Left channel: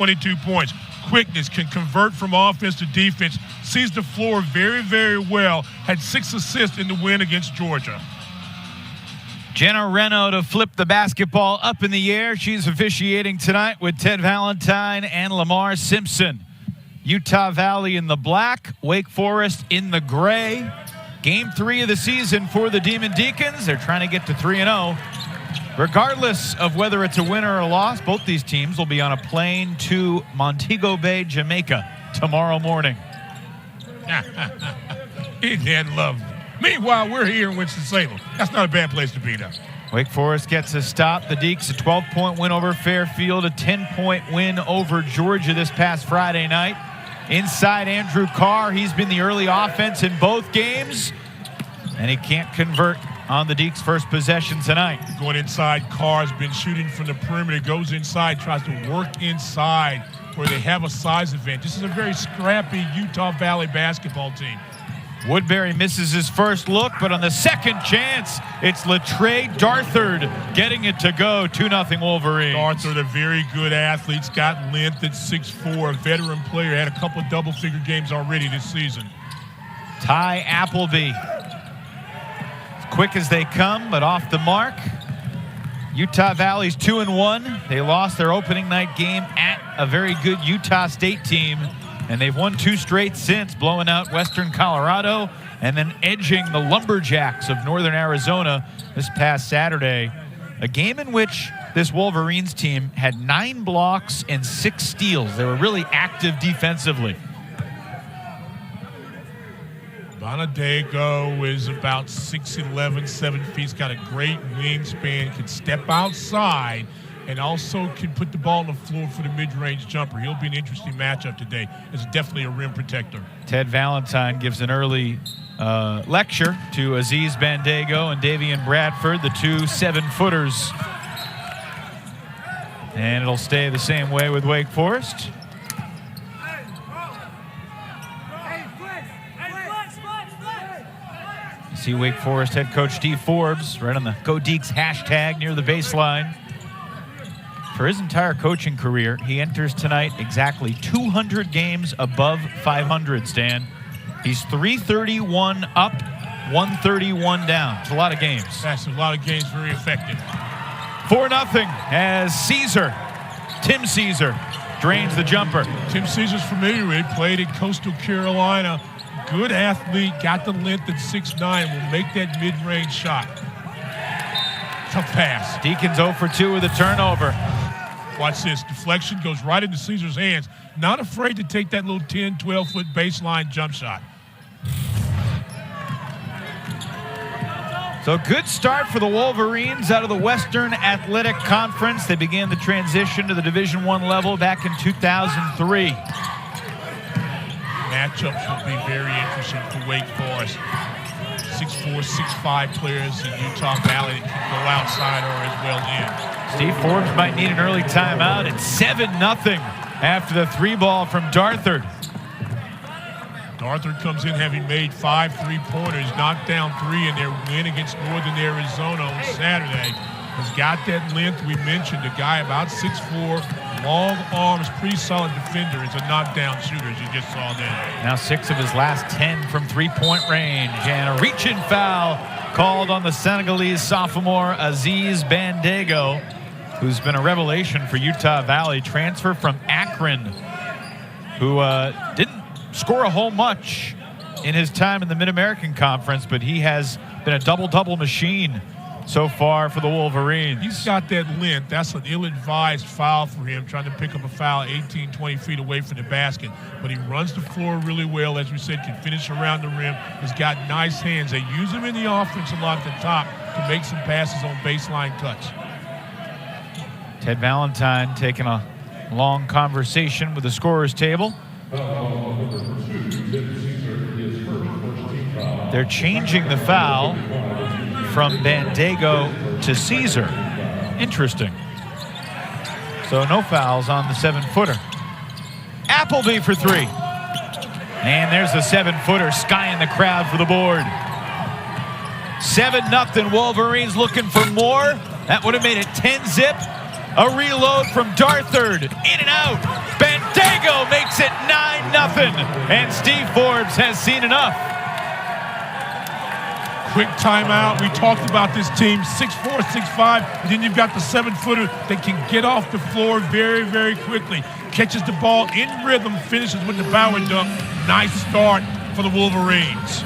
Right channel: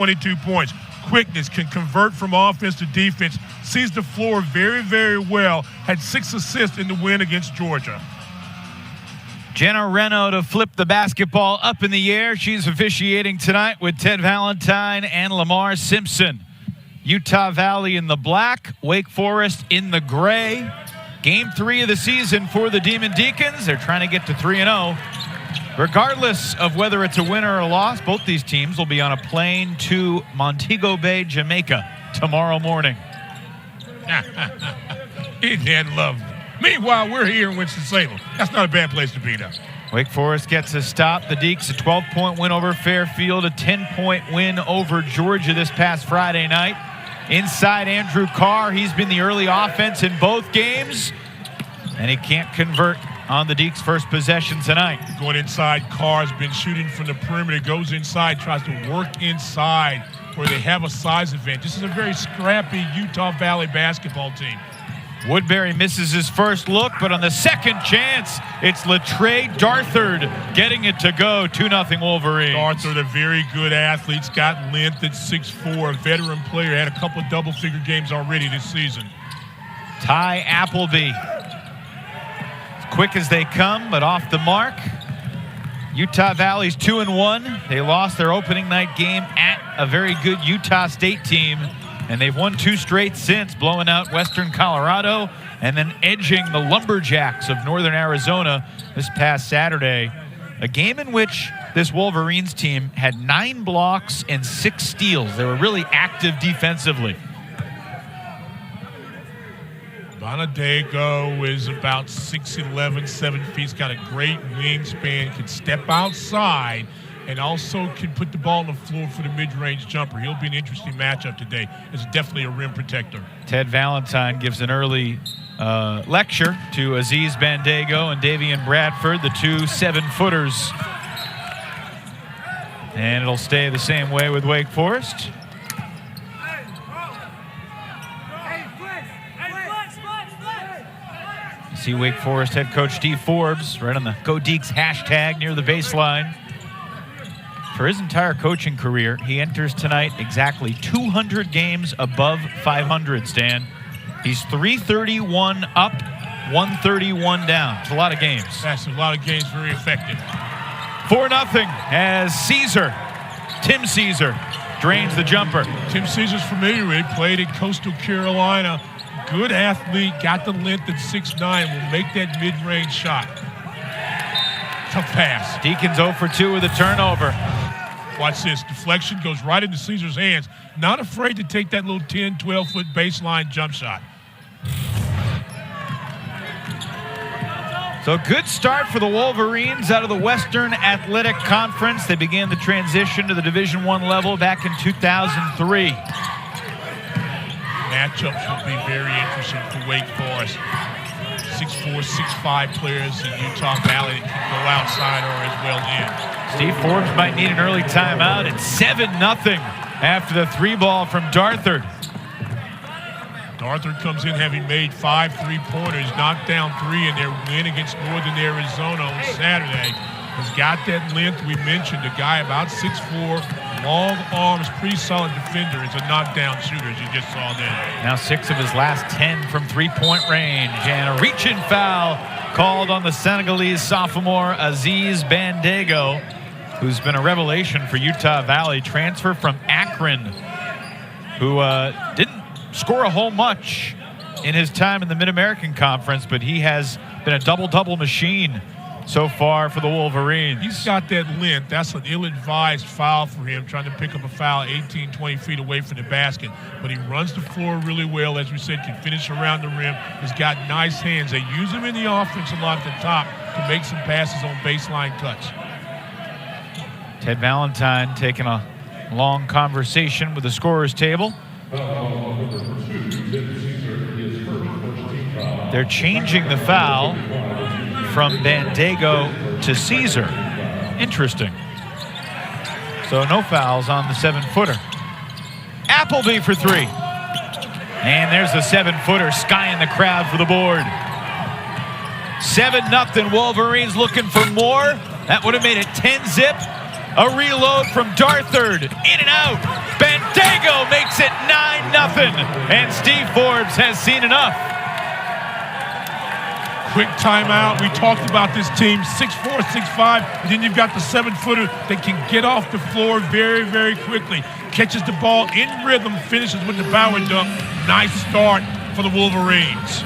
22 points. Quickness, can convert from offense to defense, sees the floor very, very well, had 6 assists in the win against Georgia. Jenna Reno to flip the basketball up in the air. She's officiating tonight with Ted Valentine and Lamar Simpson. Utah Valley in the black, Wake Forest in the gray. Game 3 of the season for the Demon Deacons. They're trying to get to 3-0. Regardless of whether it's a win or a loss, both these teams will be on a plane to Montego Bay, Jamaica tomorrow morning. Isn't that lovely? Meanwhile, we're here in Winston-Salem. That's not a bad place to be, though. Wake Forest gets a stop. The Deeks, a 12-point win over Fairfield, a 10-point win over Georgia this past Friday night. Inside Andrew Carr, he's been the early offense in both games, and he can't convert on the Deeks' first possession tonight. Going inside, Carr's been shooting from the perimeter, goes inside, tries to work inside where they have a size advantage. This is a very scrappy Utah Valley basketball team. Woodbury misses his first look, but on the second chance, it's Latrey Darthard getting it to go. 2-0 Wolverines. Darthard, a very good athlete. He's got length at 6'4", a veteran player. Had a couple of double-figure games already this season. Tyree Appleby. Quick as they come, but off the mark. Utah Valley's 2-1. They lost their opening night game at a very good Utah State team, and they've won 2 straight since, blowing out Western Colorado and then edging the Lumberjacks of Northern Arizona this past Saturday. A game in which this Wolverines team had 9 blocks and 6 steals. They were really active defensively. Bonadego is about 6'11", 7 feet. He's got a great wingspan, can step outside, and also can put the ball on the floor for the mid-range jumper. He'll be an interesting matchup today. It's definitely a rim protector. Ted Valentine gives an early lecture to Aziz Bandego and Davian Bradford, the 2 7-footers. And it'll stay the same way with Wake Forest. See Wake Forest head coach Steve Forbes right on the Go Deeks hashtag near the baseline. For his entire coaching career, he enters tonight exactly 200 games above 500, Stan. He's 331 up, 131 down. It's a lot of games. That's a lot of games, very effective. 4-0 as Tim Caesar drains the jumper. Tim Caesar's familiar with it, played at Coastal Carolina. Good athlete, got the length at 6'9", will make that mid-range shot. Tough pass. Deacons 0 for 2 with a turnover. Watch this. Deflection goes right into Caesar's hands. Not afraid to take that little 10, 12-foot baseline jump shot. So good start for the Wolverines out of the Western Athletic Conference. They began the transition to the Division I level back in 2003. Matchups will be very interesting for Wake Forest. 6'4", 6'5" players in Utah Valley that can go outside or as well in. Steve Forbes might need an early timeout. It's 7-0 after the 3-ball from Darthard. Darthard comes in having made 5 3-pointers, knocked down 3 in their win against Northern Arizona on Saturday. Has got that length we mentioned, a guy about 6'4", long arms, pretty solid defender. Is a knockdown shooter, as you just saw there. Now 6 of his last 10 from three-point range. And a reach-in foul called on the Senegalese sophomore Aziz Bandego, who's been a revelation for Utah Valley. Transfer from Akron, who didn't score a whole much in his time in the Mid-American Conference, but he has been a double-double machine so far for the Wolverines. He's got that length. That's an ill-advised foul for him, trying to pick up a foul 18, 20 feet away from the basket. But he runs the floor really well, as we said, can finish around the rim. He's got nice hands. They use him in the offense a lot at the top to make some passes on baseline touch. Ted Valentine taking a long conversation with the scorer's table. They're changing the foul from Bandego to Caesar. Interesting. So no fouls on the 7-footer. Appleby for 3. And there's the 7-footer, skying the crowd for the board. 7-0 Wolverines looking for more. That would have made it 10-zip. A reload from Darthard. In and out. makes it 9-0. And Steve Forbes has seen enough. Quick timeout. We talked about this team, 6'4", 6'5", and then you've got the 7-footer that can get off the floor very, very quickly. Catches the ball in rhythm, finishes with the bow and dunk. Nice start for the Wolverines.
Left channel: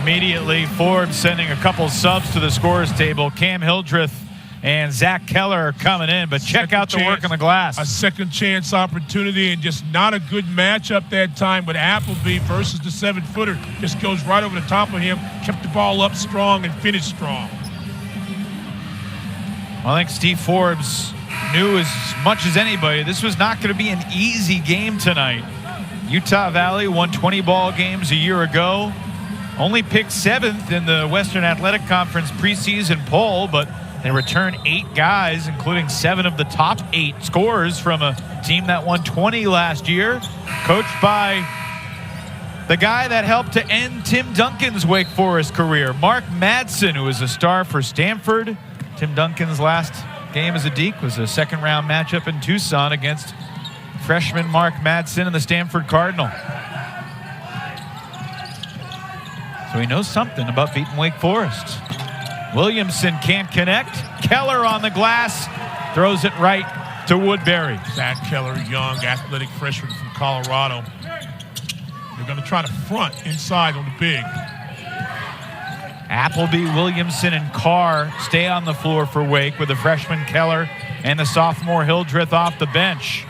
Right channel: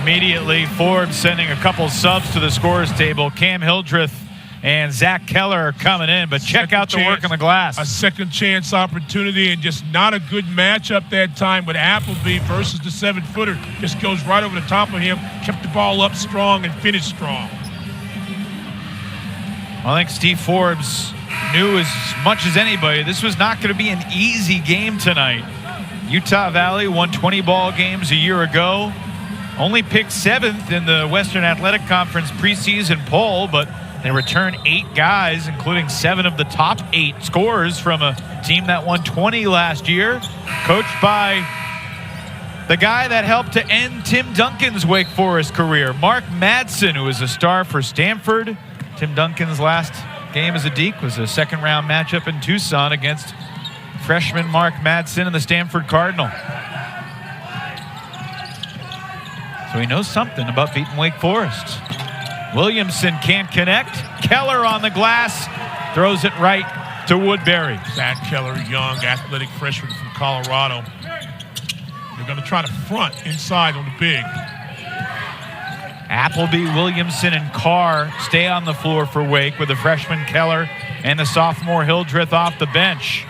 Immediately, Forbes sending a couple subs to the scorers table. Cam Hildreth and Zach Keller are coming in, but check out the work on the glass. A second chance opportunity, and just not a good matchup that time, but Appleby versus the 7-footer just goes right over the top of him, kept the ball up strong and finished strong. I think Steve Forbes knew as much as anybody this was not going to be an easy game tonight. Utah Valley won 20 ball games a year ago. Only picked 7th in the Western Athletic Conference preseason poll, but they return 8 guys, including 7 of the top 8 scorers from a team that won 20 last year, coached by the guy that helped to end Tim Duncan's Wake Forest career, Mark Madsen, who was a star for Stanford. Tim Duncan's last game as a Deke was a second-round matchup in Tucson against freshman Mark Madsen and the Stanford Cardinal. So he knows something about beating Wake Forest. Williamson can't connect. Keller on the glass. Throws it right to Woodbury. Zach Keller, young, athletic freshman from Colorado. They're going to try to front inside on the big. Appleby, Williamson, and Carr stay on the floor for Wake with the freshman Keller and the sophomore Hildreth off the bench.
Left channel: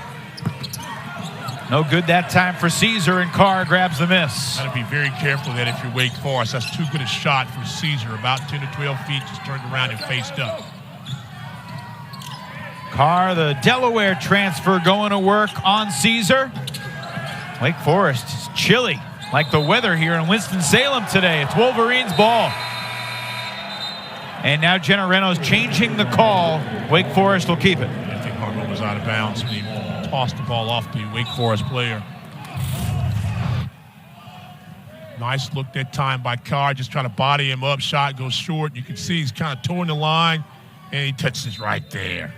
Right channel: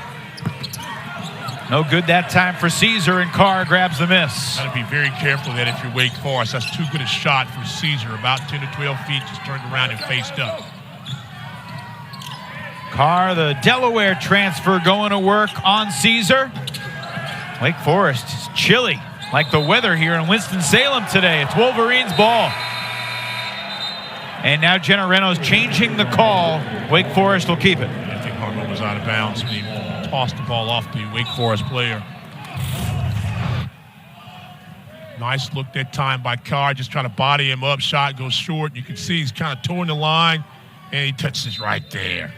No good that time for Caesar, and Carr grabs the miss. Got to be very careful that if you're Wake Forest, that's too good a shot for Caesar. About 10 to 12 feet, just turned around and faced up. Carr, the Delaware transfer, going to work on Caesar. Wake Forest is chilly, like the weather here in Winston-Salem today. It's Wolverines ball. And now Genereno's changing the call. Wake Forest will keep it. I think Hartman was out of bounds when he tossed the ball off the Wake Forest player. Nice look that time by Carr, just trying to body him up. Shot goes short. You can see he's kind of towing the line, and he touches right there.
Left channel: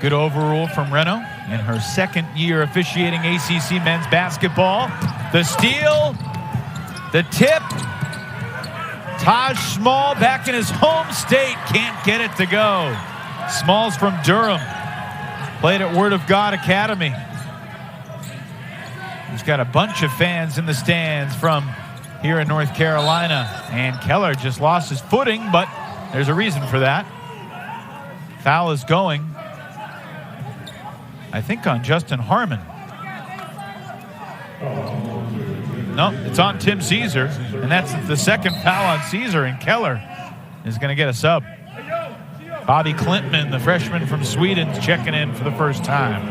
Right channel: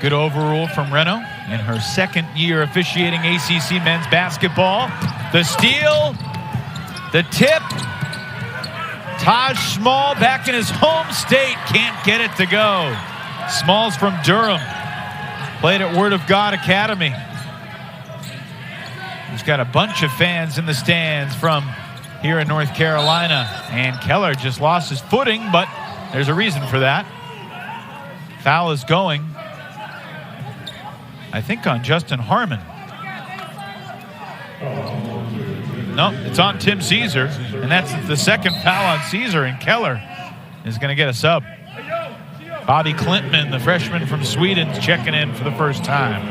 Good overrule from Reno in her second year officiating ACC men's basketball. The steal, the tip. Taj Small back in his home state, can't get it to go. Small's from Durham. Played at Word of God Academy. He's got a bunch of fans in the stands from here in North Carolina. And Keller just lost his footing, but there's a reason for that. Foul is going, I think, on Justin Harmon. No, it's on Tim Caesar, and that's the second foul on Caesar, and Keller is going to get a sub. Bobby Klintman, the freshman from Sweden, is checking in for the first time.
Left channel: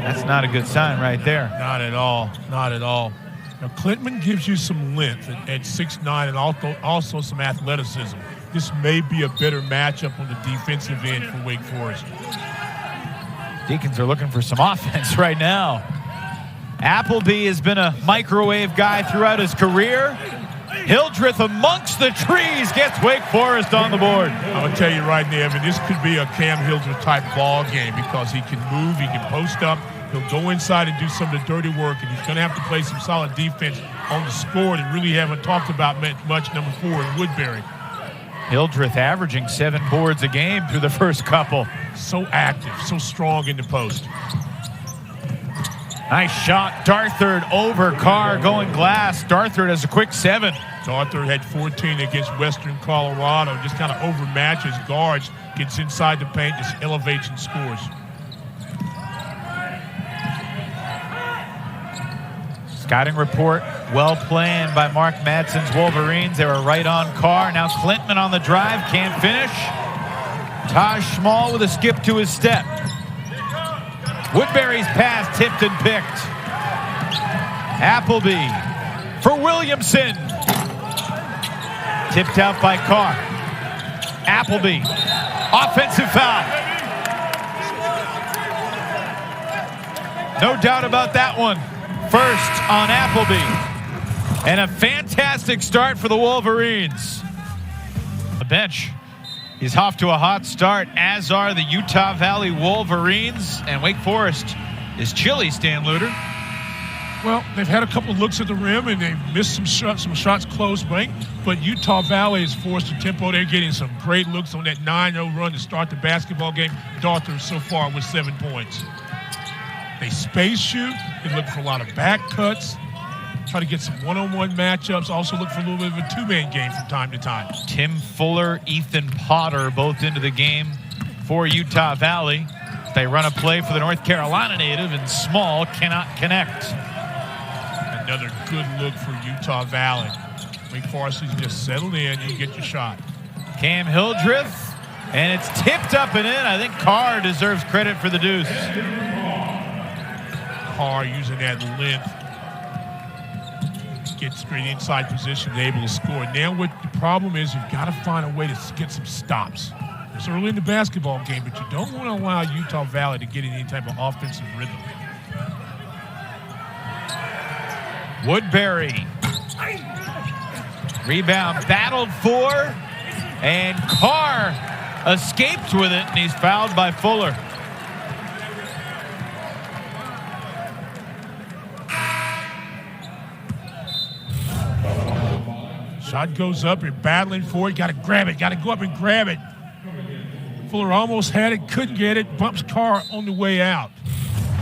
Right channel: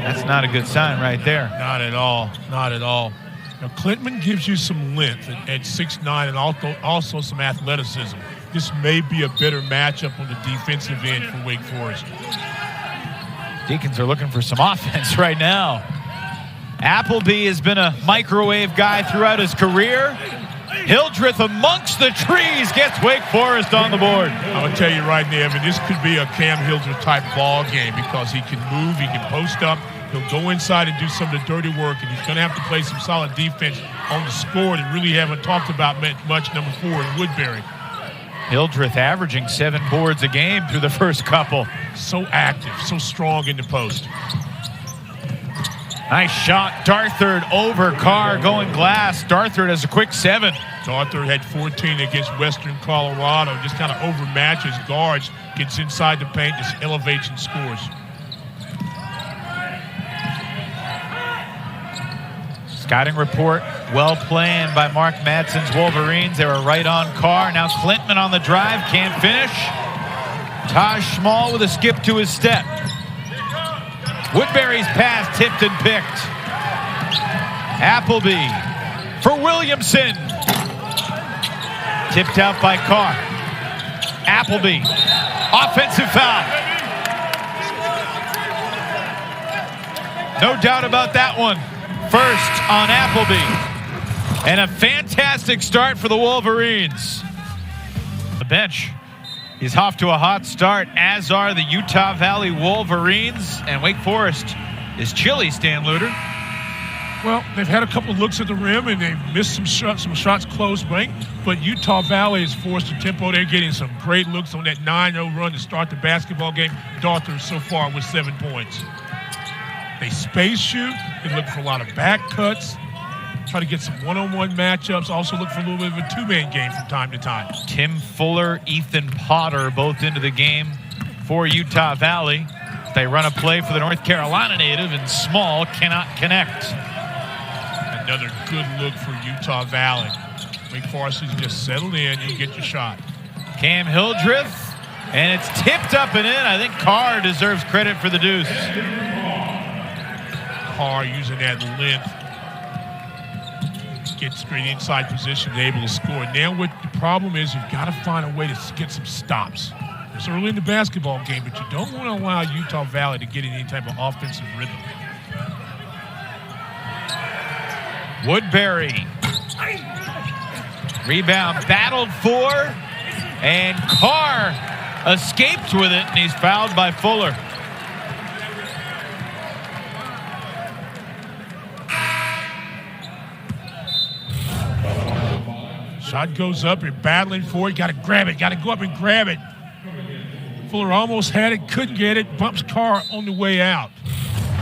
That's not a good sign right there. Not at all. Not at all. Now, Klintman gives you some length at 6'9", and also some athleticism. This may be a better matchup on the defensive end for Wake Forest. Deacons are looking for some offense right now. Appleby has been a microwave guy throughout his career. Hildreth amongst the trees gets Wake Forest on the board. I'm going to tell you right now, Evan, this could be a Cam Hildreth type ball game because he can move, he can post up, he'll go inside and do some of the dirty work, and he's going to have to play some solid defense on the score that really haven't talked about much, number 4 in Woodbury. Hildreth averaging 7 boards a game through the first couple. So active, so strong in the post. Nice shot. Darthard over Carr going glass. Darthard has a quick 7. Darthard had 14 against Western Colorado. Just kind of overmatches guards, gets inside the paint, just elevates and scores. Scouting report, well planned by Mark Madsen's Wolverines. They were right on Carr. Now Klintman on the drive, can't finish. Taj Small with a skip to his step. Woodbury's pass tipped and picked. Appleby for Williamson. Tipped out by Carr. Appleby. Offensive foul. No doubt about that one. First on Appleby. And a fantastic start for the Wolverines. The bench. He's off to a hot start, as are the Utah Valley Wolverines. And Wake Forest is chilly, Stan Luter. Well, they've had a couple of looks at the rim, and they've missed some shots close range. But Utah Valley has forced the tempo. They're getting some great looks on that 9-0 run to start the basketball game. Darther so far with 7 points. They space shoot. They look for a lot of back cuts. Try to get some one-on-one matchups. Also look for a little bit of a two-man game from time to time. Tim Fuller, Ethan Potter, both into the game for Utah Valley. They run a play for the North Carolina native, and Small cannot connect. Another good look for Utah Valley. Wake Forest is just settled in. You get your shot. Cam Hildreth, and it's tipped up and in. I think Carr deserves credit for the deuce. Carr using that length. Get straight inside position, able to score. Now what the problem is, you've got to find a way to get some stops. It's early in the basketball game, but you don't want to allow Utah Valley to get in any type of offensive rhythm. Woodbury. Rebound battled for, and Carr escaped with it, and he's fouled by Fuller. Shot goes up, you're battling for it, got to grab it, got to go up and grab it. Fuller almost had it, couldn't get it, bumps Carr on the way out.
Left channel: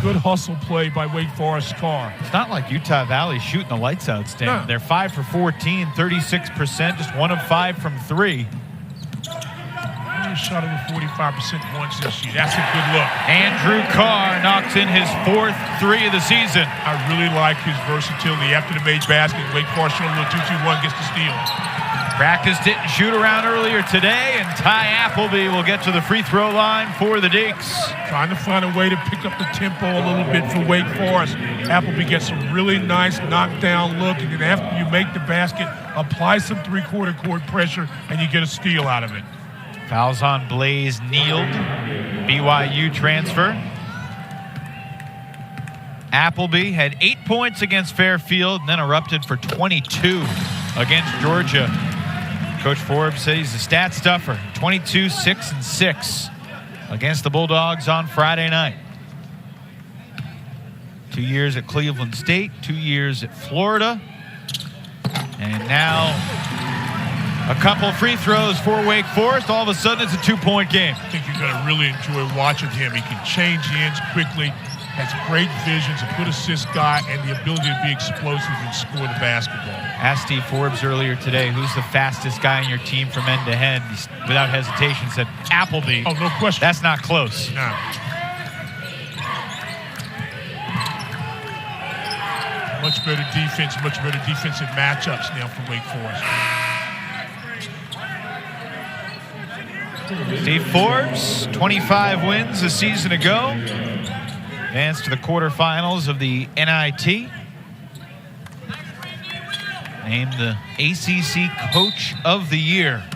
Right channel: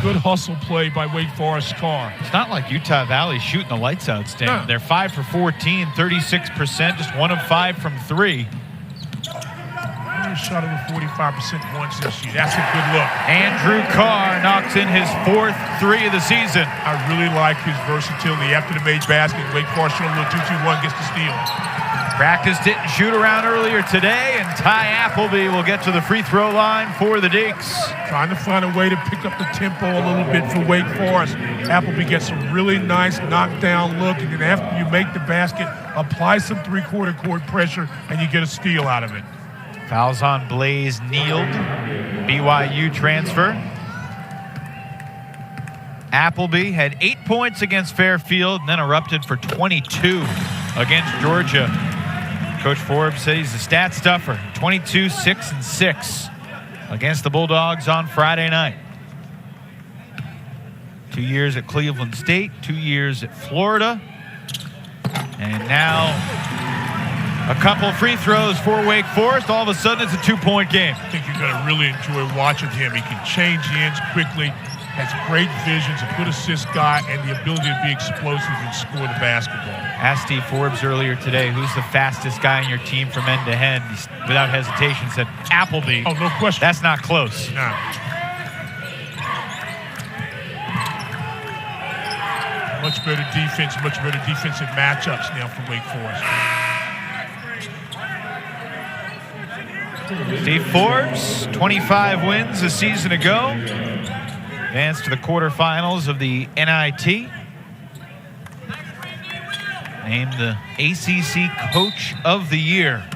Good hustle play by Wake Forest Carr. It's not like Utah Valley shooting the lights out, Stan. No. They're 5 for 14, 36%, just 1 of 5 from 3. Only shot over 45% once this year. That's a good look. Andrew Carr knocks in his 4th 3 of the season. I really like his versatility. After the made basket, Wake Forest showing a little 2-2-1, gets the steal. Practice didn't shoot around earlier today, and Ty Appleby will get to the free throw line for the Deacs. Trying to find a way to pick up the tempo a little bit for Wake Forest. Appleby gets a really nice knockdown look, and then after you make the basket, apply some three-quarter court pressure, and you get a steal out of it. Fouls on Blaze Neild, BYU transfer. Appleby had 8 points against Fairfield and then erupted for 22 against Georgia. Coach Forbes said he's a stat stuffer. 22, 6, and 6 against the Bulldogs on Friday night. 2 years at Cleveland State, 2 years at Florida. And now a couple free throws for Wake Forest. All of a sudden, it's a 2-point game. I think you're going to really enjoy watching him. He can change ends quickly, has great vision, a good assist guy, and the ability to be explosive and score the basketball. Asked Steve Forbes earlier today, who's the fastest guy in your team from end to end? He, without hesitation, said Appleby. Oh, no question. That's not close. No. Much better defense, much better defensive matchups now for Wake Forest. Steve Forbes, 25 wins a season ago. Advanced to the quarterfinals of the NIT. Named the ACC Coach of the Year.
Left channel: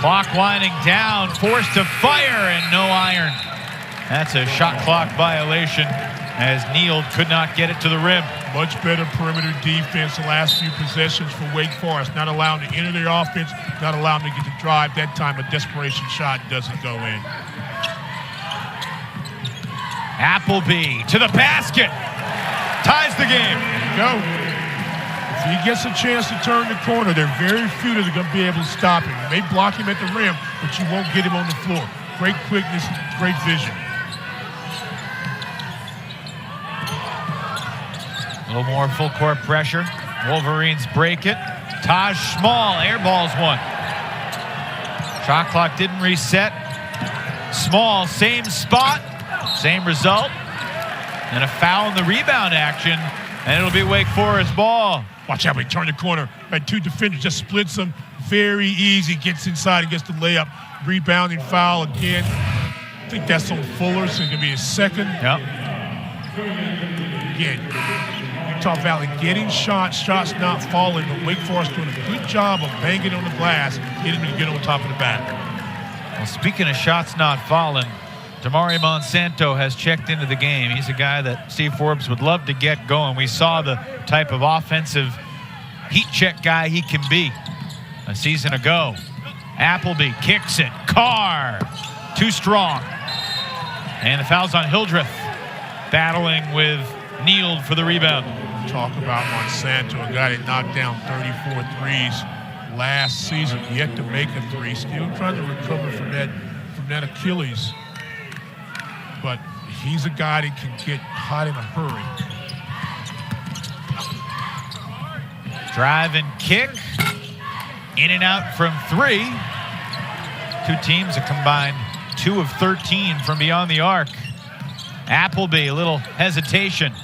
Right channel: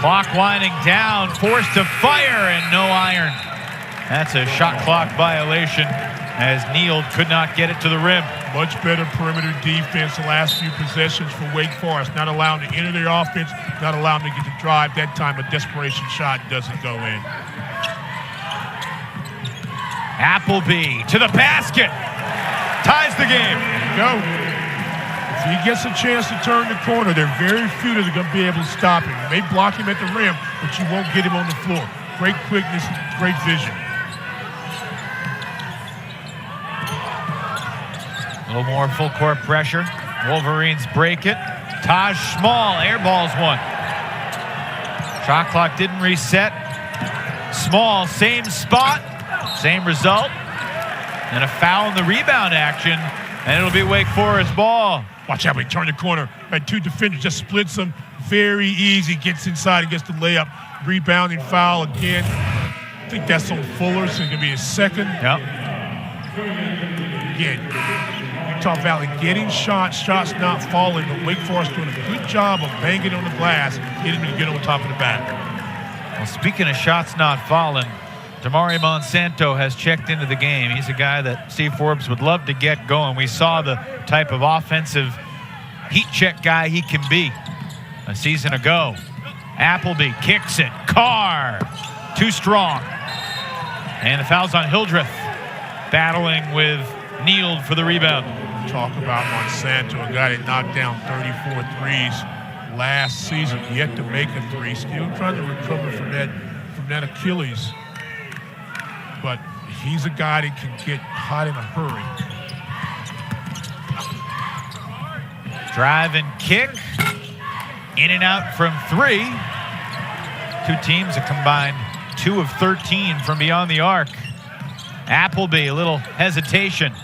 Clock winding down, forced to fire, and no iron. That's a shot clock violation as Neild could not get it to the rim. Much better perimeter defense the last few possessions for Wake Forest. Not allowing to enter their offense, not allowing them to get the drive. That time a desperation shot doesn't go in. Appleby to the basket. Ties the game. There you go. If he gets a chance to turn the corner, there are very few that are going to be able to stop him. You may block him at the rim, but you won't get him on the floor. Great quickness, great vision. A little more full court pressure. Wolverines break it. Taj Small airballs one. Shot clock didn't reset. Small, same spot, same result. And a foul in the rebound action, and it'll be Wake Forest ball. Watch out, we turn the corner. Right, two defenders, just splits them. Very easy, gets inside and gets the layup. Rebounding foul again. I think that's on Fuller, so it's going to be his second. Yep. Again, Utah Valley getting shots not falling, but Wake Forest doing a good job of banging on the glass, getting him to get on top of the back. Well, speaking of shots not falling, Damari Monsanto has checked into the game. He's a guy that Steve Forbes would love to get going. We saw the type of offensive heat check guy he can be. A season ago, Appleby kicks it. Carr, too strong. And the foul's on Hildreth, battling with Neal for the rebound. Talk about Monsanto, a guy that knocked down 34 threes last season, yet to make a three. Still trying to recover from that Achilles. But he's a guy that can get hot in a hurry. Drive and kick. In and out from three. Two teams have combined 2 of 13 from beyond the arc. Appleby, a little hesitation.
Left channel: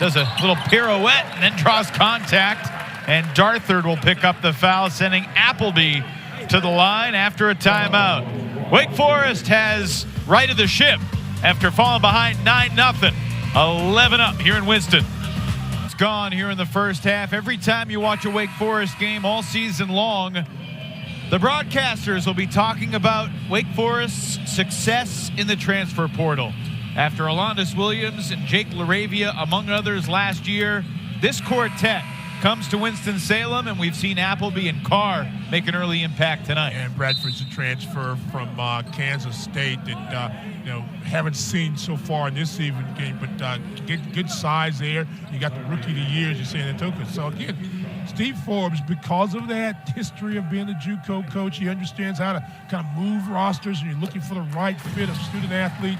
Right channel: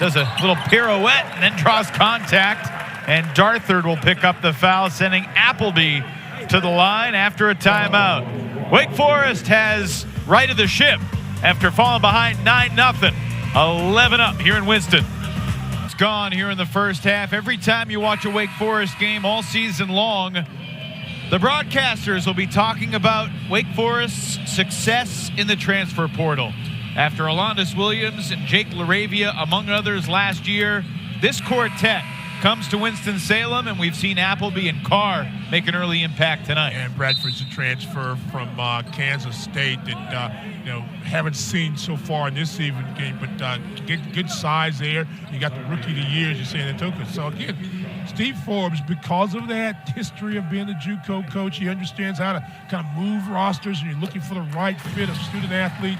Does a little pirouette and then draws contact. And Darthard will pick up the foul, sending Appleby to the line after a timeout. Wake Forest has right of the ship after falling behind 9-0. 11 up here in Winston. It's gone here in the first half. Every time you watch a Wake Forest game all season long, the broadcasters will be talking about Wake Forest's success in the transfer portal. After Alondis Williams and Jake Laravia, among others, last year, this quartet comes to Winston-Salem, and we've seen Appleby and Carr make an early impact tonight. And Bradford's a transfer from Kansas State that haven't seen so far in this evening game, but good size there. You got the rookie of the year, as you're saying, that took it. So again, Steve Forbes, because of that history of being a JUCO coach, he understands how to kind of move rosters, and you're looking for the right fit of student athlete,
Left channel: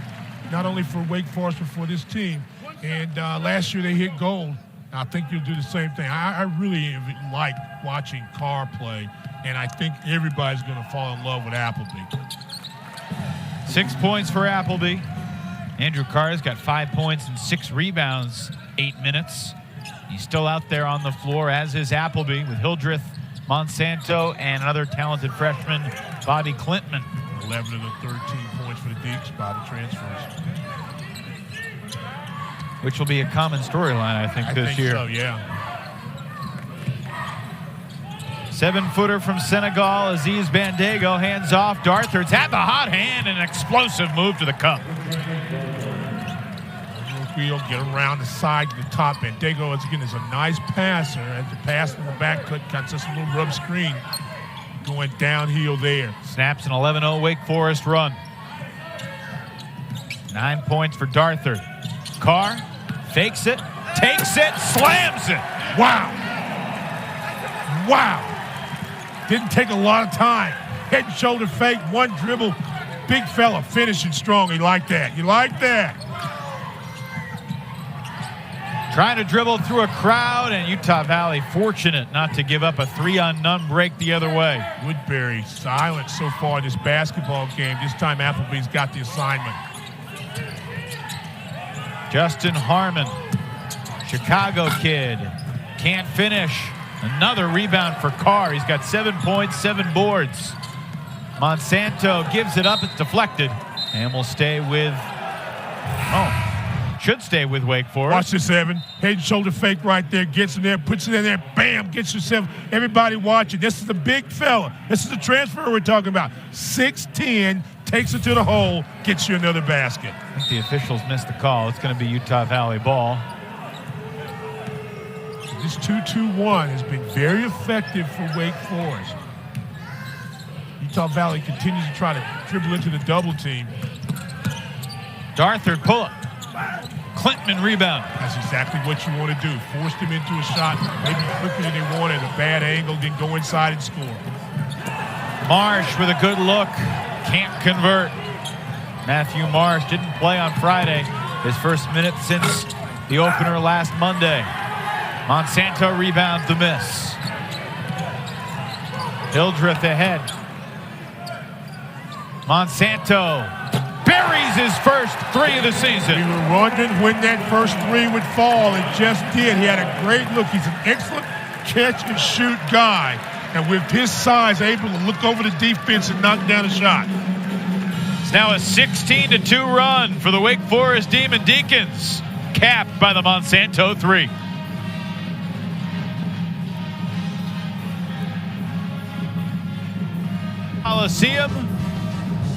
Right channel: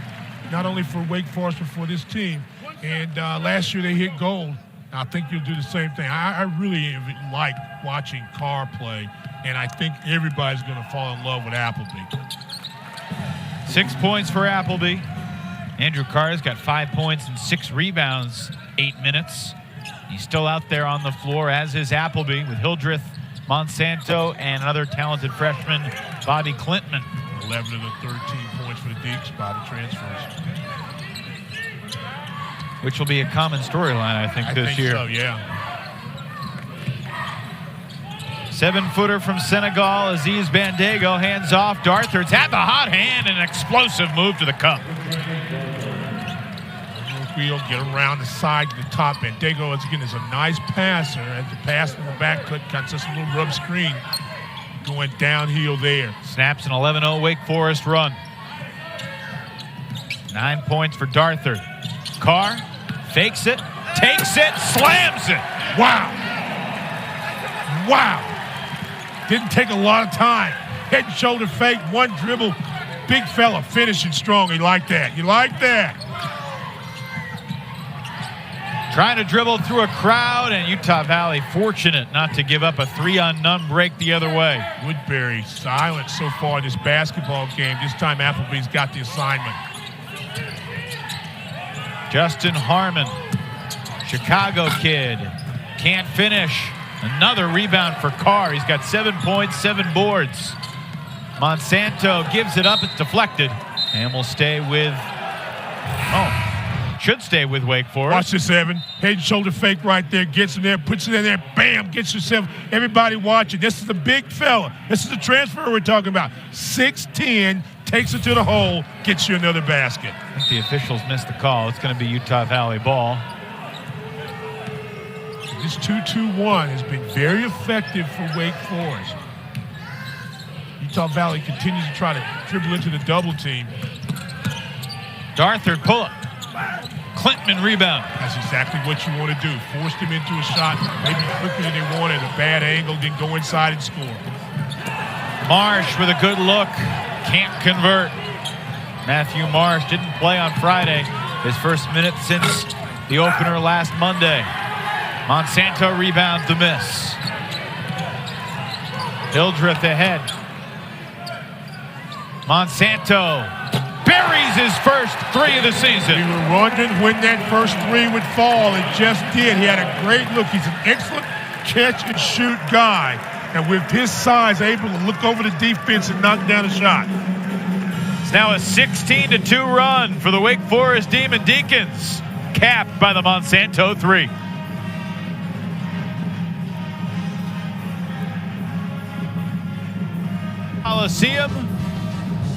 not only for Wake Forest but for this team. And last year they hit gold. I think you'll do the same thing. I really like watching Carr play, and I think everybody's going to fall in love with Appleby. 6 points for Appleby. Andrew Carr's got 5 points and 6 rebounds, 8 minutes. He's still out there on the floor, as is Appleby, with Hildreth, Monsanto, and another talented freshman, Bobby Clintman. 11 of the 13 points for the Deeks by the transfers. Which will be a common storyline, I think, this year. So, yeah. 7-footer from Senegal, Aziz Bandego, hands off. Darthard's had the hot hand and an explosive move to the cup. Field, get around the side to the top. Bandego, again, is a nice passer. As the pass in the back cut, got just a little rub screen going downhill there. Snaps an 11-0 Wake Forest run. 9 points for Darthard. Carr fakes it, takes it, slams it. Wow. Didn't take a lot of time. Head and shoulder fake, one dribble. Big fella finishing strong. You like that. Trying to dribble through a crowd, and Utah Valley fortunate not to give up a 3-on-none break the other way. Woodbury silent so far in this basketball game. This time Appleby's got the assignment. Justin Harmon, Chicago kid, can't finish. Another rebound for Carr. He's got 7 points, 7 boards. Monsanto gives it up. It's deflected. And will stay with, should stay with Wake Forest. Watch this, Evan. Head and shoulder fake right there. Gets in there, puts it in there. Bam, gets yourself. Everybody watching. This is the big fella. This is the transfer we're talking about. 6'10", takes it to the hole, gets you another basket. I think the officials missed the call. It's going to be Utah Valley ball. This 2-2-1 has been very effective for Wake Forest. Utah Valley continues to try to dribble into the double team. Darthard pull-up. Clintman rebound. That's exactly what you want to do. Forced him into a shot, maybe quicker than they wanted, a bad angle, then go inside and score. Marsh with a good look. Can't convert. Matthew Marsh didn't play on Friday. His first minute since the opener last Monday. Monsanto rebounds the miss. Hildreth ahead. Monsanto buries his first 3 of the season. We were wondering when that first 3 would fall. It just did. He had a great look. He's an excellent catch and shoot guy. And with his size, able to look over the defense and knock down a shot. It's now a 16-2 run for the Wake Forest Demon Deacons, capped by the Monsanto 3. Coliseum.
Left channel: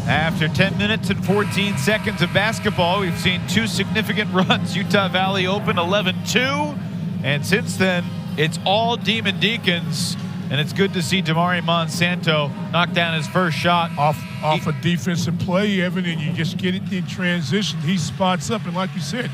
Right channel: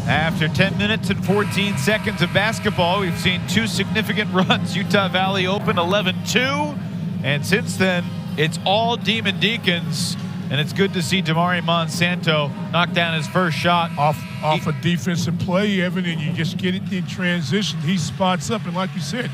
After 10 minutes and 14 seconds of basketball, we've seen 2 significant runs. Utah Valley opened 11-2, and since then, It's all Demon Deacons, and it's good to see Damari Monsanto knock down his first shot. Off a defensive play, Evan, and you just get it in transition. He spots up, and like you said,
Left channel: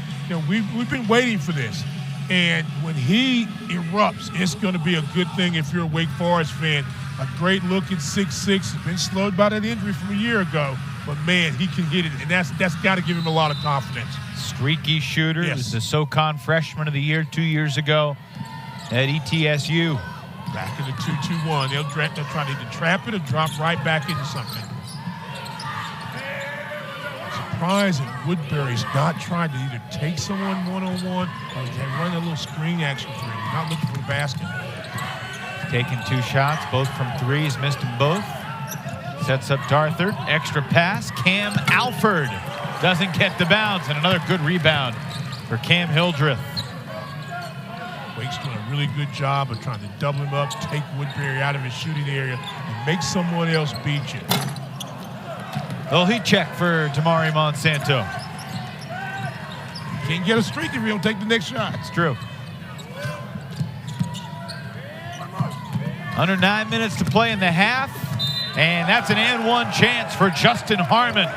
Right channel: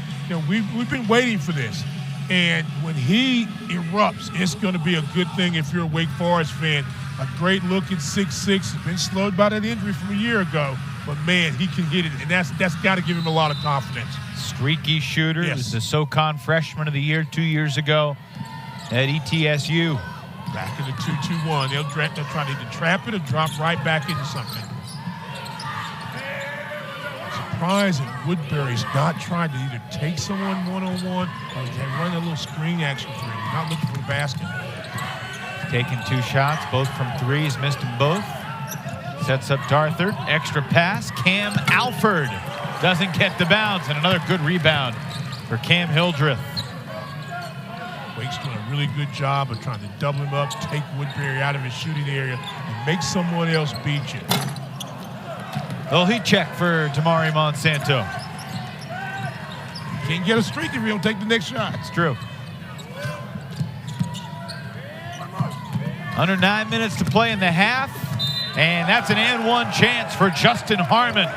we've been waiting for this. And when he erupts, it's going to be a good thing if you're a Wake Forest fan. A great look at 6'6". He's been slowed by that injury from a year ago. But, man, he can hit it, and that's got to give him a lot of confidence. Streaky shooter. Yes. Was the SoCon Freshman of the Year 2 years ago at ETSU. Back in the 2-2-1. They'll try to either trap it or drop right back into something. Surprising, Woodbury's not trying to either take someone one-on-one or they run a little screen action for him. Not looking for the basket. Taking 2 shots, both from 3. He's missed them both. Sets up Darthard. Extra pass. Cam Alford doesn't get the bounce. And another good rebound for Cam Hildreth. Wake's doing a really good job of trying to double him up, take Woodbury out of his shooting area, and make someone else beat you. Little heat check for Damari Monsanto. Can't get a streak if you don't take the next shot. It's true. Under 9 minutes to play in the half, and that's an and one chance for Justin Harmon.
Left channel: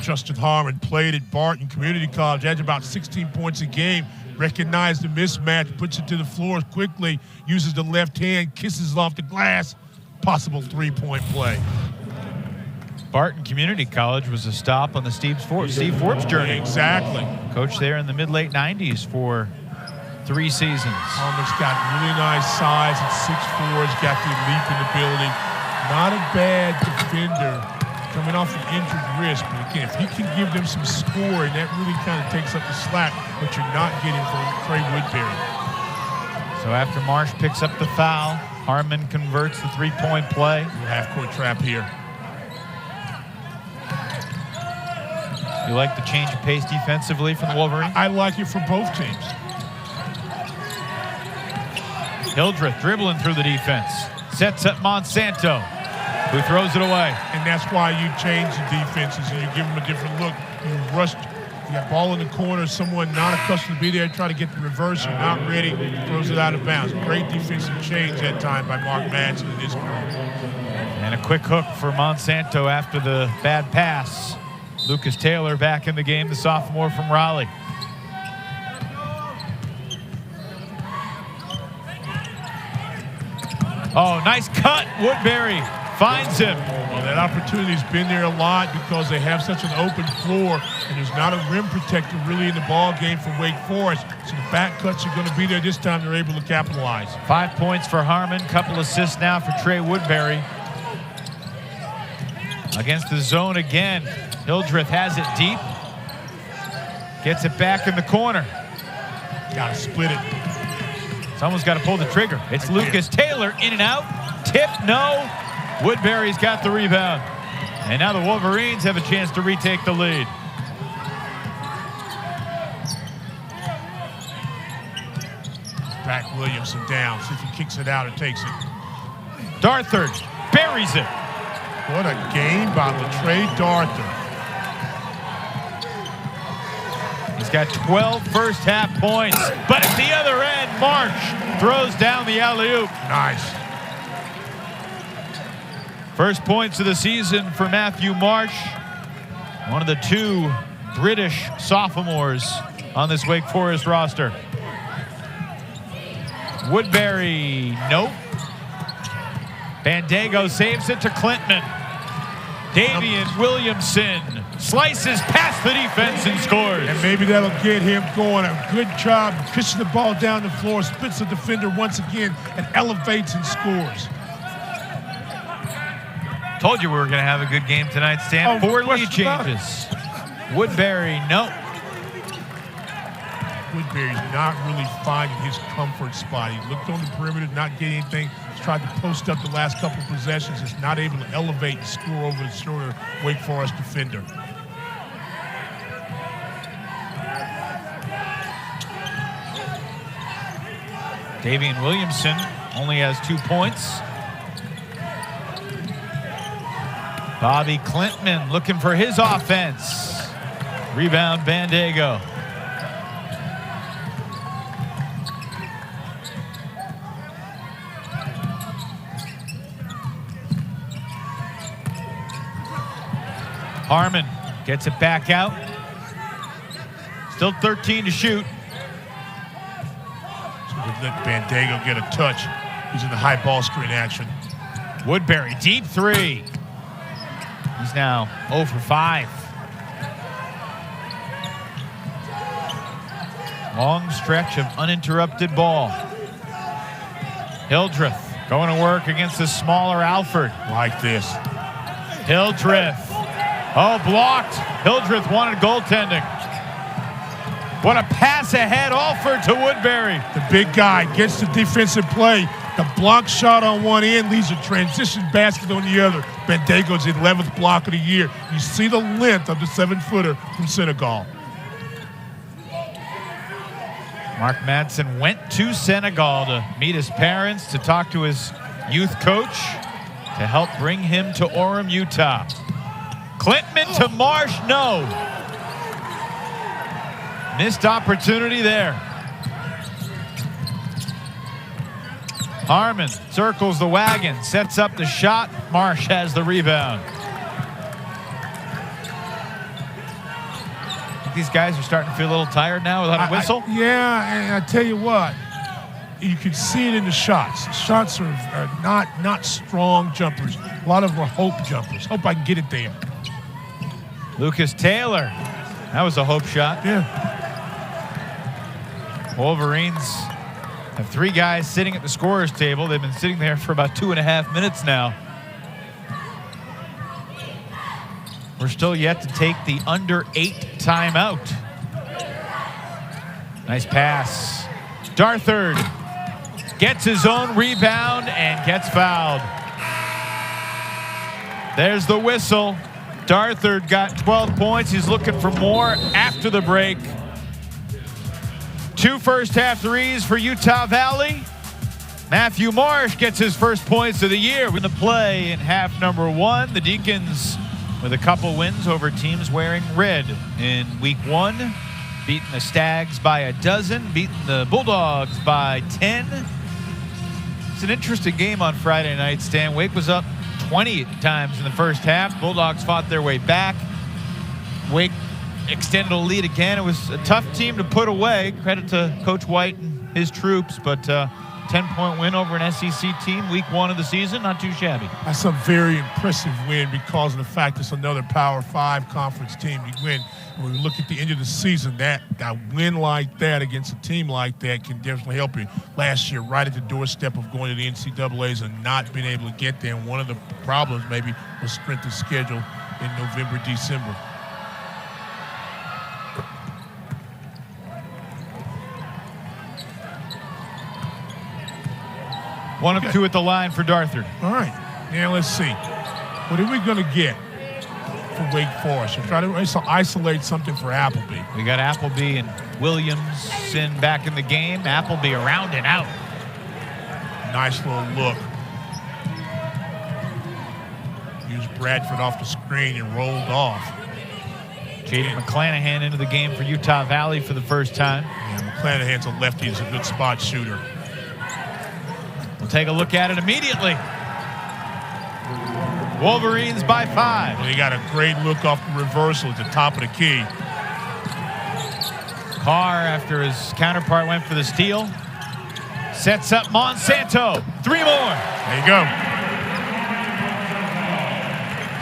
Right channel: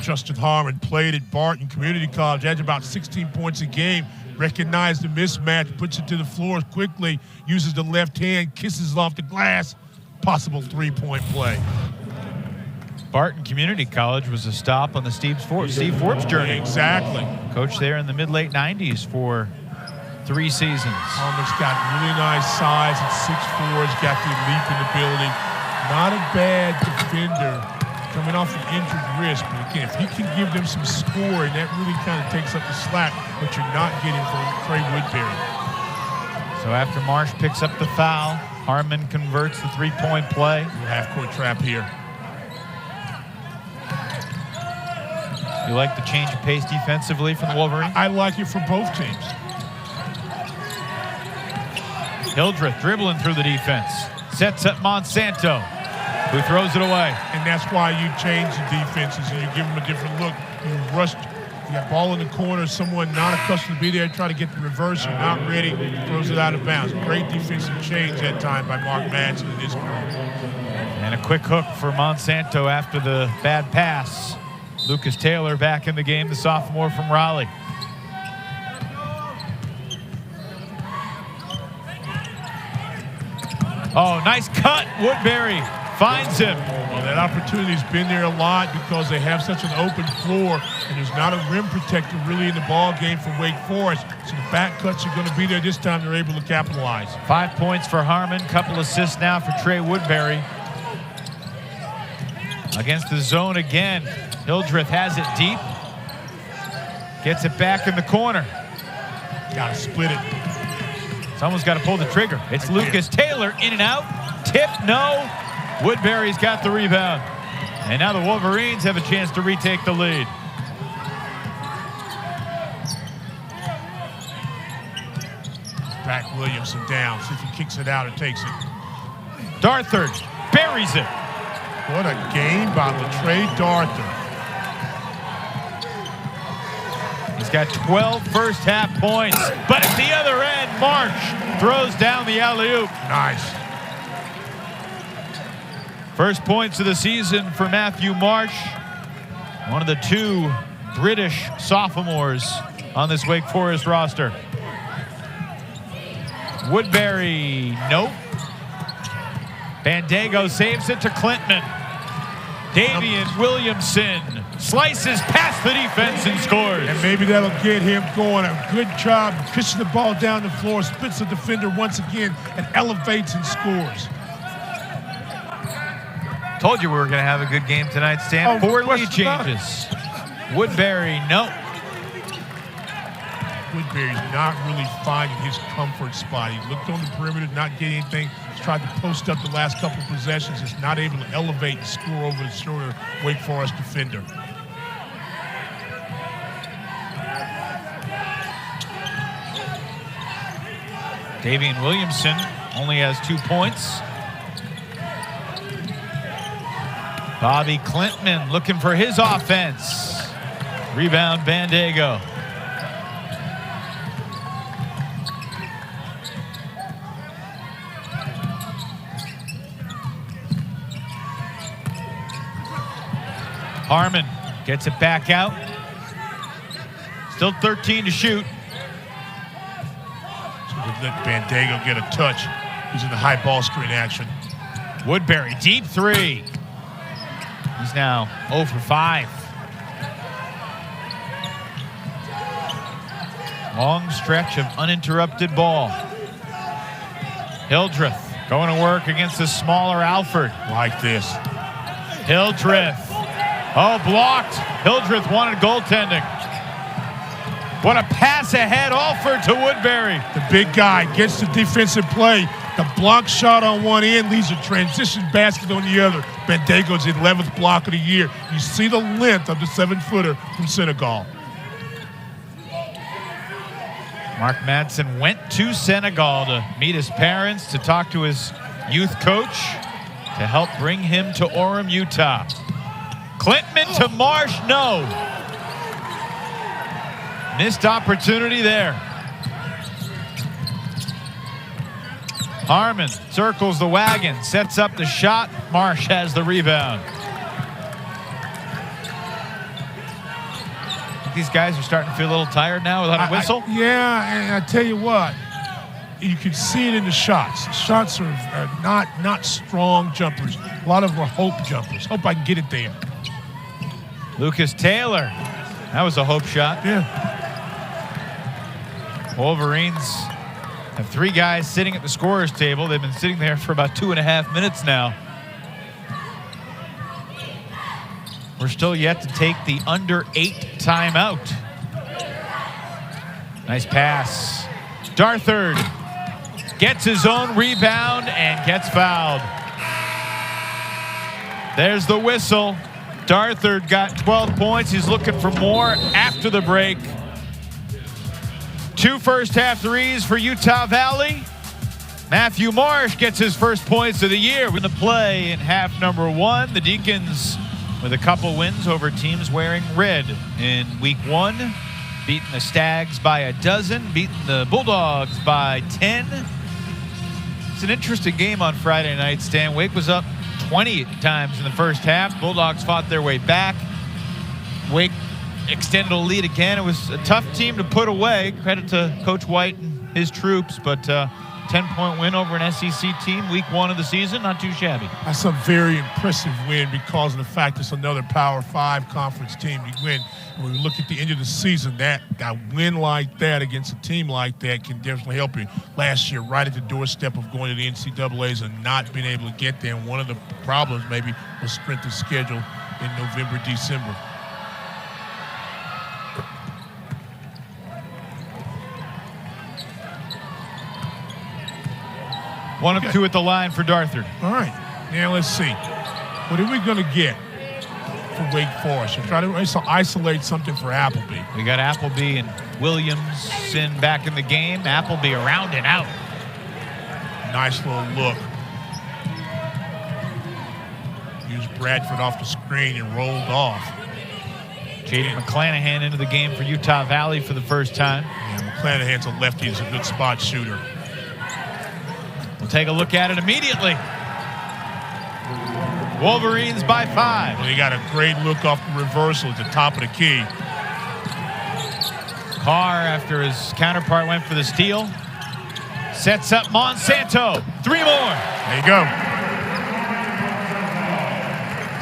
Justin Harmon played at Barton Community College, averaged about 16 points a game, recognized the mismatch, puts it to the floor quickly, uses the left hand, kisses it off the glass, possible three-point play. Barton Community College was a stop on the Steve Forbes journey. Exactly. Coached there in the mid-late 90s for 3 seasons. Harmon's got really nice size at 6'4", he's got the leap in the building. Not a bad defender coming off an injured wrist, but again, if he can give them some scoring, that really kind of takes up the slack, but you're not getting from Trey Woodbury. So after Marsh picks up the foul, Harmon converts the three-point play. Half-court trap here. You like the change of pace defensively from the Wolverines? I like it for both teams. Hildreth dribbling through the defense. Sets up Monsanto, who throws it away. And that's why you change the defenses and you give them a different look. You rush, you got ball in the corner, someone not accustomed to be there, try to get the reverse, you're not ready, throws it out of bounds. Great defensive change that time by Mark Madsen in this group. And a quick hook for Monsanto after the bad pass. Lucas Taylor back in the game, the sophomore from Raleigh. Oh, nice cut. Woodbury finds him. Well, that opportunity's been there a lot because they have such an open floor and there's not a rim protector really in the ball game for Wake Forest. So the back cuts are going to be there this time. They're able to capitalize. 5 points for Harmon. Couple assists now for Trey Woodbury. Against the zone again. Hildreth has it deep. Gets it back in the corner. Got to split it. Someone's got to pull the trigger. It's Lucas Taylor in and out. Tip, no. Woodbury's got the rebound. And now the Wolverines have a chance to retake the lead. Back Williamson down. See if he kicks it out or takes it. Darthard buries it. What a game by LaTrey Darthard. He's got 12 first half points, but at the other end, Marsh throws down the alley-oop. Nice. First points of the season for Matthew Marsh, one of the 2 British sophomores on this Wake Forest roster. Woodbury, nope. Bandego saves it to Clinton. Daivien Williamson slices past the defense and scores. And maybe that'll get him going. A good job pushing the ball down the floor, splits the defender once again, and elevates and scores. Told you we were going to have a good game tonight, Stan. 4 lead changes. Woodbury, nope. Woodbury's not really finding his comfort spot. He looked on the perimeter, not getting anything. He's tried to post up the last couple of possessions. He's not able to elevate and score over the shorter Wake Forest defender. Daivien Williamson only has 2 points. Bobby Clinton looking for his offense. Rebound Bandego. Harmon gets it back out. Still 13 to shoot. Let Bandago get a touch. He's in the high ball screen action. Woodbury, deep three. He's now 0 for 5. Long stretch of uninterrupted ball. Hildreth going to work against the smaller Alford. Like this. Hildreth. Oh, blocked. Hildreth wanted goaltending. What a pass ahead offer to Woodbury. The big guy gets the defensive play. The block shot on one end leaves a transition basket on the other. Bandago's 11th block of the year. You see the length of the 7-footer from Senegal. Mark Madsen went to Senegal to meet his parents, to talk to his youth coach, to help bring him to Orem, Utah. Klintman to Marsh, no. Missed opportunity there. Harmon circles the wagon, sets up the shot. Marsh has the rebound. These guys are starting to feel a little tired now without a whistle. Yeah, and I tell you what, you can see it in the shots. The shots are not strong jumpers. A lot of them are hope jumpers. Hope I can get it there. Lucas Taylor, that was a hope shot. Yeah. Wolverines have 3 guys sitting at the scorer's table. They've been sitting there for about 2.5 minutes now. We're still yet to take the under 8 timeout. Nice pass. Darthard gets his own rebound and gets fouled. There's the whistle. Darthard got 12 points. He's looking for more after the break. 2 first-half threes for Utah Valley. Matthew Marsh gets his first points of the year. We're going to play in half number 1. The Deacons with a couple wins over teams wearing red in week 1. Beating the Stags by a dozen, beating the Bulldogs by 10. It's an interesting game on Friday night, Stan. Wake was up 20 times in the first half. Bulldogs fought their way back. Wake extended a lead again. It was a tough team to put away. Credit to Coach White and his troops, but 10-point win over an SEC team, week 1 of the season, not too shabby. That's a very impressive win because of the fact it's another Power 5 conference team to win. When we look at the end of the season, that win like that against a team like that can definitely help you. Last year, right at the doorstep of going to the NCAAs and not being able to get there, and one of the problems maybe was strength of schedule in November, December. One of 2 at the line for Darthard. All right. Now let's see. What are we going to get for Wake Forest? We'll try to isolate something for Appleby. We got Appleby and Williamson back in the game. Appleby around and out. Nice little look. Used Bradford off the screen and rolled off. Jaden McClanahan into the game for Utah Valley for the first time. Yeah, McClanahan's a lefty. He's a good spot shooter. We'll take a look at it immediately. Wolverines by 5. Well, he got a great look off the reversal at the top of the key. Carr, after his counterpart went for the steal, sets up Monsanto. 3 more. There you go.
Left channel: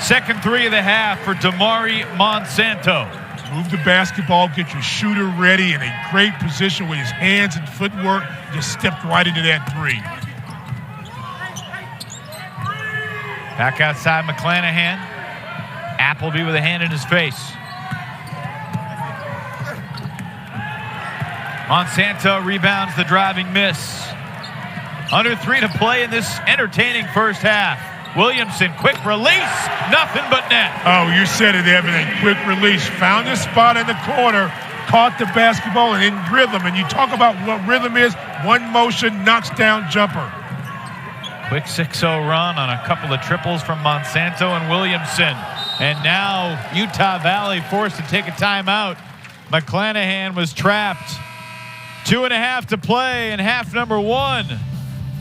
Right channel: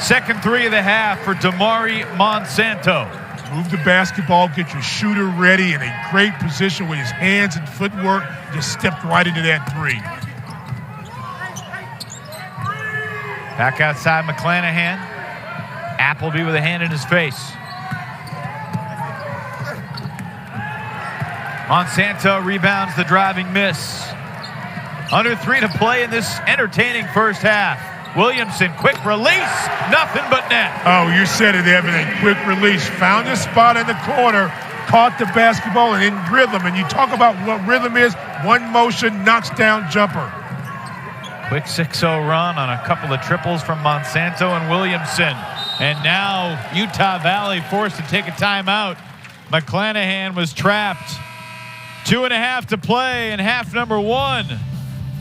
Second 3 of the half for Damari Monsanto. Move the basketball, get your shooter ready in a great position with his hands and footwork. Just stepped right into that 3. Back outside McClanahan. Appleby with a hand in his face. Monsanto rebounds the driving miss. Under 3 to play in this entertaining first half. Williamson, quick release. Nothing but net. Oh, you said it, everything. Quick release. Found his spot in the corner. Caught the basketball and in rhythm. And you talk about what rhythm is. One motion, knocks down jumper. Quick 6-0 run on a couple of triples from Monsanto and Williamson. And now Utah Valley forced to take a timeout. McClanahan was trapped. 2.5 to play in half number 1.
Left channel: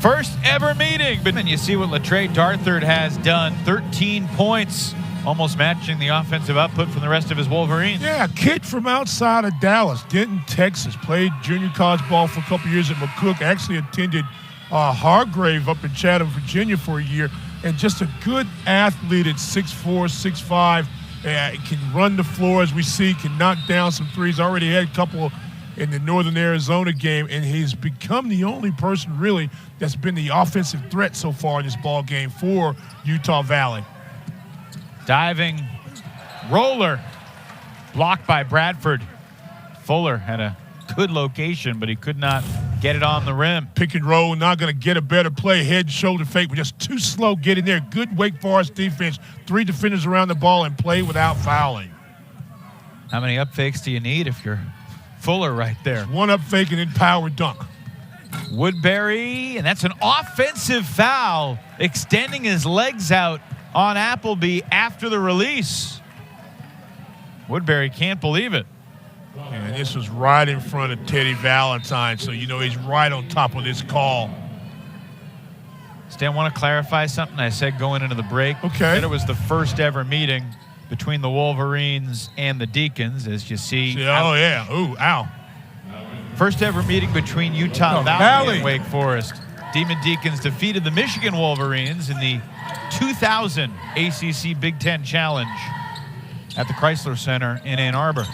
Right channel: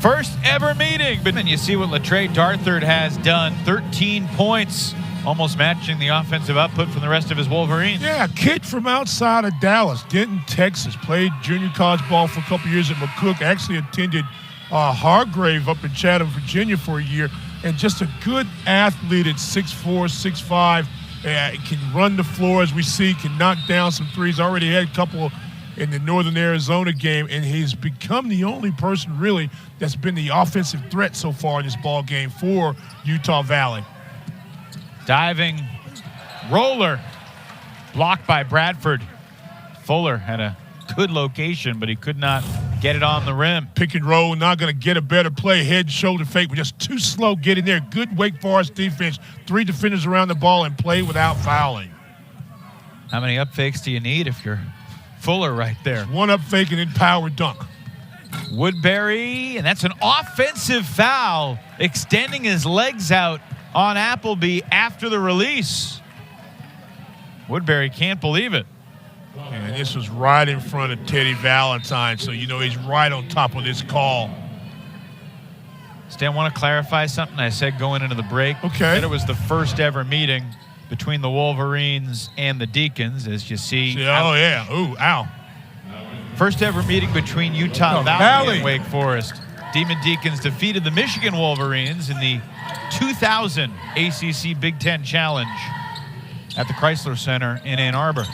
First ever meeting. And you see what LaTre Darthard has done. 13 points, almost matching the offensive output from the rest of his Wolverines. Yeah, a kid from outside of Dallas, Denton, Texas. Played junior college ball for a couple years at McCook. Actually attended Hargrave up in Chatham, Virginia for a year. And just a good athlete at 6'4", 6'5". Can run the floor, as we see, can knock down some threes. Already had a couple in the Northern Arizona game, and he's become the only person really that's been the offensive threat so far in this ball game for Utah Valley. Diving roller, blocked by Bradford. Fuller had a good location, but he could not get it on the rim. Pick and roll, not going to get a better play. Head, shoulder fake, but just too slow getting there. Good Wake Forest defense. 3 defenders around the ball and play without fouling. How many up fakes do you need if you're Fuller right there? One up fake and then power dunk. Woodbury, and that's an offensive foul, extending his legs out on Appleby after the release. Woodbury can't believe it. And this was right in front of Teddy Valentine, so you know he's right on top of this call. Stan, want to clarify something I said going into the break? Okay. I said it was the first ever meeting between the Wolverines and the Deacons, as you see. Oh, yeah. Ooh, ow. First ever meeting between Utah Valley and Wake Forest. Demon Deacons defeated the Michigan Wolverines in the 2000 ACC Big Ten Challenge at the Chrysler Center in Ann Arbor.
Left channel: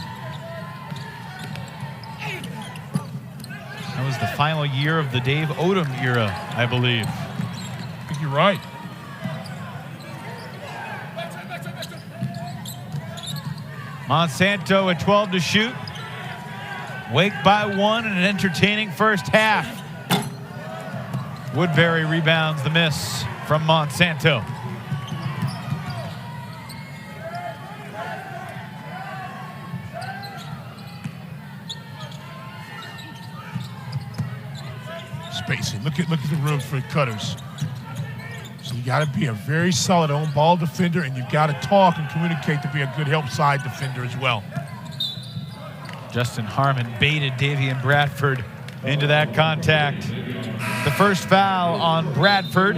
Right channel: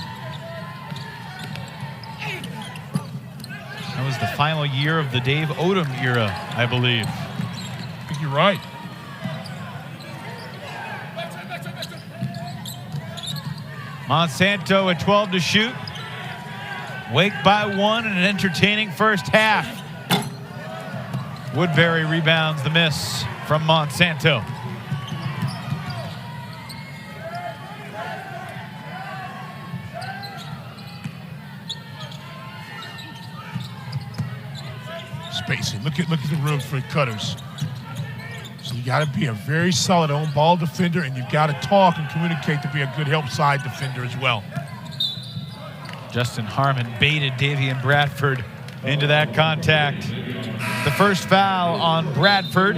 That was the final year of the Dave Odom era, I believe. I think you're right. Monsanto at 12 to shoot. Wake by 1 in an entertaining first half. Woodbury rebounds the miss from Monsanto. Spacing. Look at the room for cutters. So you got to be a very solid on-ball defender, and you've got to talk and communicate to be a good help side defender as well. Justin Harmon baited Daivien Bradford into that contact. The first foul on Bradford.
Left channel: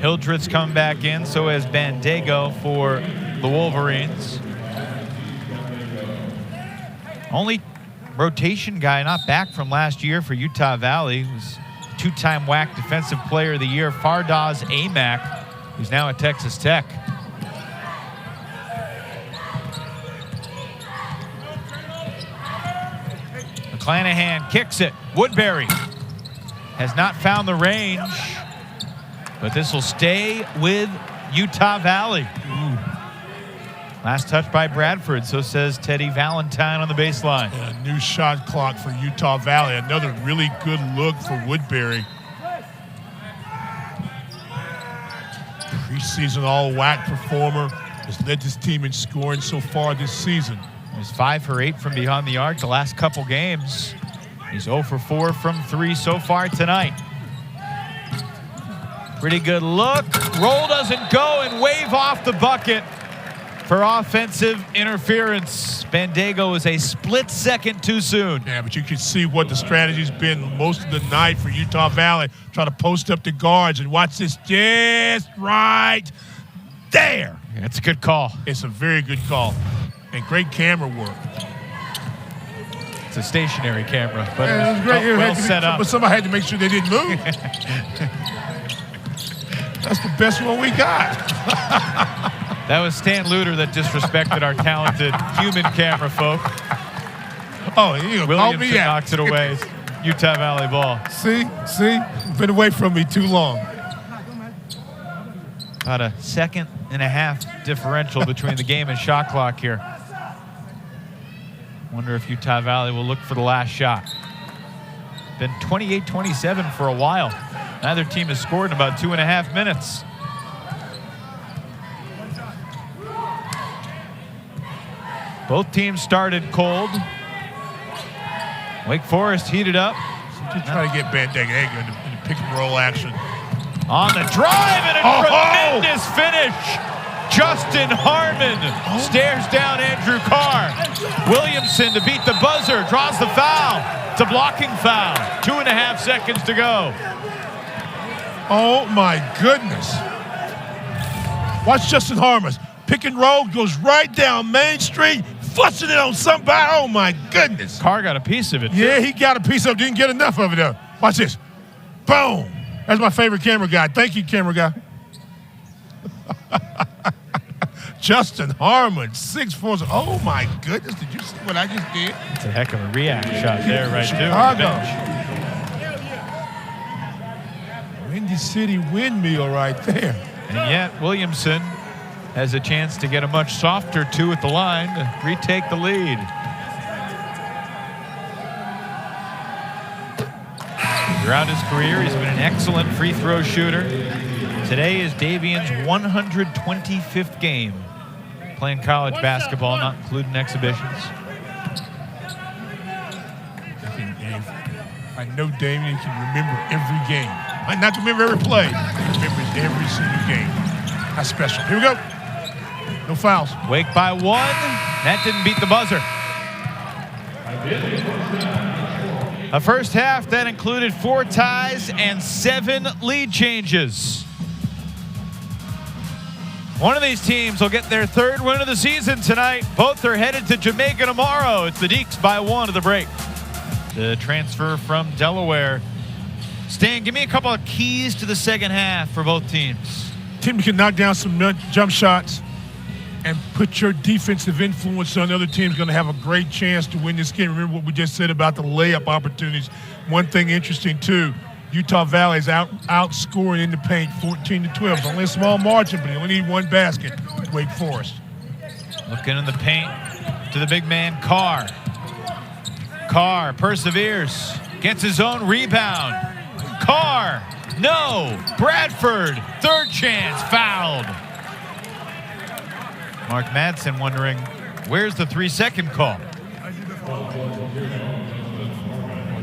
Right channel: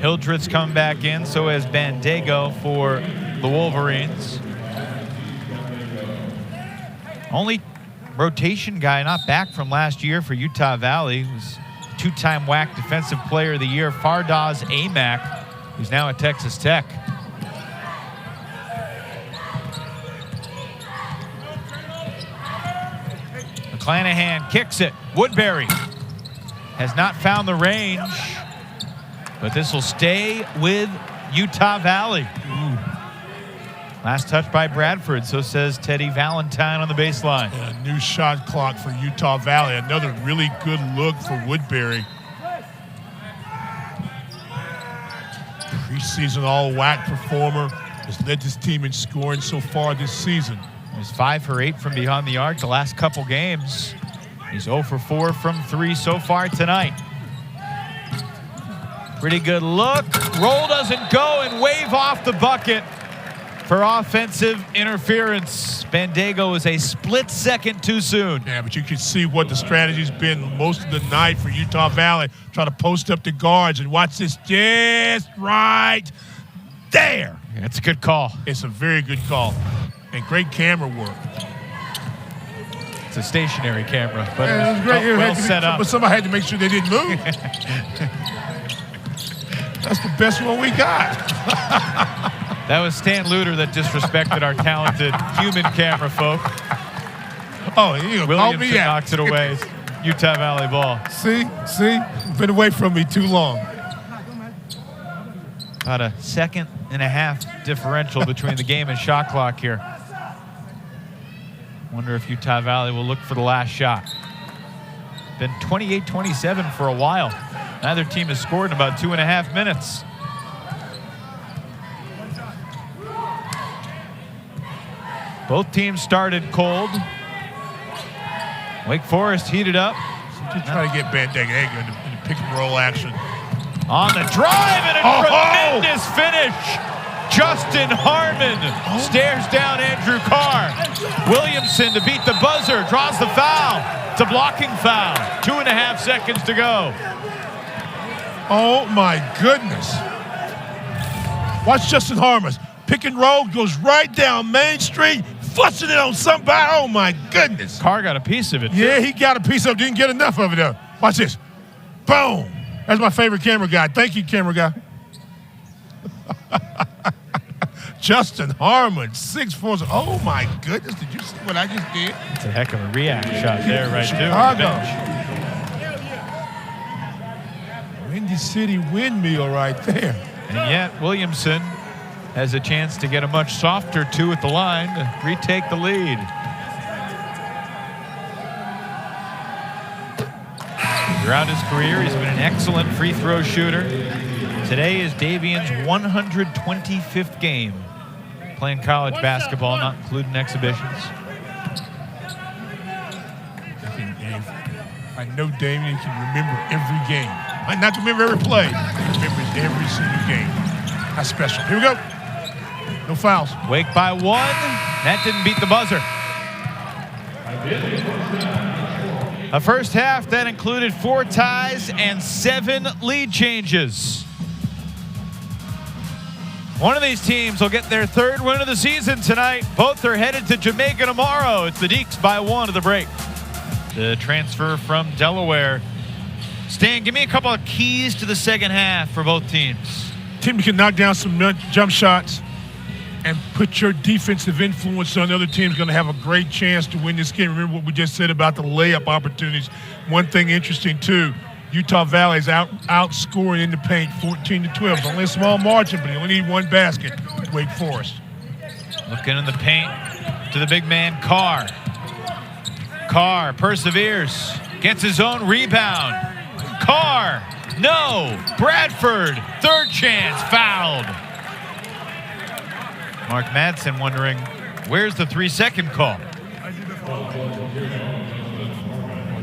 Hildreth's come back in, so has Bandego for the Wolverines. Only rotation guy not back from last year for Utah Valley was two-time WAC Defensive Player of the Year, Fardaz Amack, who's now at Texas Tech. McClanahan kicks it. Woodbury has not found the range, but this will stay with Utah Valley. Ooh. Last touch by Bradford, so says Teddy Valentine on the baseline. And a new shot clock for Utah Valley. Another really good look for Woodbury. Preseason all-WAC performer. Has led this team in scoring so far this season. He's 5 for 8 from beyond the arc the last couple games. He's 0 for 4 from 3 so far tonight. Pretty good look. Roll doesn't go and wave off the bucket for offensive interference. Bandego is a split second too soon. Yeah, but you can see what the strategy's been most of the night for Utah Valley. Try to post up the guards and watch this just right there. That's a good call. It's a very good call. And great camera work. It's a stationary camera, but yeah, it was great. Well set up. But somebody had to make sure they didn't move. That's the best one we got. That was Stan Luter that disrespected our talented human camera folk. Oh, you Williamson knocks it away. Utah Valley ball. See? Been away from me too long. About a 1.5-second differential between the game and shot clock here. Wonder if Utah Valley will look for the last shot. Been 28-27 for a while. Neither team has scored in about 2.5 minutes. Both teams started cold. Wake Forest heated up. Just try to get Bandego in the pick and roll action. On the drive and a tremendous finish. Justin Harmon stares down Andrew Carr. Williamson to beat the buzzer, draws the foul. It's a blocking foul. 2.5 seconds to go. Oh, my goodness. Watch Justin Harmon. Pick and roll, goes right down Main Street, flushing it on somebody. Oh, my goodness. Carr got a piece of it, too. Yeah, he got a piece of it. Didn't get enough of it, though. Watch this. Boom. That's my favorite camera guy. Thank you, camera guy. Justin Harmon, 6'4". Oh, my goodness. Did you see what I just did? It's a heck of a react shot there, right there. Chicago. Windy City windmill right there. And yet, Williamson has a chance to get a much softer 2 at the line to retake the lead. Throughout his career, he's been an excellent free throw shooter. Today is Daivien's 125th game playing college basketball, not including exhibitions. I know Daivien can remember every game. Might not remember every play, but he remembers every single game. That's special. Here we go. No fouls. Wake by 1. That didn't beat the buzzer. A first half that included 4 ties and 7 lead changes. One of these teams will get their 3rd win of the season tonight. Both are headed to Jamaica tomorrow. It's the Deacs by 1 at the break. The transfer from Delaware. Stan, give me a couple of keys to the second half for both teams. Team can knock down some jump shots and put your defensive influence on the other team's going to have a great chance to win this game. Remember what we just said about the layup opportunities. One thing interesting, too, Utah Valley's outscoring in the paint 14-12. It's only a small margin, but they only need 1 basket. Wake Forest. Looking in the paint to the big man, Carr. Carr perseveres, gets his own rebound. Carr, no. Bradford, 3rd chance, fouled. Mark Madsen wondering, where's the 3-second call?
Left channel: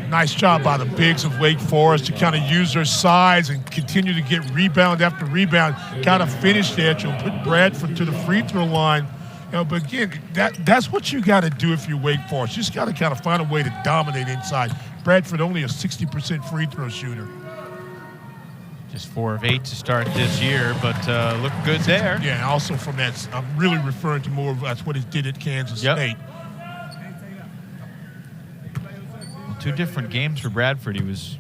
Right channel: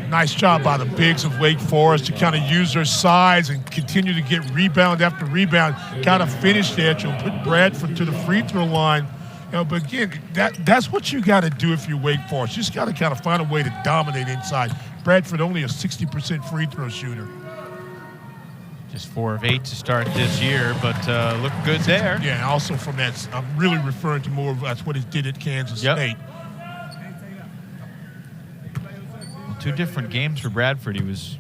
Nice job by the bigs of Wake Forest to kind of use their size and continue to get rebound after rebound, kind of finish there to put Bradford to the free throw line. You know, but again, that's what you got to do if you're Wake Forest. You just got to kind of find a way to dominate inside. Bradford only a 60% free throw shooter. Just 4 of 8 to start this year, but look good there. Yeah, and also from that, I'm really referring to more of that's what he did at Kansas State. Well, 2 different games for Bradford. He was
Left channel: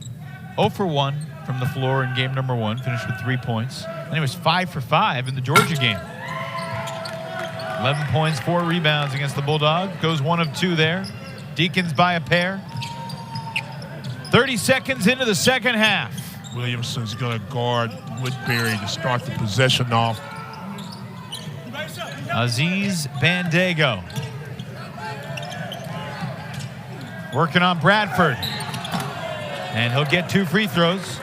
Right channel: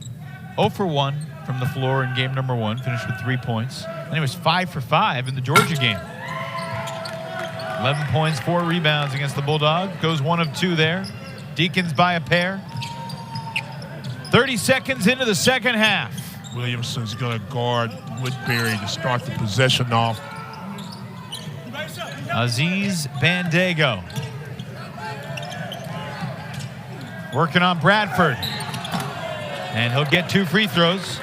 0 for 1 from the floor in game number 1, finished with 3 points. Then he was 5 for 5 in the Georgia game. 11 points, 4 rebounds against the Bulldogs. Goes 1 of 2 there. Deacons by a pair. 30 seconds into the second half. Williamson's going to guard Woodbury to start the possession off. Aziz Bandego. Working on Bradford. And he'll get 2 free throws.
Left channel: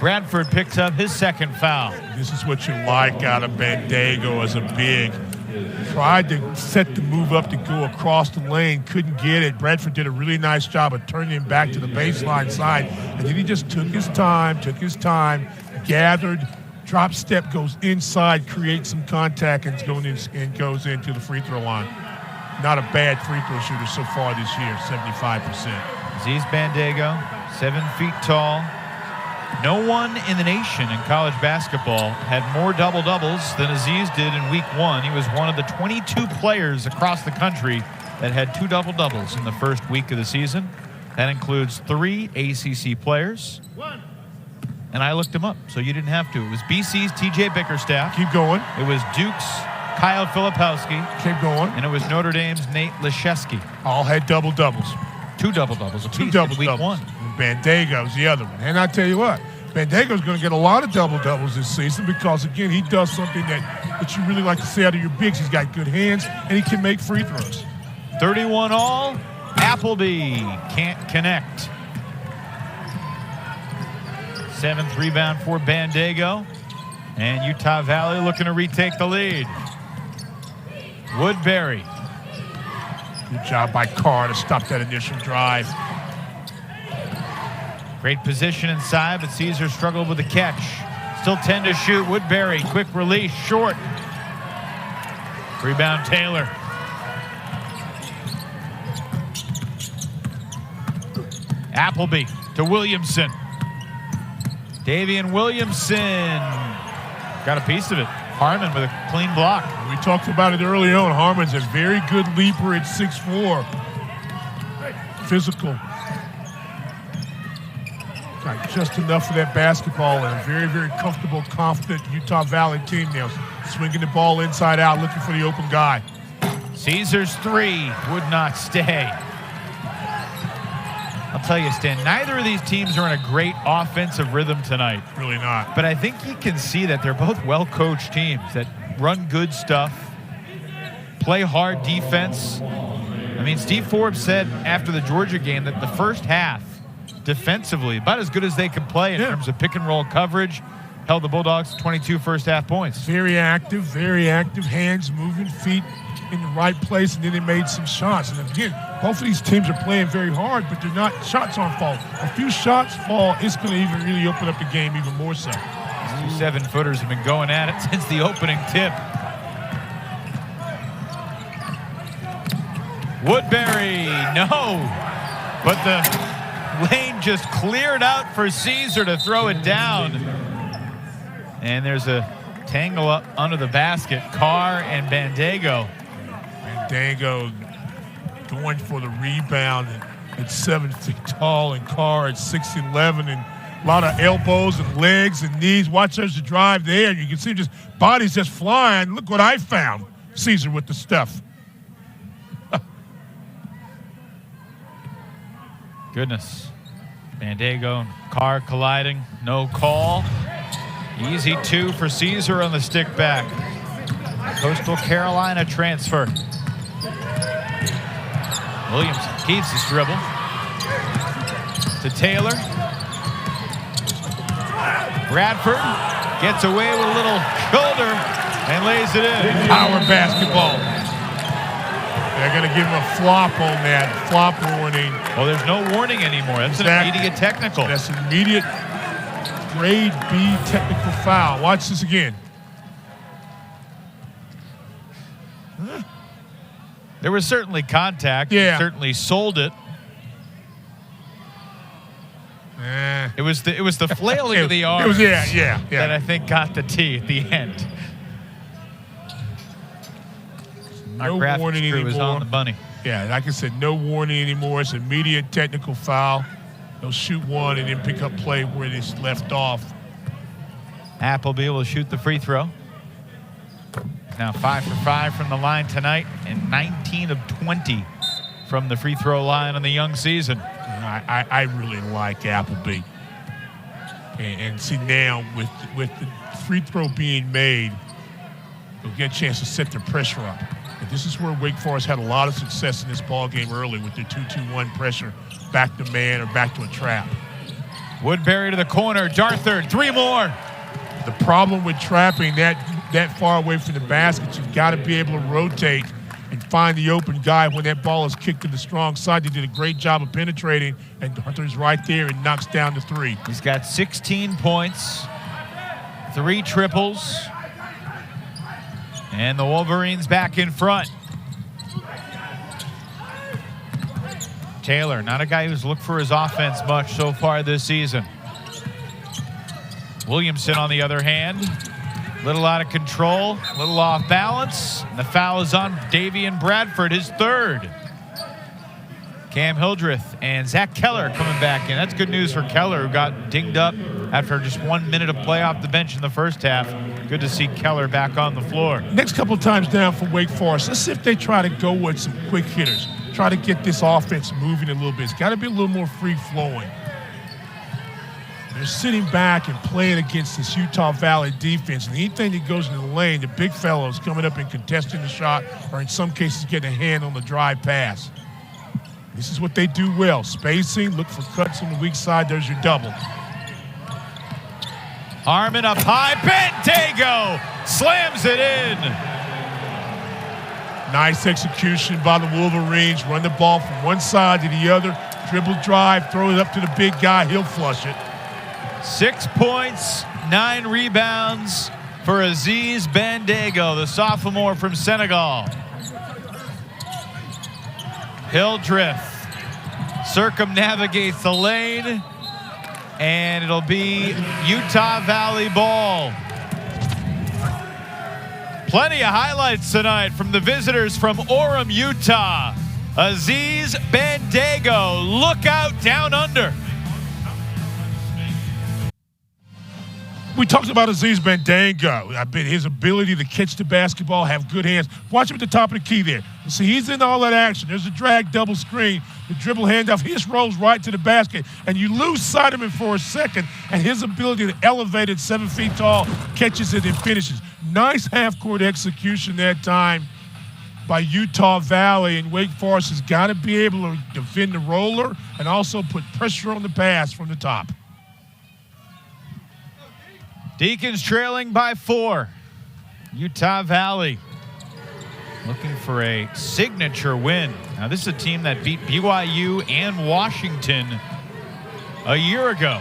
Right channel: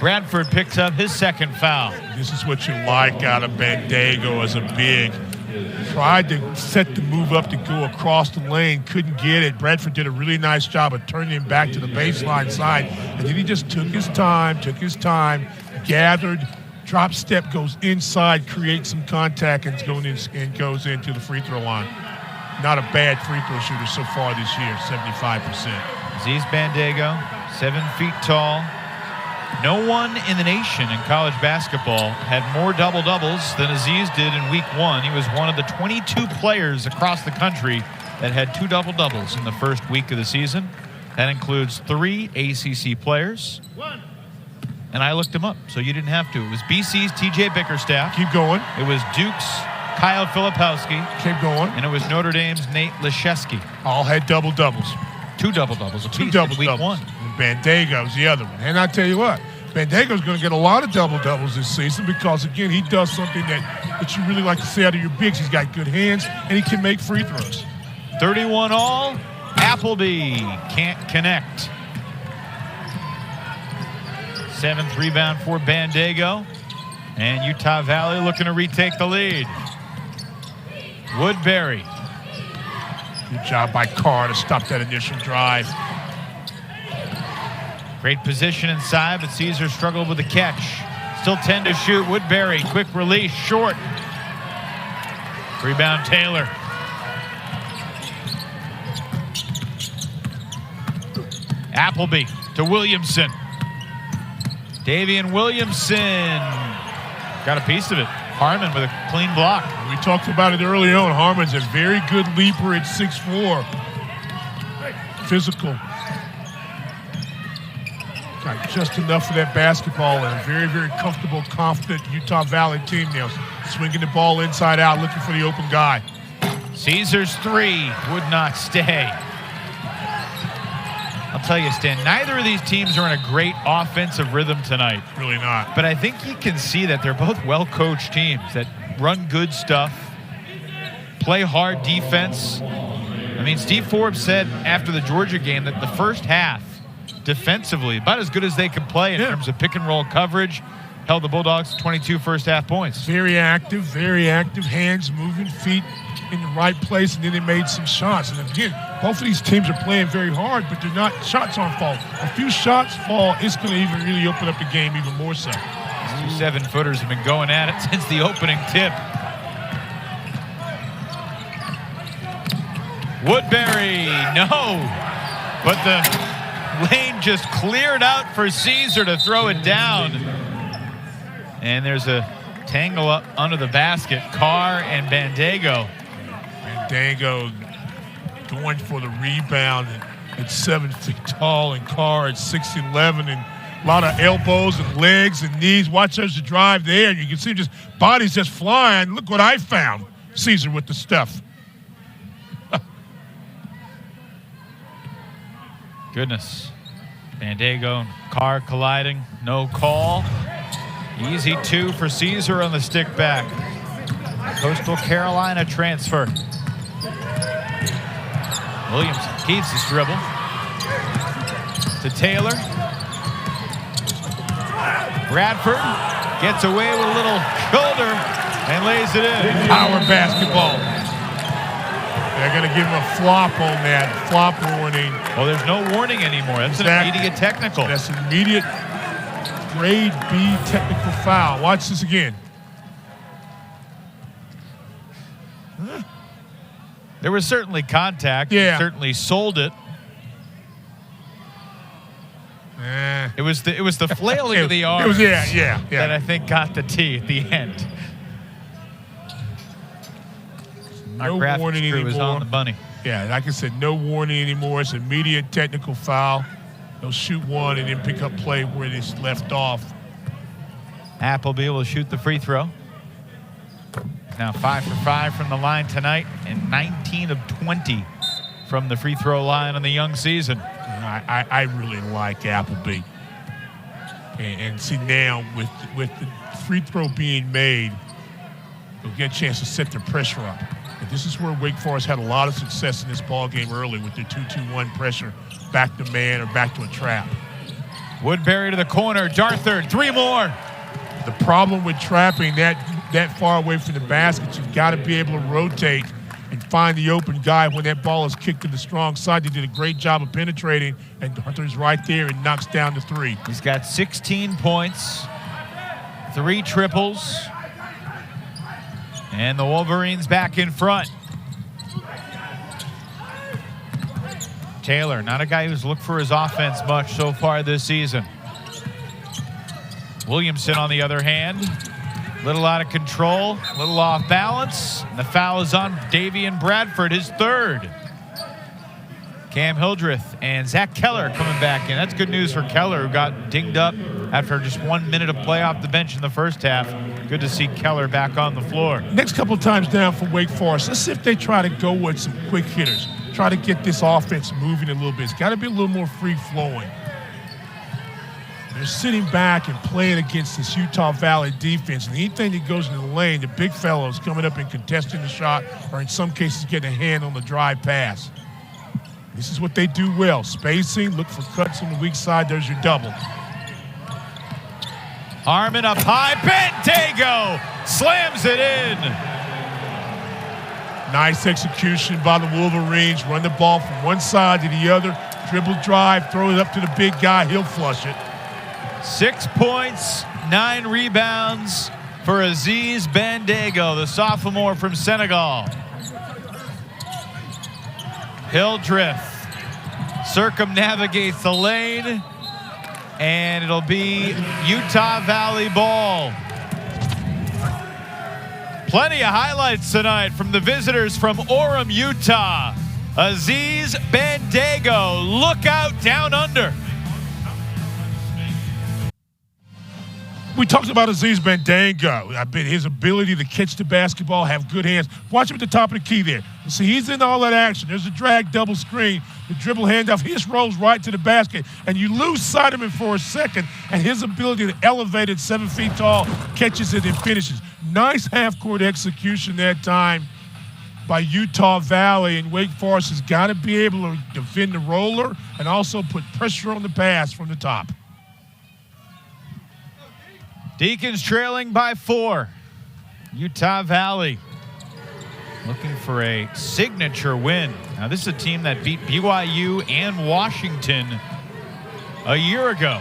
Bradford picks up his 2nd foul. This is what you like out of Bandego as a big. Tried to set the move up to go across the lane, couldn't get it. Bradford did a really nice job of turning him back to the baseline side, and then he just took his time, gathered, drop step, goes inside, creates some contact, and goes into the free throw line. Not a bad free throw shooter so far this year, 75%. Aziz Bandego, 7 feet tall. No one in the nation in college basketball had more double-doubles than Aziz did in week 1. He was one of the 22 players across the country that had 2 double-doubles in the first week of the season. That includes 3 ACC players. And I looked them up, so you didn't have to. It was BC's TJ Bickerstaff. Keep going. It was Duke's Kyle Filipowski. Keep going. And it was Notre Dame's Nate Leshesky. All had double-doubles. 2 double-doubles apiece. 2 double-doubles. Week 1. Bandego's the other one. And I tell you what, Bandego's going to get a lot of double-doubles this season because, again, he does something that you really like to see out of your bigs. He's got good hands, and he can make free throws. 31 all. Appleby can't connect. 7th rebound for Bandego. And Utah Valley looking to retake the lead. Woodbury. Good job by Carr to stop that initial drive. Great position inside, but Caesar struggled with the catch. Still 10 to shoot. Woodbury, quick release, short. Rebound Taylor. Appleby to Williamson. Daivien Williamson got a piece of it. Harmon with a clean block. We talked about it early on. Harmon's a very good leaper at 6'4". Physical. Got just enough of that basketball and a very, very comfortable, confident Utah Valley team now. Swinging the ball inside out, looking for the open guy. Caesar's three would not stay. I'll tell you, Stan, neither of these teams are in a great offensive rhythm tonight. Really not. But I think you can see that they're both well-coached teams that run good stuff, play hard defense. I mean, Steve Forbes said after the Georgia game that the first half, defensively, about as good as they could play in terms of pick-and-roll coverage, held the Bulldogs to 22 first-half points. Very active, hands moving, feet in the right place, and then they made some shots. And again, both of these teams are playing very hard, but they're not, shots aren't falling. A few shots fall, it's going to even really open up the game even more so. These 2 7-footers have been going at it since the opening tip. Woodbury, no. But the lane just cleared out for Caesar to throw it down. And there's a tangle up under the basket. Carr and Bandago. Bandago going for the rebound at 7 feet tall, and Carr at 6'11", and a lot of elbows and legs and knees. Watch there's the drive there, and you can see just bodies just flying. Look what I found. Caesar with the stuff. Goodness. Bandago and Carr colliding. No call. Easy 2 for Caesar on the stick back. Coastal Carolina transfer. Williamson keeps his dribble. To Taylor. Bradford gets away with a little shoulder and lays it in. Power basketball. They're going to give him a flop on that. Flop warning. Oh, there's no warning anymore. That's an immediate technical. That's an immediate grade B technical foul. Watch this again. There was certainly contact. Yeah. He certainly sold it. It was the flailing of the arms that I think got the tee at the end. No Our warning graphics crew is on the money. Yeah, like I said, no warning anymore. It's immediate technical foul. They'll shoot one and then pick up play where they left off. Appleby will shoot the free throw. Now 5 for 5 from the line tonight and 19 of 20 from the free throw line on the young season. I really like Appleby. And see now with the free throw being made, they'll get a chance to set their pressure up. And this is where Wake Forest had a lot of success in this ball game early with their 2-2-1 pressure, back to man or back to a trap. Woodbury to the corner, Darthard, 3 more. The problem with trapping that far away from the basket, you've got to be able to rotate and find the open guy when that ball is kicked to the strong side. They did a great job of penetrating, and Darthard's right there and knocks down the 3. He's got 16 points, 3 triples, and the Wolverines back in front. Taylor, not a guy who's looked for his offense much so far this season. Williamson, on the other hand, little out of control, little off balance. And the foul is on Davian Bradford, his 3rd. Cam Hildreth and Zach Keller coming back in. That's good news for Keller, who got dinged up after just 1 minute of play off the bench in the first half. Good to see Keller back on the floor. Next couple of times down for Wake Forest, let's see if they try to go with some quick hitters. Try to get this offense moving a little bit. It's got to be a little more free-flowing. They're sitting back and playing against this Utah Valley defense, and anything that goes in the lane, the big fellows coming up and contesting the shot, or in some cases getting a hand on the drive pass. This is what they do well. Spacing, look for cuts on the weak side. There's your double. Harmon up high. Bandago slams it in. Nice execution by the Wolverines. Run the ball from one side to the other. Dribble drive, throw it up to the big guy. He'll flush it. 6 points, 9 rebounds for Aziz Bandago, the sophomore from Senegal. Hildreth circumnavigates the lane, and it'll be Utah Valley ball. Plenty of highlights tonight from the visitors from Orem, Utah. Aziz Bandago, look out down under. We talked about Aziz Bandago. I bet his ability to catch the basketball, have good hands. Watch him at the top of the key there. See, he's in all that action. There's a drag double screen, the dribble handoff. He just rolls right to the basket, and you lose sight of him for a second, and his ability to elevate at 7 feet tall, catches it and finishes. Nice half-court execution that time by Utah Valley, and Wake Forest has got to be able to defend the roller and also put pressure on the pass from the top. Deacons trailing by 4. Utah Valley looking for a signature win. Now, this is a team that beat BYU and Washington a year ago.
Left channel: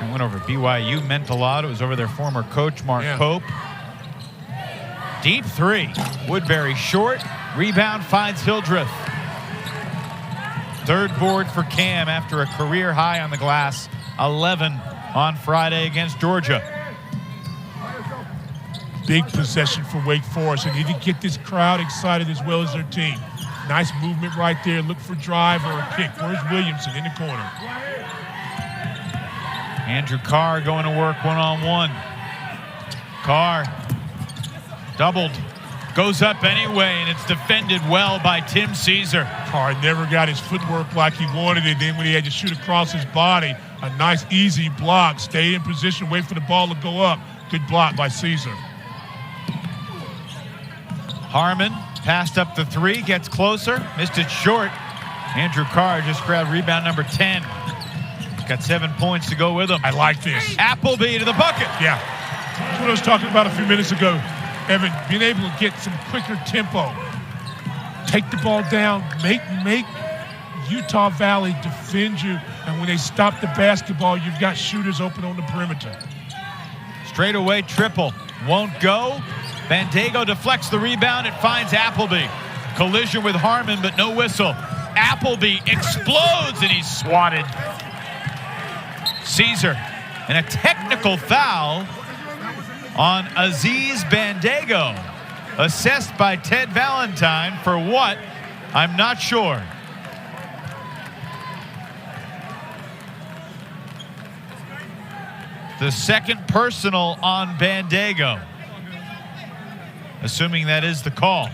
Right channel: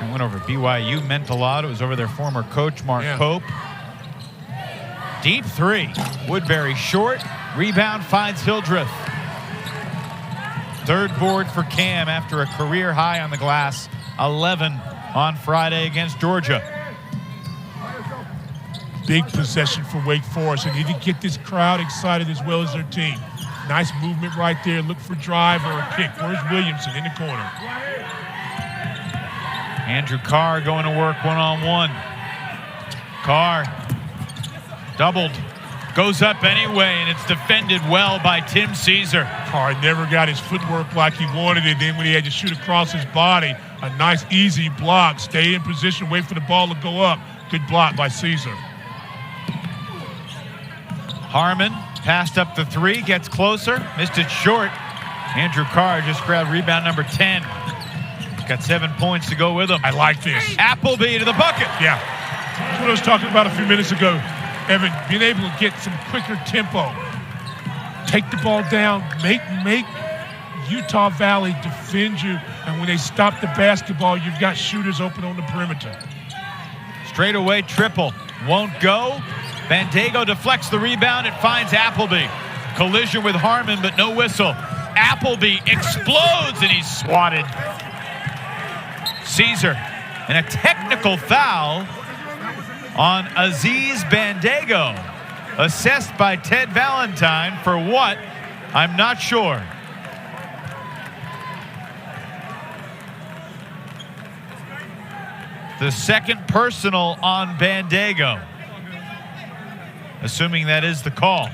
I went over BYU, meant a lot. It was over their former coach, Mark Pope. Deep three. Woodbury short. Rebound finds Hildreth. Third board for Cam after a career high on the glass. 11 on Friday against Georgia. Big possession for Wake Forest. They need to get this crowd excited as well as their team. Nice movement right there. Look for drive or a kick. Where's Williamson in the corner? Andrew Carr going to work one-on-one. Carr doubled. Goes up anyway, and it's defended well by Tim Caesar. Carr never got his footwork like he wanted it. Then when he had to shoot across his body, a nice, easy block. Stay in position, wait for the ball to go up. Good block by Caesar. Harmon passed up the three, gets closer, missed it short. Andrew Carr just grabbed rebound number 10. Got 7 points to go with him. I like this. Appleby to the bucket. Yeah. That's what I was talking about a few minutes ago. Evan, being able to get some quicker tempo. Take the ball down, make Utah Valley defend you, and when they stop the basketball, you've got shooters open on the perimeter. Straight away triple. Won't go. Bandago deflects the rebound. It finds Appleby. Collision with Harmon, but no whistle. Appleby explodes, and he's swatted. Caesar, and a technical foul on Aziz Bandago. Assessed by Ted Valentine for what? I'm not sure. The second personal on Bandago. Assuming that is the call.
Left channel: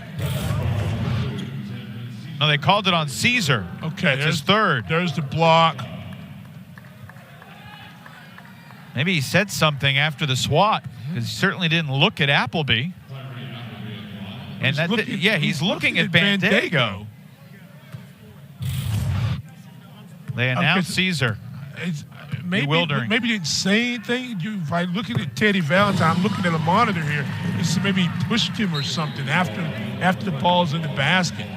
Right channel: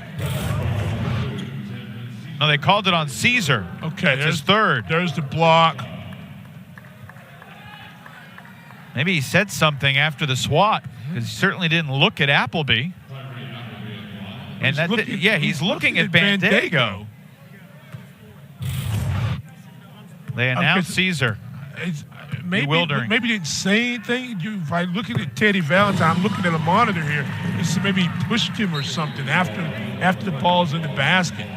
No, they called it on Caesar. Okay, there's his third. There's the block. Maybe he said something after the swat, because he certainly didn't look at Appleby. And he's looking at Bandago. They announced Caesar. Maybe he didn't say anything. If I'm looking at Teddy Valentine, I'm looking at a monitor here. This maybe he pushed him or something after the ball's in the basket.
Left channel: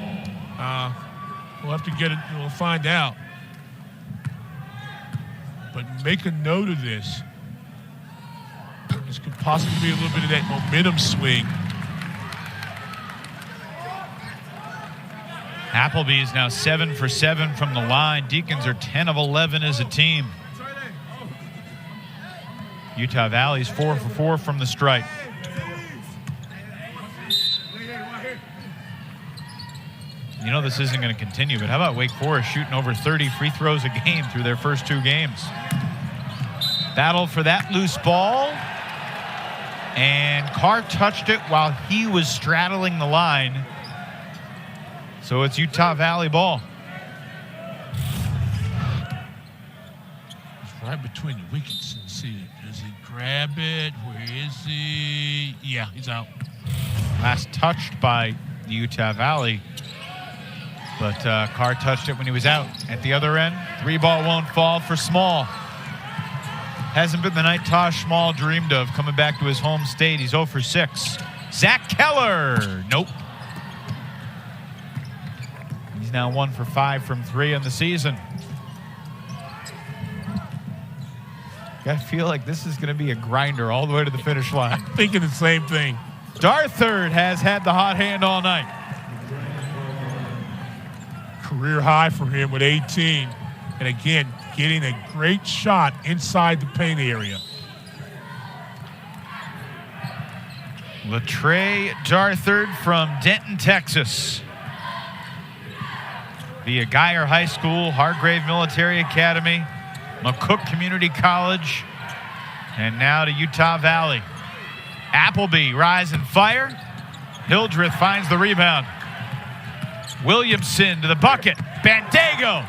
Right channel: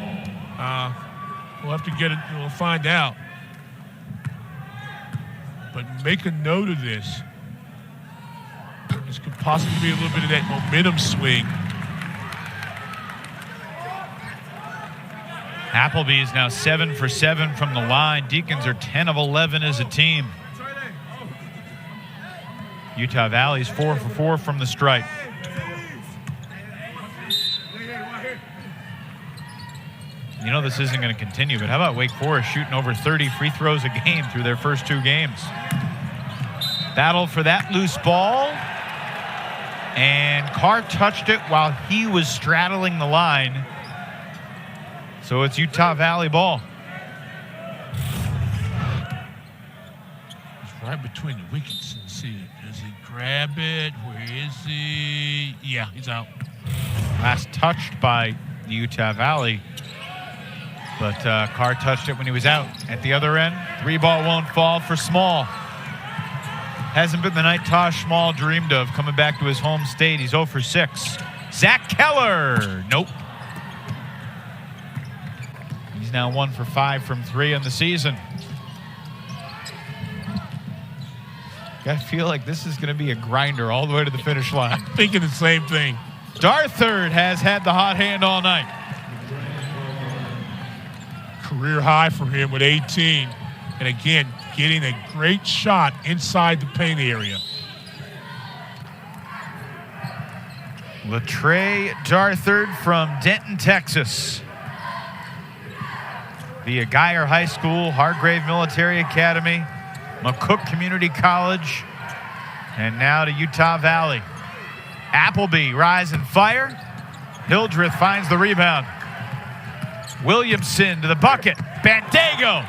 We'll have to get it. We'll find out. But make a note of this. This could possibly be a little bit of that momentum swing. Appleby is now 7 for 7 from the line. Deacons are 10 of 11 as a team. Utah Valley's 4 for 4 from the stripe. You know this isn't going to continue, but how about Wake Forest shooting over 30 free throws a game through their first 2 games? Battle for that loose ball. And Carr touched it while he was straddling the line. So it's Utah Valley ball. It's right between the wickets. See, does he grab it? Where is he? Yeah, he's out. Last touched by Utah Valley. But Carr touched it when he was out. At the other end, 3-ball won't fall for Small. Hasn't been the night Tosh Small dreamed of, coming back to his home state. He's 0 for 6. Zach Keller. Nope. He's now 1 for 5 from 3 in the season. I feel like this is going to be a grinder all the way to the finish line. I'm thinking the same thing. Darthard has had the hot hand all night. career high for him with 18. And again, getting a great shot inside the paint area. Latrey Darthard from Denton, Texas. Via Geyer High School, Hargrave Military Academy, McCook Community College, and now to Utah Valley. Appleby, rise and fire. Hildreth finds the rebound. Williamson to the bucket. Bandego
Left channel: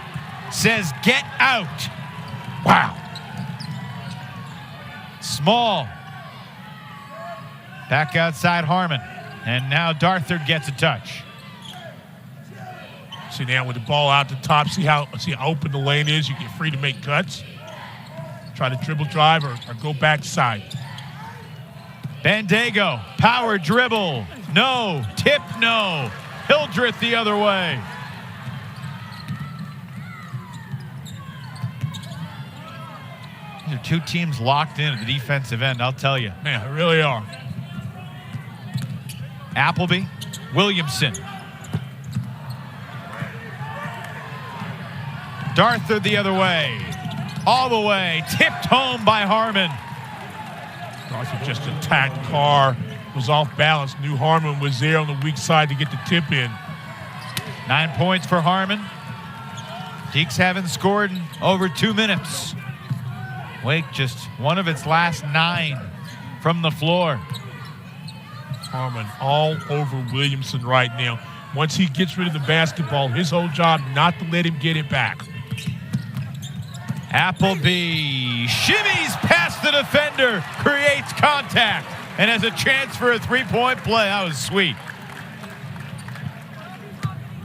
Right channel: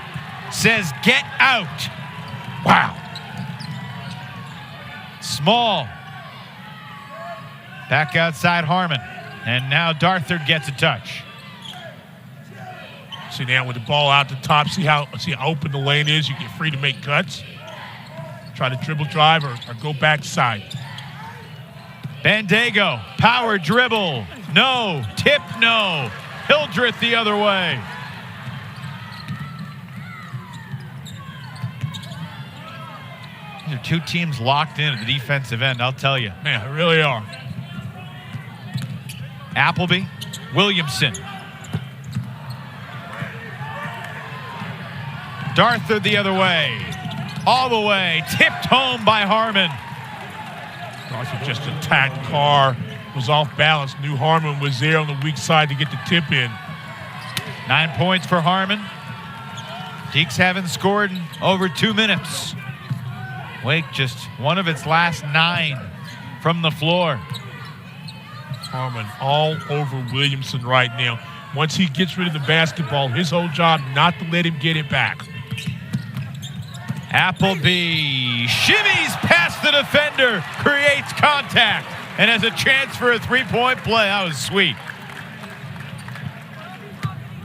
says, get out. Wow. Small. Back outside Harmon. And now Darthard gets a touch. See now with the ball out the top, see how open the lane is. You get free to make cuts. Try to dribble drive or go backside. Bandego, power dribble. No. Tip, no. Hildreth the other way. These are two teams locked in at the defensive end, I'll tell you. Man, they really are. Appleby, Williamson. Darthard the other way. All the way. Tipped home by Harmon. Darthard just attacked Carr. Was off balance. Knew Harmon was there on the weak side to get the tip in. 9 points for Harmon. Deacs haven't scored in over 2 minutes. Wake just one of its last 9 from the floor. Harmon all over Williamson right now. Once he gets rid of the basketball, his whole job not to let him get it back. Appleby shimmies past the defender, creates contact, and has a chance for a three-point play. That was sweet.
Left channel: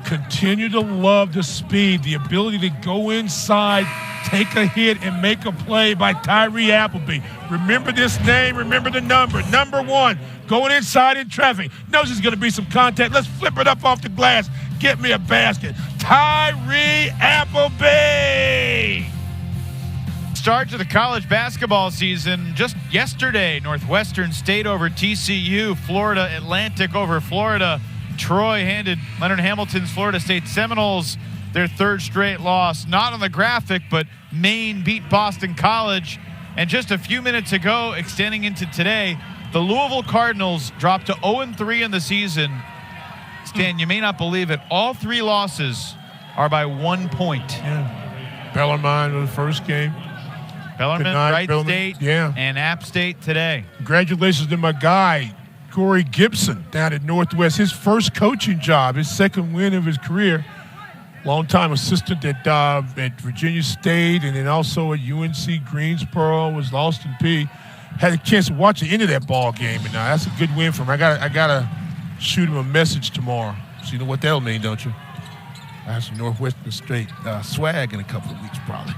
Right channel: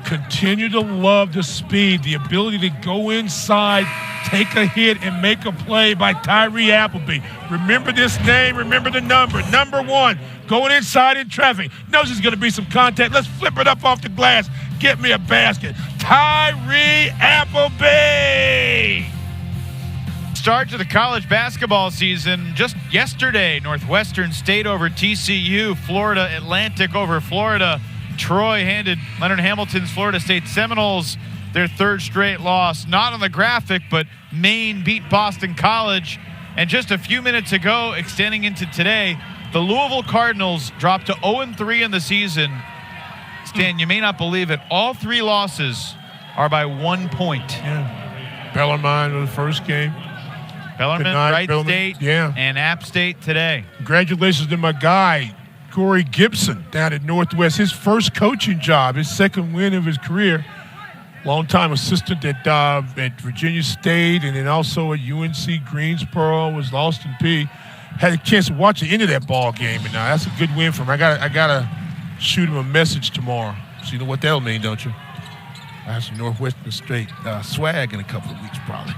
Continue to love the speed, the ability to go inside, take a hit, and make a play by Tyree Appleby. Remember this name, remember the number. Number 1, going inside in traffic. Knows there's going to be some contact. Let's flip it up off the glass. Get me a basket. Tyree Appleby! Start to the college basketball season just yesterday. Northwestern State over TCU, Florida Atlantic over Florida. Troy handed Leonard Hamilton's Florida State Seminoles their 3rd straight loss. Not on the graphic, but Maine beat Boston College. And just a few minutes ago, extending into today, the Louisville Cardinals dropped to 0-3 in the season. Stan, you may not believe it, all 3 losses are by 1 point. Yeah. Bellarmine was the first game. Bellarmine, Wright State, yeah, and App State today. Congratulations to my guy, Corey Gibson, down at Northwest. His first coaching job, his 2nd win of his career. Longtime assistant at Virginia State, and then also at UNC Greensboro, was Austin Peay. Had a chance to watch the end of that ball game, and that's a good win for him. I gotta shoot him a message tomorrow. So you know what that'll mean, don't you? I have some Northwestern State swag in a couple of weeks, probably.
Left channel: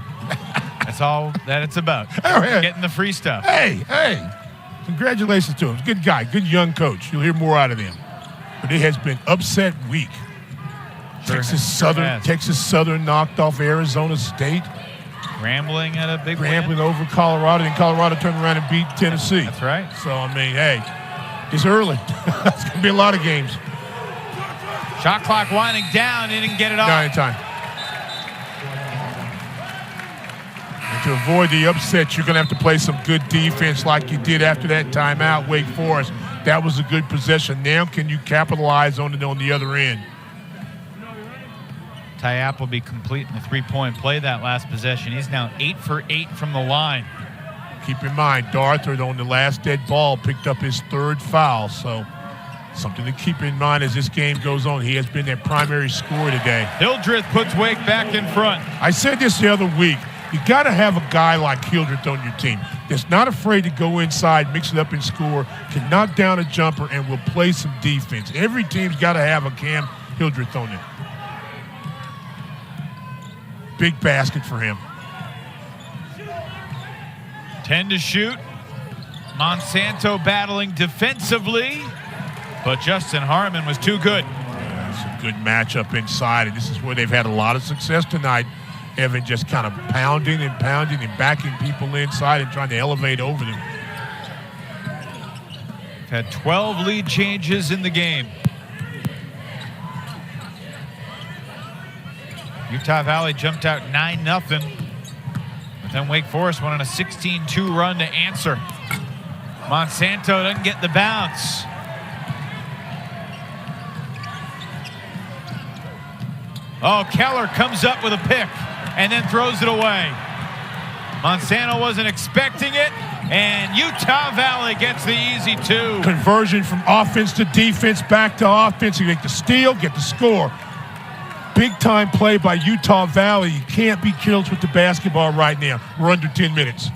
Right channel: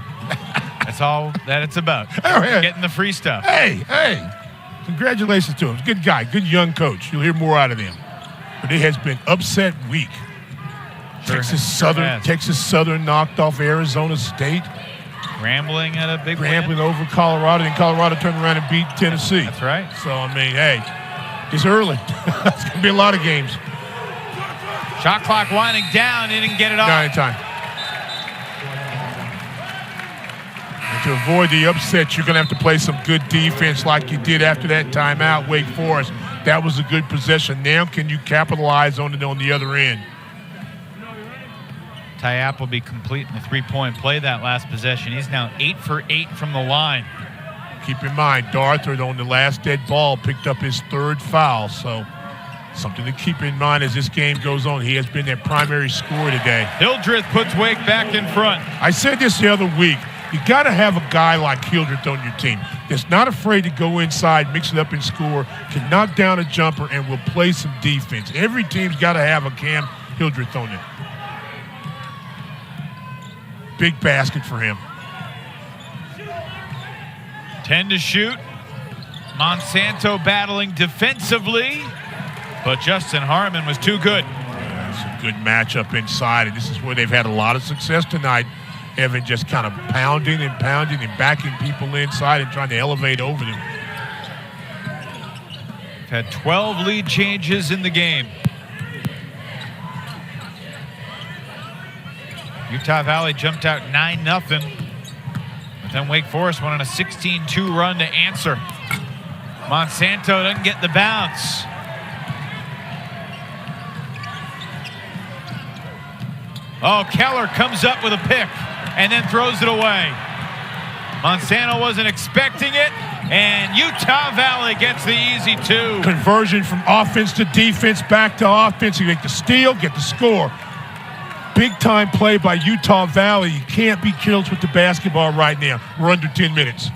That's all that it's about. Getting the free stuff. Hey, congratulations to him. Good guy, good young coach. You'll hear more out of them. But it has been upset week. Texas Southern knocked off Arizona State. Rambling at a big Rambling over Colorado, and Colorado turned around and beat Tennessee. That's right. So, I mean, hey, it's early. It's going to be a lot of games. Shot clock winding down. He didn't get it off. Not in time. And to avoid the upset, you're going to have to play some good defense like you did after that timeout, Wake Forest. That was a good possession. Now can you capitalize on it on the other end? Ty Appleby completing the three-point play that last possession. He's now 8 for 8 from the line. Keep in mind, Darthard on the last dead ball picked up his 3rd foul, so something to keep in mind as this game goes on. He has been their primary scorer today. Hildreth puts Wake back in front. I said this the other week. You got to have a guy like Hildreth on your team that's not afraid to go inside, mix it up and score, can knock down a jumper, and will play some defense. Every team's got to have a Cam Hildreth on it. Big basket for him. 10 to shoot. Monsanto battling defensively, but Justin Harmon was too good. It's a good matchup inside, and this is where they've had a lot of success tonight. Evan just kind of pounding and backing people inside and trying to elevate over them. Had 12 lead changes in the game. Utah Valley jumped out 9-0. But then Wake Forest went on a 16-2 run to answer. Monsanto doesn't get the bounce. Oh, Keller comes up with a pick and then throws it away. Monsanto wasn't expecting it, and Utah Valley gets the easy 2. Conversion from offense to defense, back to offense. You make the steal, get the score. Big-time play by Utah Valley. You can't be careless with the basketball right now. We're under 10 minutes.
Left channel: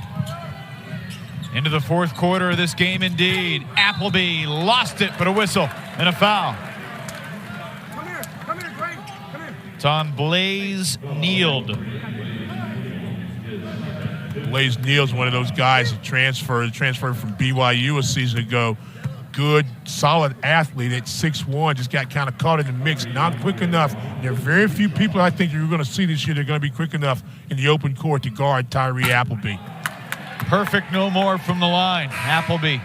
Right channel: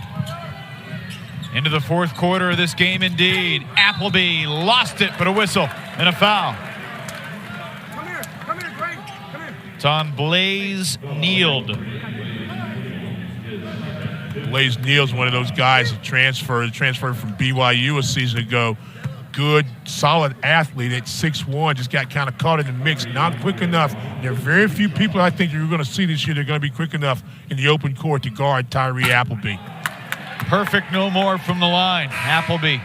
Into the fourth quarter of this game, indeed. Appleby lost it, but a whistle and a foul. Come here, Greg. Come here. It's on Blaze Neild. Blaze Neal's one of those guys that transferred from BYU a season ago. Good, solid athlete at 6'1", just got kind of caught in the mix, not quick enough. There are very few people I think you're going to see this year that are going to be quick enough in the open court to guard Tyree Appleby. Perfect no more from the line. Appleby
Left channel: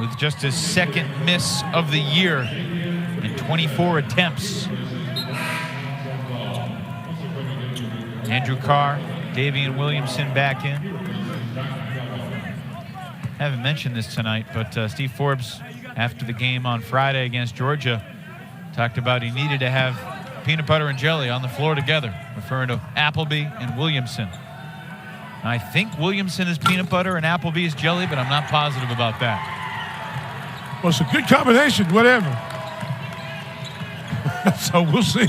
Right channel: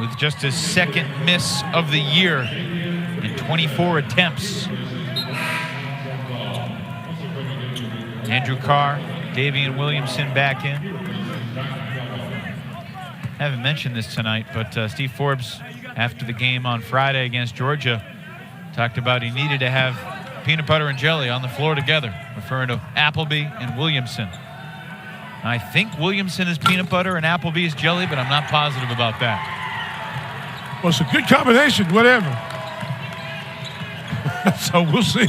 with just his second miss of the year in 24 attempts. Andrew Carr, Daivien Williamson back in. Haven't mentioned this tonight, but Steve Forbes, after the game on Friday against Georgia, talked about he needed to have peanut butter and jelly on the floor together, referring to Appleby and Williamson. I think Williamson is peanut butter and Appleby is jelly, but I'm not positive about that. Well, it's a good combination, whatever. So we'll see.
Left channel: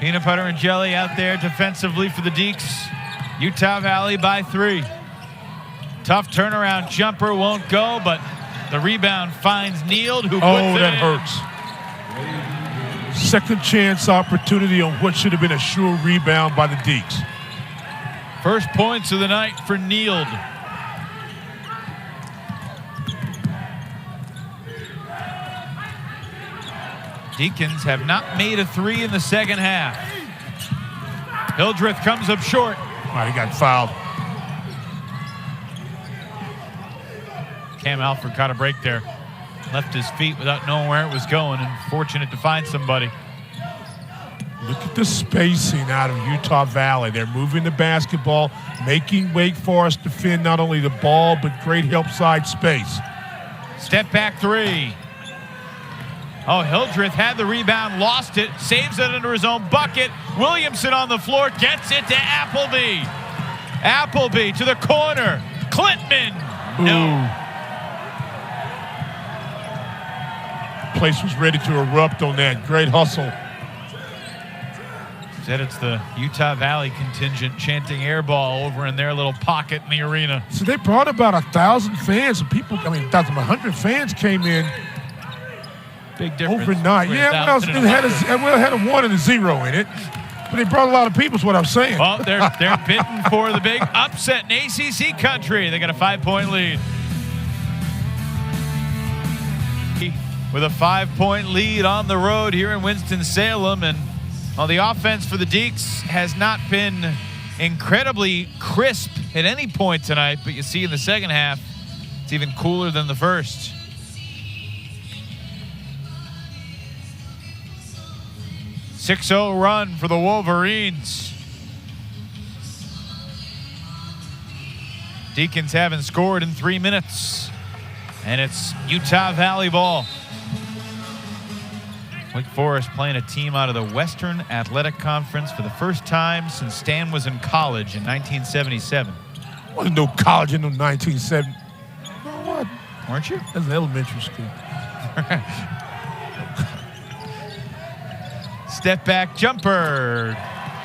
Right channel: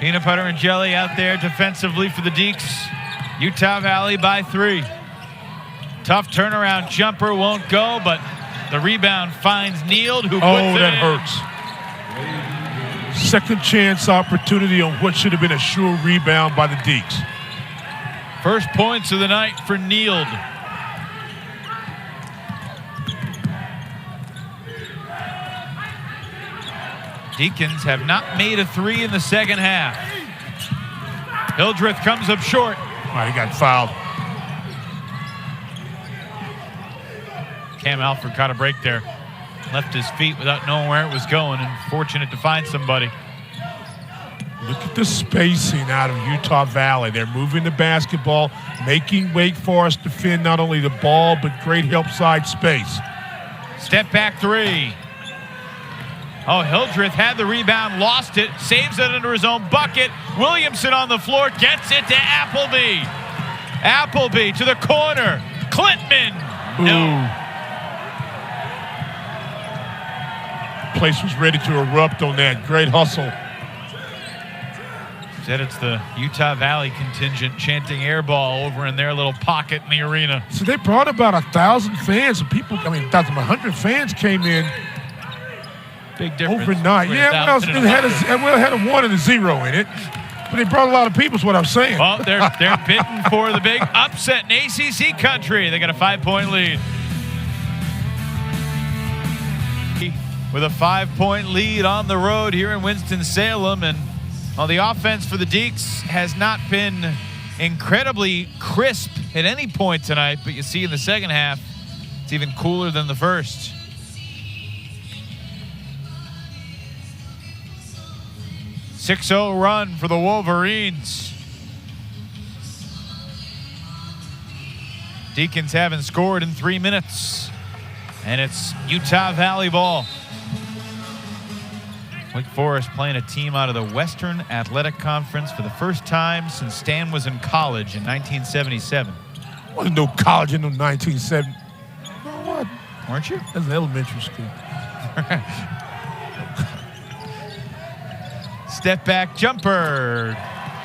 Peanut butter and jelly out there defensively for the Deeks. Utah Valley by 3. Tough turnaround jumper won't go, but the rebound finds Neild, who puts it that in. hurts. Second chance opportunity on what should have been a sure rebound by the Deeks. First points of the night for Neild. Deacons have not made a 3 in the second half. Hildreth comes up short. He got fouled. Cam Alford caught a break there. Left his feet without knowing where it was going, and fortunate to find somebody. Look at the spacing out of Utah Valley. They're moving the basketball, making Wake Forest defend not only the ball, but great help side space. Step back 3. Oh, Hildreth had the rebound, lost it, saves it under his own bucket. Williamson on the floor, gets it to Appleby. Appleby to the corner. Clintman. No. Place was ready to erupt on that. Great hustle. Said it's the Utah Valley contingent chanting air ball over in their little pocket in the arena. So they brought about 1,000 fans. And people, 100 fans came in. Big difference. Overnight. Yeah, it had a 1 and a 0 in it. But they brought a lot of people is what I'm saying. Well, they're bidding for the big upset in ACC country. They got a 5-point lead. With a 5-point lead on the road here in Winston-Salem. And the offense for the Deeks has not been incredibly crisp at any point tonight. But you see in the second half, it's even cooler than the first. A 6-0 run for the Wolverines. Deacons haven't scored in 3 minutes. And it's Utah Valley ball. Wake Forest playing a team out of the Western Athletic Conference for the first time since Stan was in college in 1977. Wasn't no college in 1970. What? Weren't you? That's an elementary school. Step back jumper.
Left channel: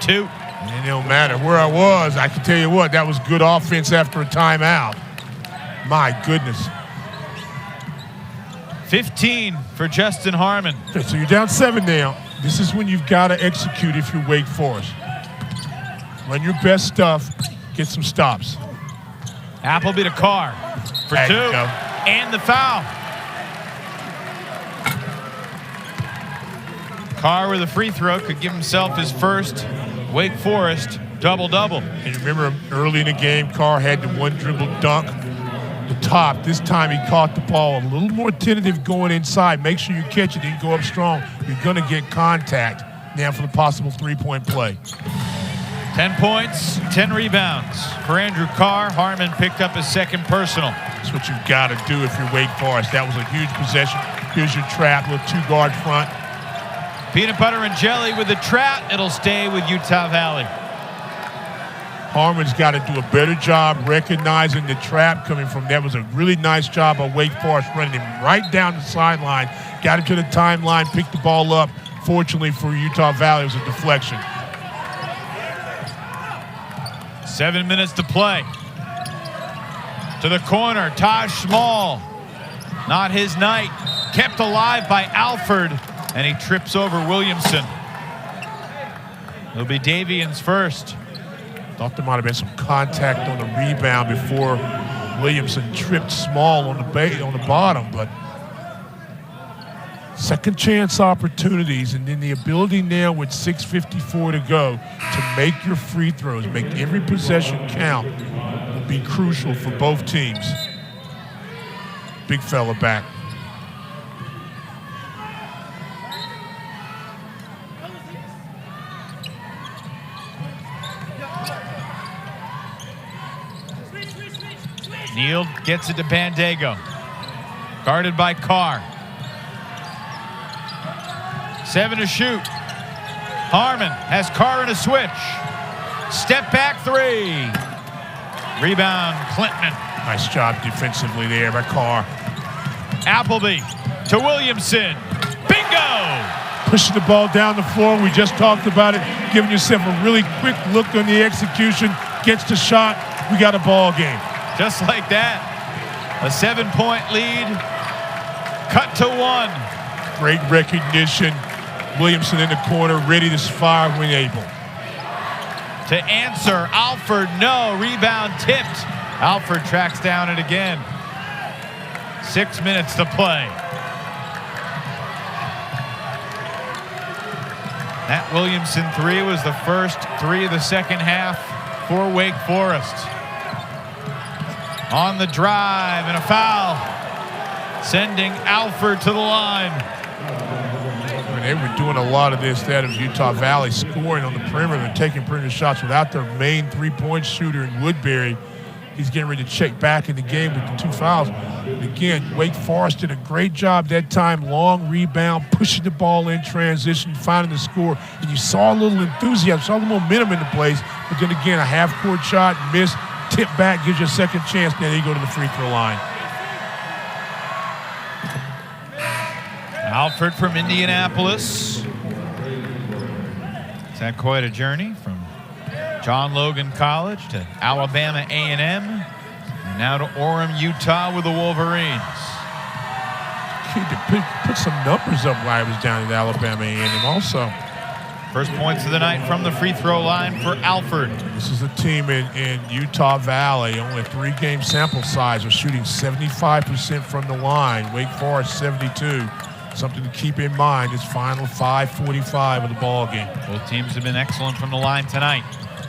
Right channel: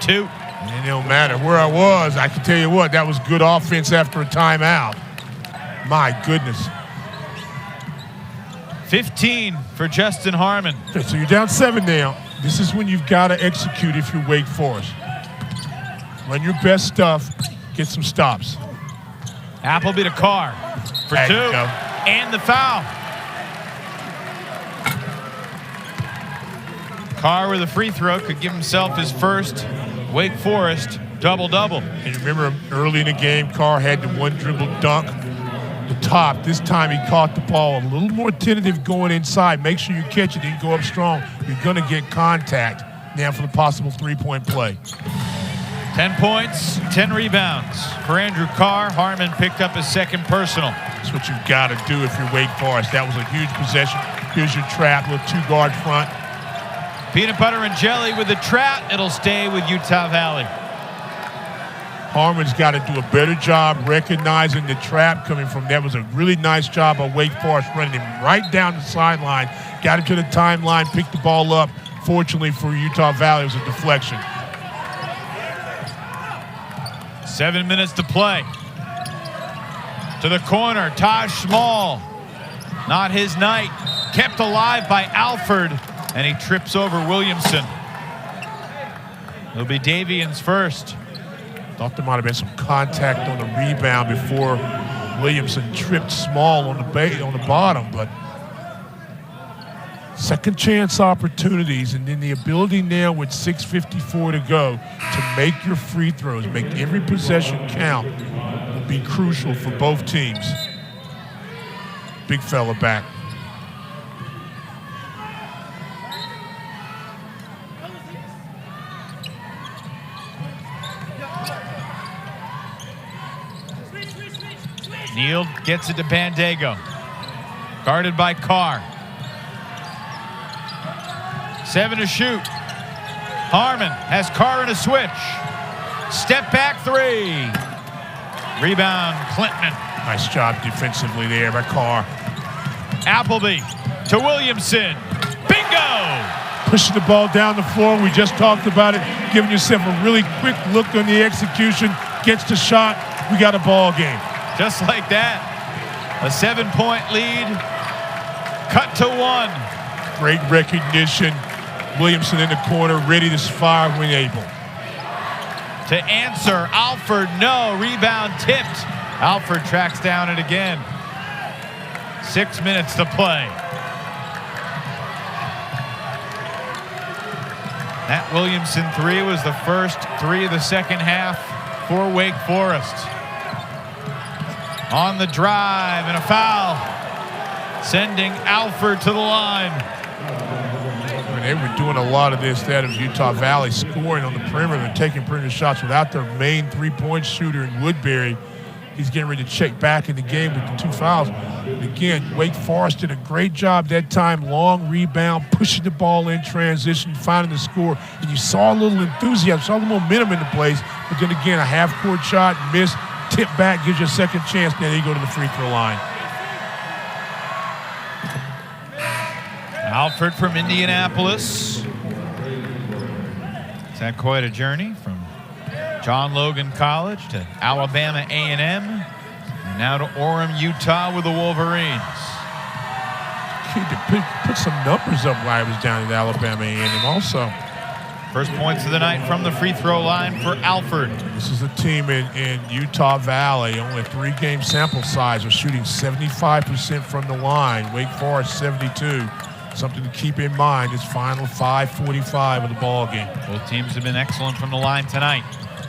2. And it don't matter where I was. I can tell you what, that was good offense after a timeout. My goodness. 15 for Justin Harmon. Okay, so you're down 7 now. This is when you've got to execute if you're Wake Forest. Run your best stuff. Get some stops. Appleby to Carr for 2. And the foul. Carr with a free throw could give himself his first Wake Forest double-double. And remember early in the game, Carr had the one dribble dunk. The top. This time he caught the ball a little more tentative going inside. Make sure you catch it and go up strong. You're going to get contact. now for the possible three-point play. 10 points, 10 rebounds for Andrew Carr. Harmon picked up his second personal. That's what you've got to do if you're Wake Forest. That was a huge possession. Here's your trap with two-guard front. Peanut butter and jelly with the trap. It'll stay with Utah Valley. Harmon's got to do a better job recognizing the trap coming from. That was a really nice job by Wake Forest running him right down the sideline. Got him to the timeline, picked the ball up. Fortunately for Utah Valley, it was a deflection. 7 minutes to play. To the corner, Taj Small. Not his night. Kept alive by Alford, and he trips over Williamson. It'll be Daivien's first. Thought there might have been some contact on the rebound before Williamson tripped Small on the bottom, but second chance opportunities, and then the ability now with 6:54 to go to make your free throws, make every possession count, will be crucial for both teams. Big fella back. Neal gets it to Bandego. Guarded by Carr. 7 to shoot. Harmon has Carr in a switch. Step back three. Rebound, Clinton. Nice job defensively there by Carr. Appleby to Williamson. Bingo! Pushing the ball down the floor. We just talked about it. Giving yourself a really quick look on the execution. Gets the shot. We got a ball game. Just like that. A 7-point lead. Cut to 1. Great recognition. Williamson in the corner, ready to fire when able. To answer, Alford, no. Rebound tipped. Alford tracks down it again. 6 minutes to play. That Williamson three was the first three of the second half for Wake Forest. On the drive and a foul, sending Alford to the line. They were doing a lot of this, that of Utah Valley, scoring on the perimeter and taking perimeter shots without their main three-point shooter in Woodbury. He's getting ready to check back in the game with the 2 fouls. And again, Wake Forest did a great job that time. Long rebound, pushing the ball in transition, finding the score. And you saw a little enthusiasm, saw the momentum in the place. But then again, a half-court shot, missed, tip back, gives you a second chance. Now you go to the free throw line. Alford from Indianapolis. It's had quite a journey from John Logan College to Alabama A&M, and now to Orem, Utah with the Wolverines. Kid to put some numbers up while I was down at Alabama A&M also. First points of the night from the free throw line for Alford. This is a team in Utah Valley, only a 3-game sample size. Are shooting 75% from the line. Wake Forest 72. Something to keep in mind. It's final 5:45 of the ball game. Both teams have been excellent from the line tonight.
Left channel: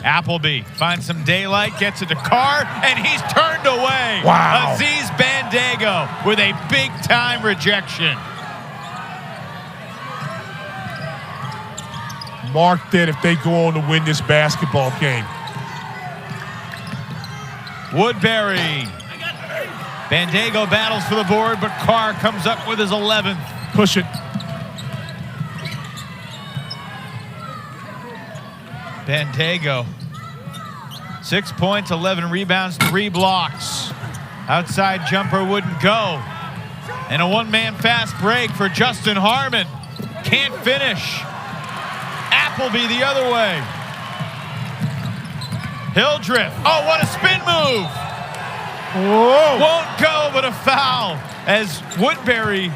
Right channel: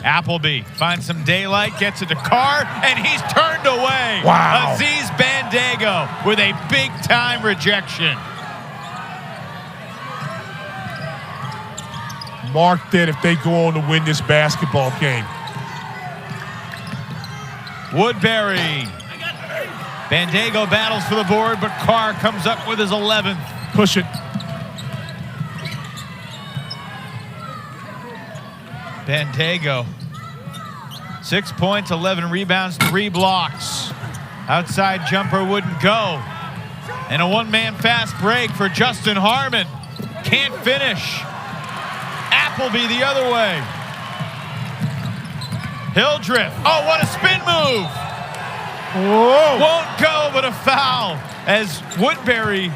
Appleby finds some daylight, gets it to Carr, and he's turned away. Wow. Aziz Bandego with a big-time rejection. Mark that if they go on to win this basketball game. Woodbury. Bandego battles for the board, but Carr comes up with his 11th. Push it. Bandego. 6 points, 11 rebounds, 3 blocks. Outside jumper wouldn't go. And a one-man fast break for Justin Harmon. Can't finish. Appleby the other way. Hildreth. Oh, what a spin move. Whoa. Won't go, but a foul as Woodbury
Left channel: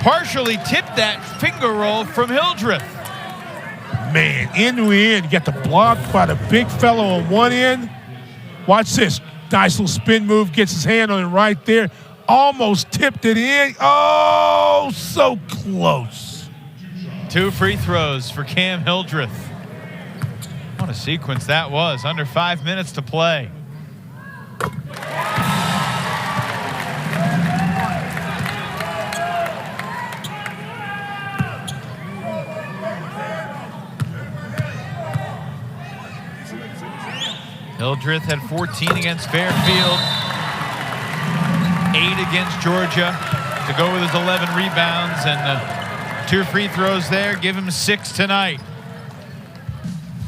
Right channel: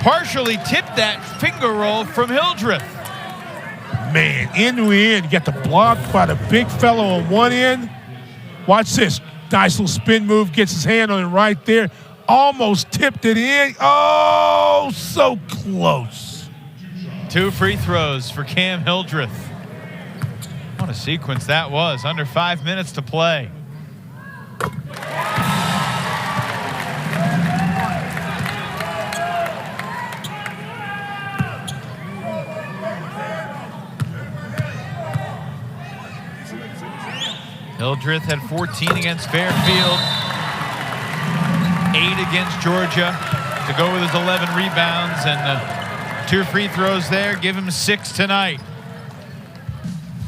partially tipped that finger roll from Hildreth. Man, end to end, you got the block by the big fellow on one end. Watch this. Nice little spin move, gets his hand on it right there. Almost tipped it in. Oh, so close. 2 free throws for Cam Hildreth. What a sequence that was. Under 5 minutes to play. Hildreth had 14 against Fairfield, 8 against Georgia to go with his 11 rebounds, and 2 free throws there give him 6 tonight.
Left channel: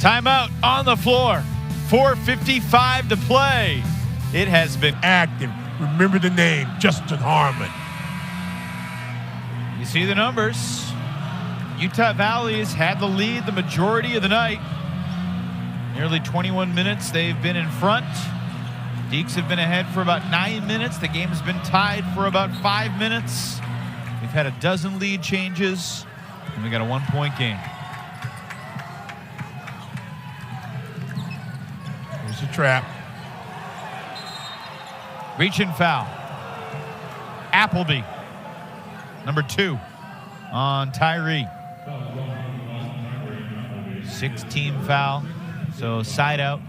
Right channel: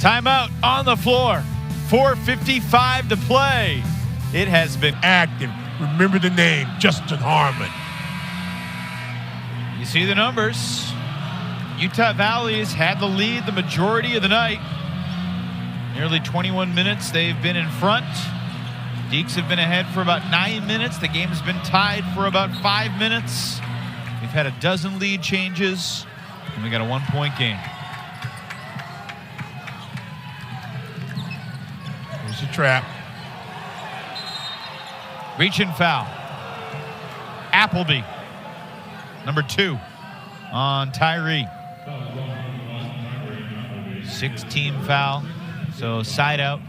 Timeout on the floor. 4:55 to play. It has been Active. Remember the name, Justin Harmon. You see the numbers. Utah Valley has had the lead the majority of the night. Nearly 21 minutes they've been in front. Deeks have been ahead for about 9 minutes. The game has been tied for about 5 minutes. We've had a dozen lead changes, and we got a 1-point game. Here's the trap. Reach and foul. Appleby, number 2 on Tyree. 6-team foul, so side out.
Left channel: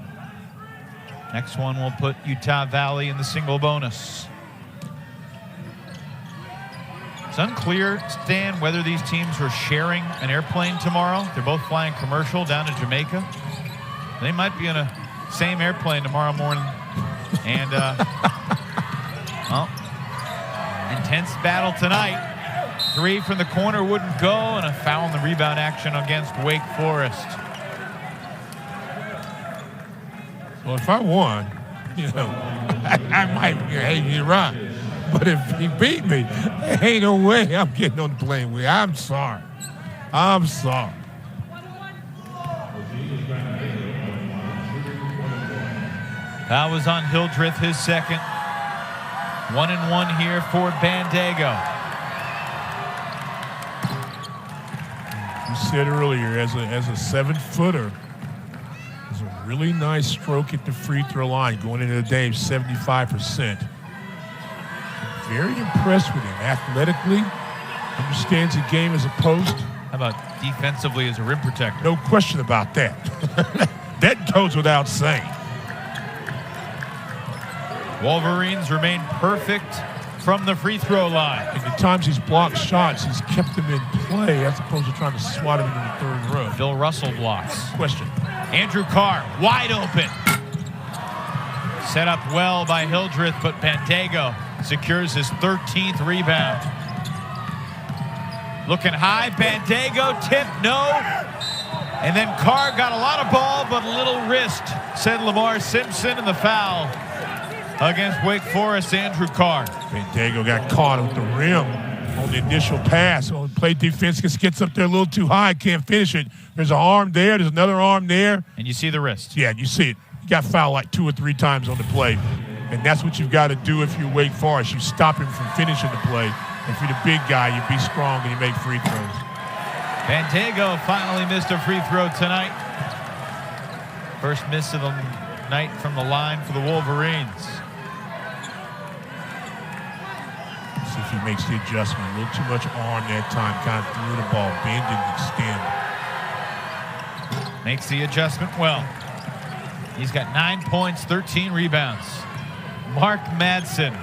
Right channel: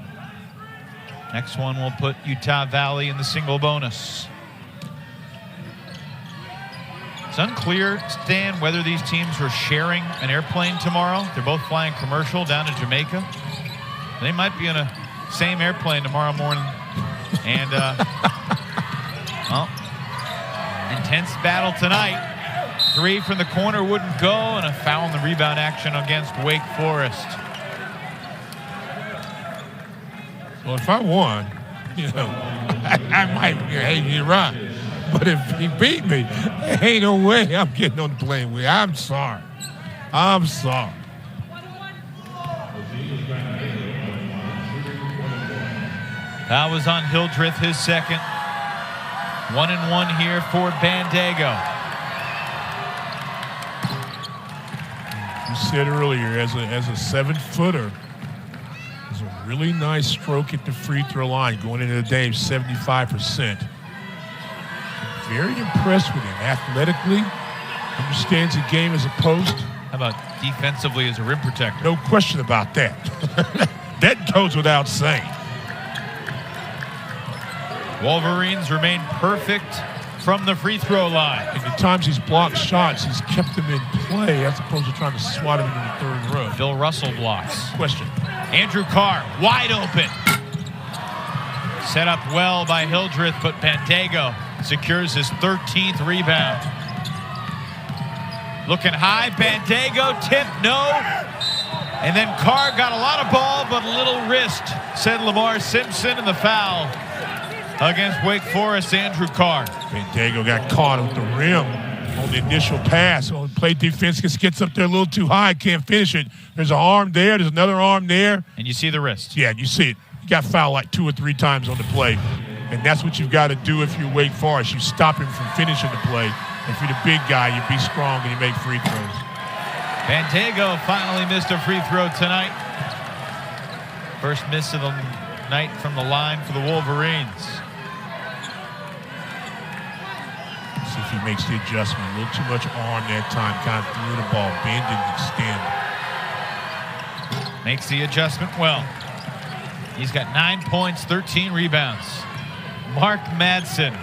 Next one will put Utah Valley in the single bonus. It's unclear, Stan, whether these teams are sharing an airplane tomorrow. They're both flying commercial down to Jamaica. They might be in a same airplane tomorrow morning. And, well, intense battle tonight. 3 from the corner wouldn't go, and a foul in the rebound action against Wake Forest. Well, if I won, you know, I might, hey, you're right. But if he beat me, there ain't no way I'm getting on the plane with you. I'm sorry. I'm sorry. That was on Hildreth, his second. 1-1 here for Bandego. You said earlier, as a 7-footer, it's a really nice stroke at the free throw line going into the day, 75%. Very impressed with him athletically. Understands the game as a post. How about defensively as a rim protector? No question about that. That goes without saying. Wolverines remain perfect from the free throw line. And the times he's blocked shots, he's kept them in play as opposed to trying to swat him into the third row. Bill Russell blocks. Question. Andrew Carr, wide open. Set up well by Hildreth, but Bandego secures his 13th rebound. Looking high, Bandego, tip, no. And then Carr got a lot of ball, but a little wrist, said Lamar Simpson, and the foul against Wake Forest, Andrew Carr. Bandego got caught with the rim on the initial pass. So play defense gets up there a little too high, can't finish it. There's an arm there, there's another arm there. And you see the wrist. Yeah, you see it. You got fouled like 2 or 3 times on the play. And that's what you've got to do if you're Wake Forest. You stop him from finishing the play. If you're the big guy, you be strong and you make free throws. Bandego finally missed a free throw tonight. First miss of the night from the line for the Wolverines. See if he makes the adjustment. A little too much arm that time. Kind of threw the ball, bend and extend. Makes the adjustment well. He's got 9 points, 13 rebounds. Mark Madsen,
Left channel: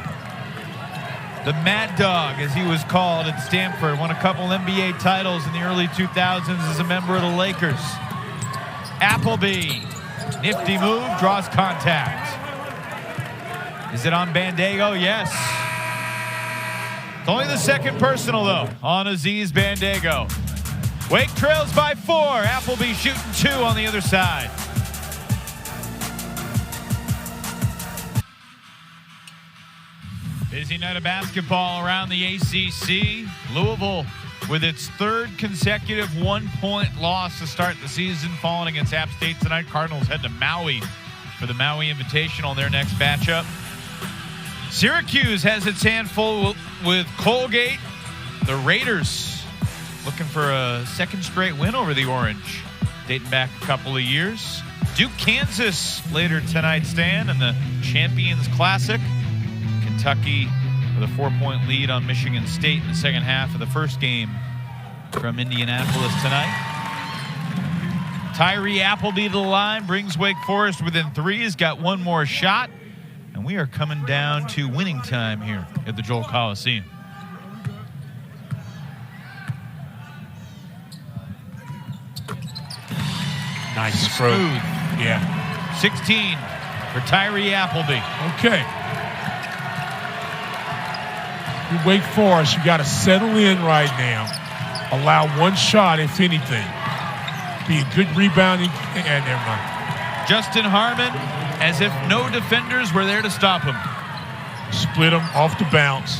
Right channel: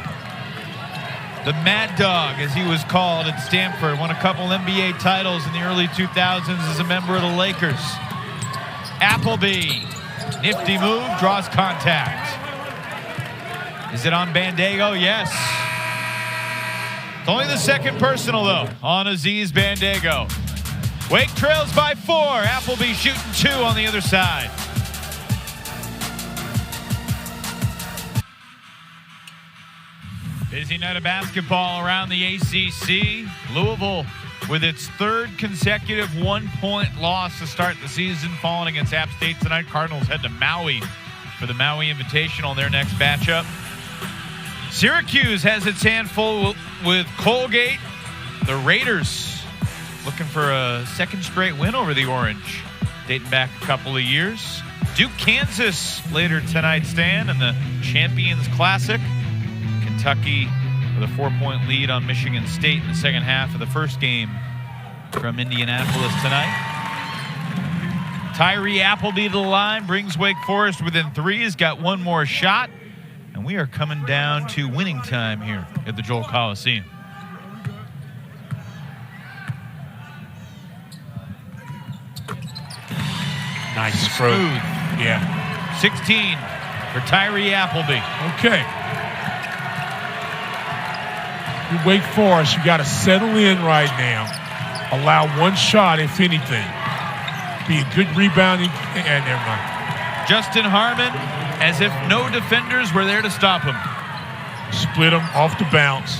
the Mad Dog, as he was called at Stanford, won a couple NBA titles in the early 2000s as a member of the Lakers. Appleby, nifty move, draws contact. Is it on Bandego? Yes. It's only the second personal, though, on Aziz Bandego. Wake trails by 4. Appleby shooting 2 on the other side. Busy night of basketball around the ACC. Louisville with its 3rd consecutive 1-point loss to start the season, falling against App State tonight. Cardinals head to Maui for the Maui Invitational on their next matchup. Syracuse has its hand full with Colgate. The Raiders looking for a 2nd straight win over the Orange, dating back a couple of years. Duke, Kansas later tonight, Stan, in the Champions Classic. Kentucky with a 4-point lead on Michigan State in the second half of the first game from Indianapolis tonight. Tyree Appleby to the line, brings Wake Forest within 3. He's got one more shot, and we are coming down to winning time here at the Joel Coliseum. Nice throw. Smooth. Yeah. 16 for Tyree Appleby. Okay. You Wake Forest, you got to settle in right now. Allow one shot, if anything. Be a good rebounding. And never mind. Justin Harmon, as if no defenders were there to stop him. Split them off the bounce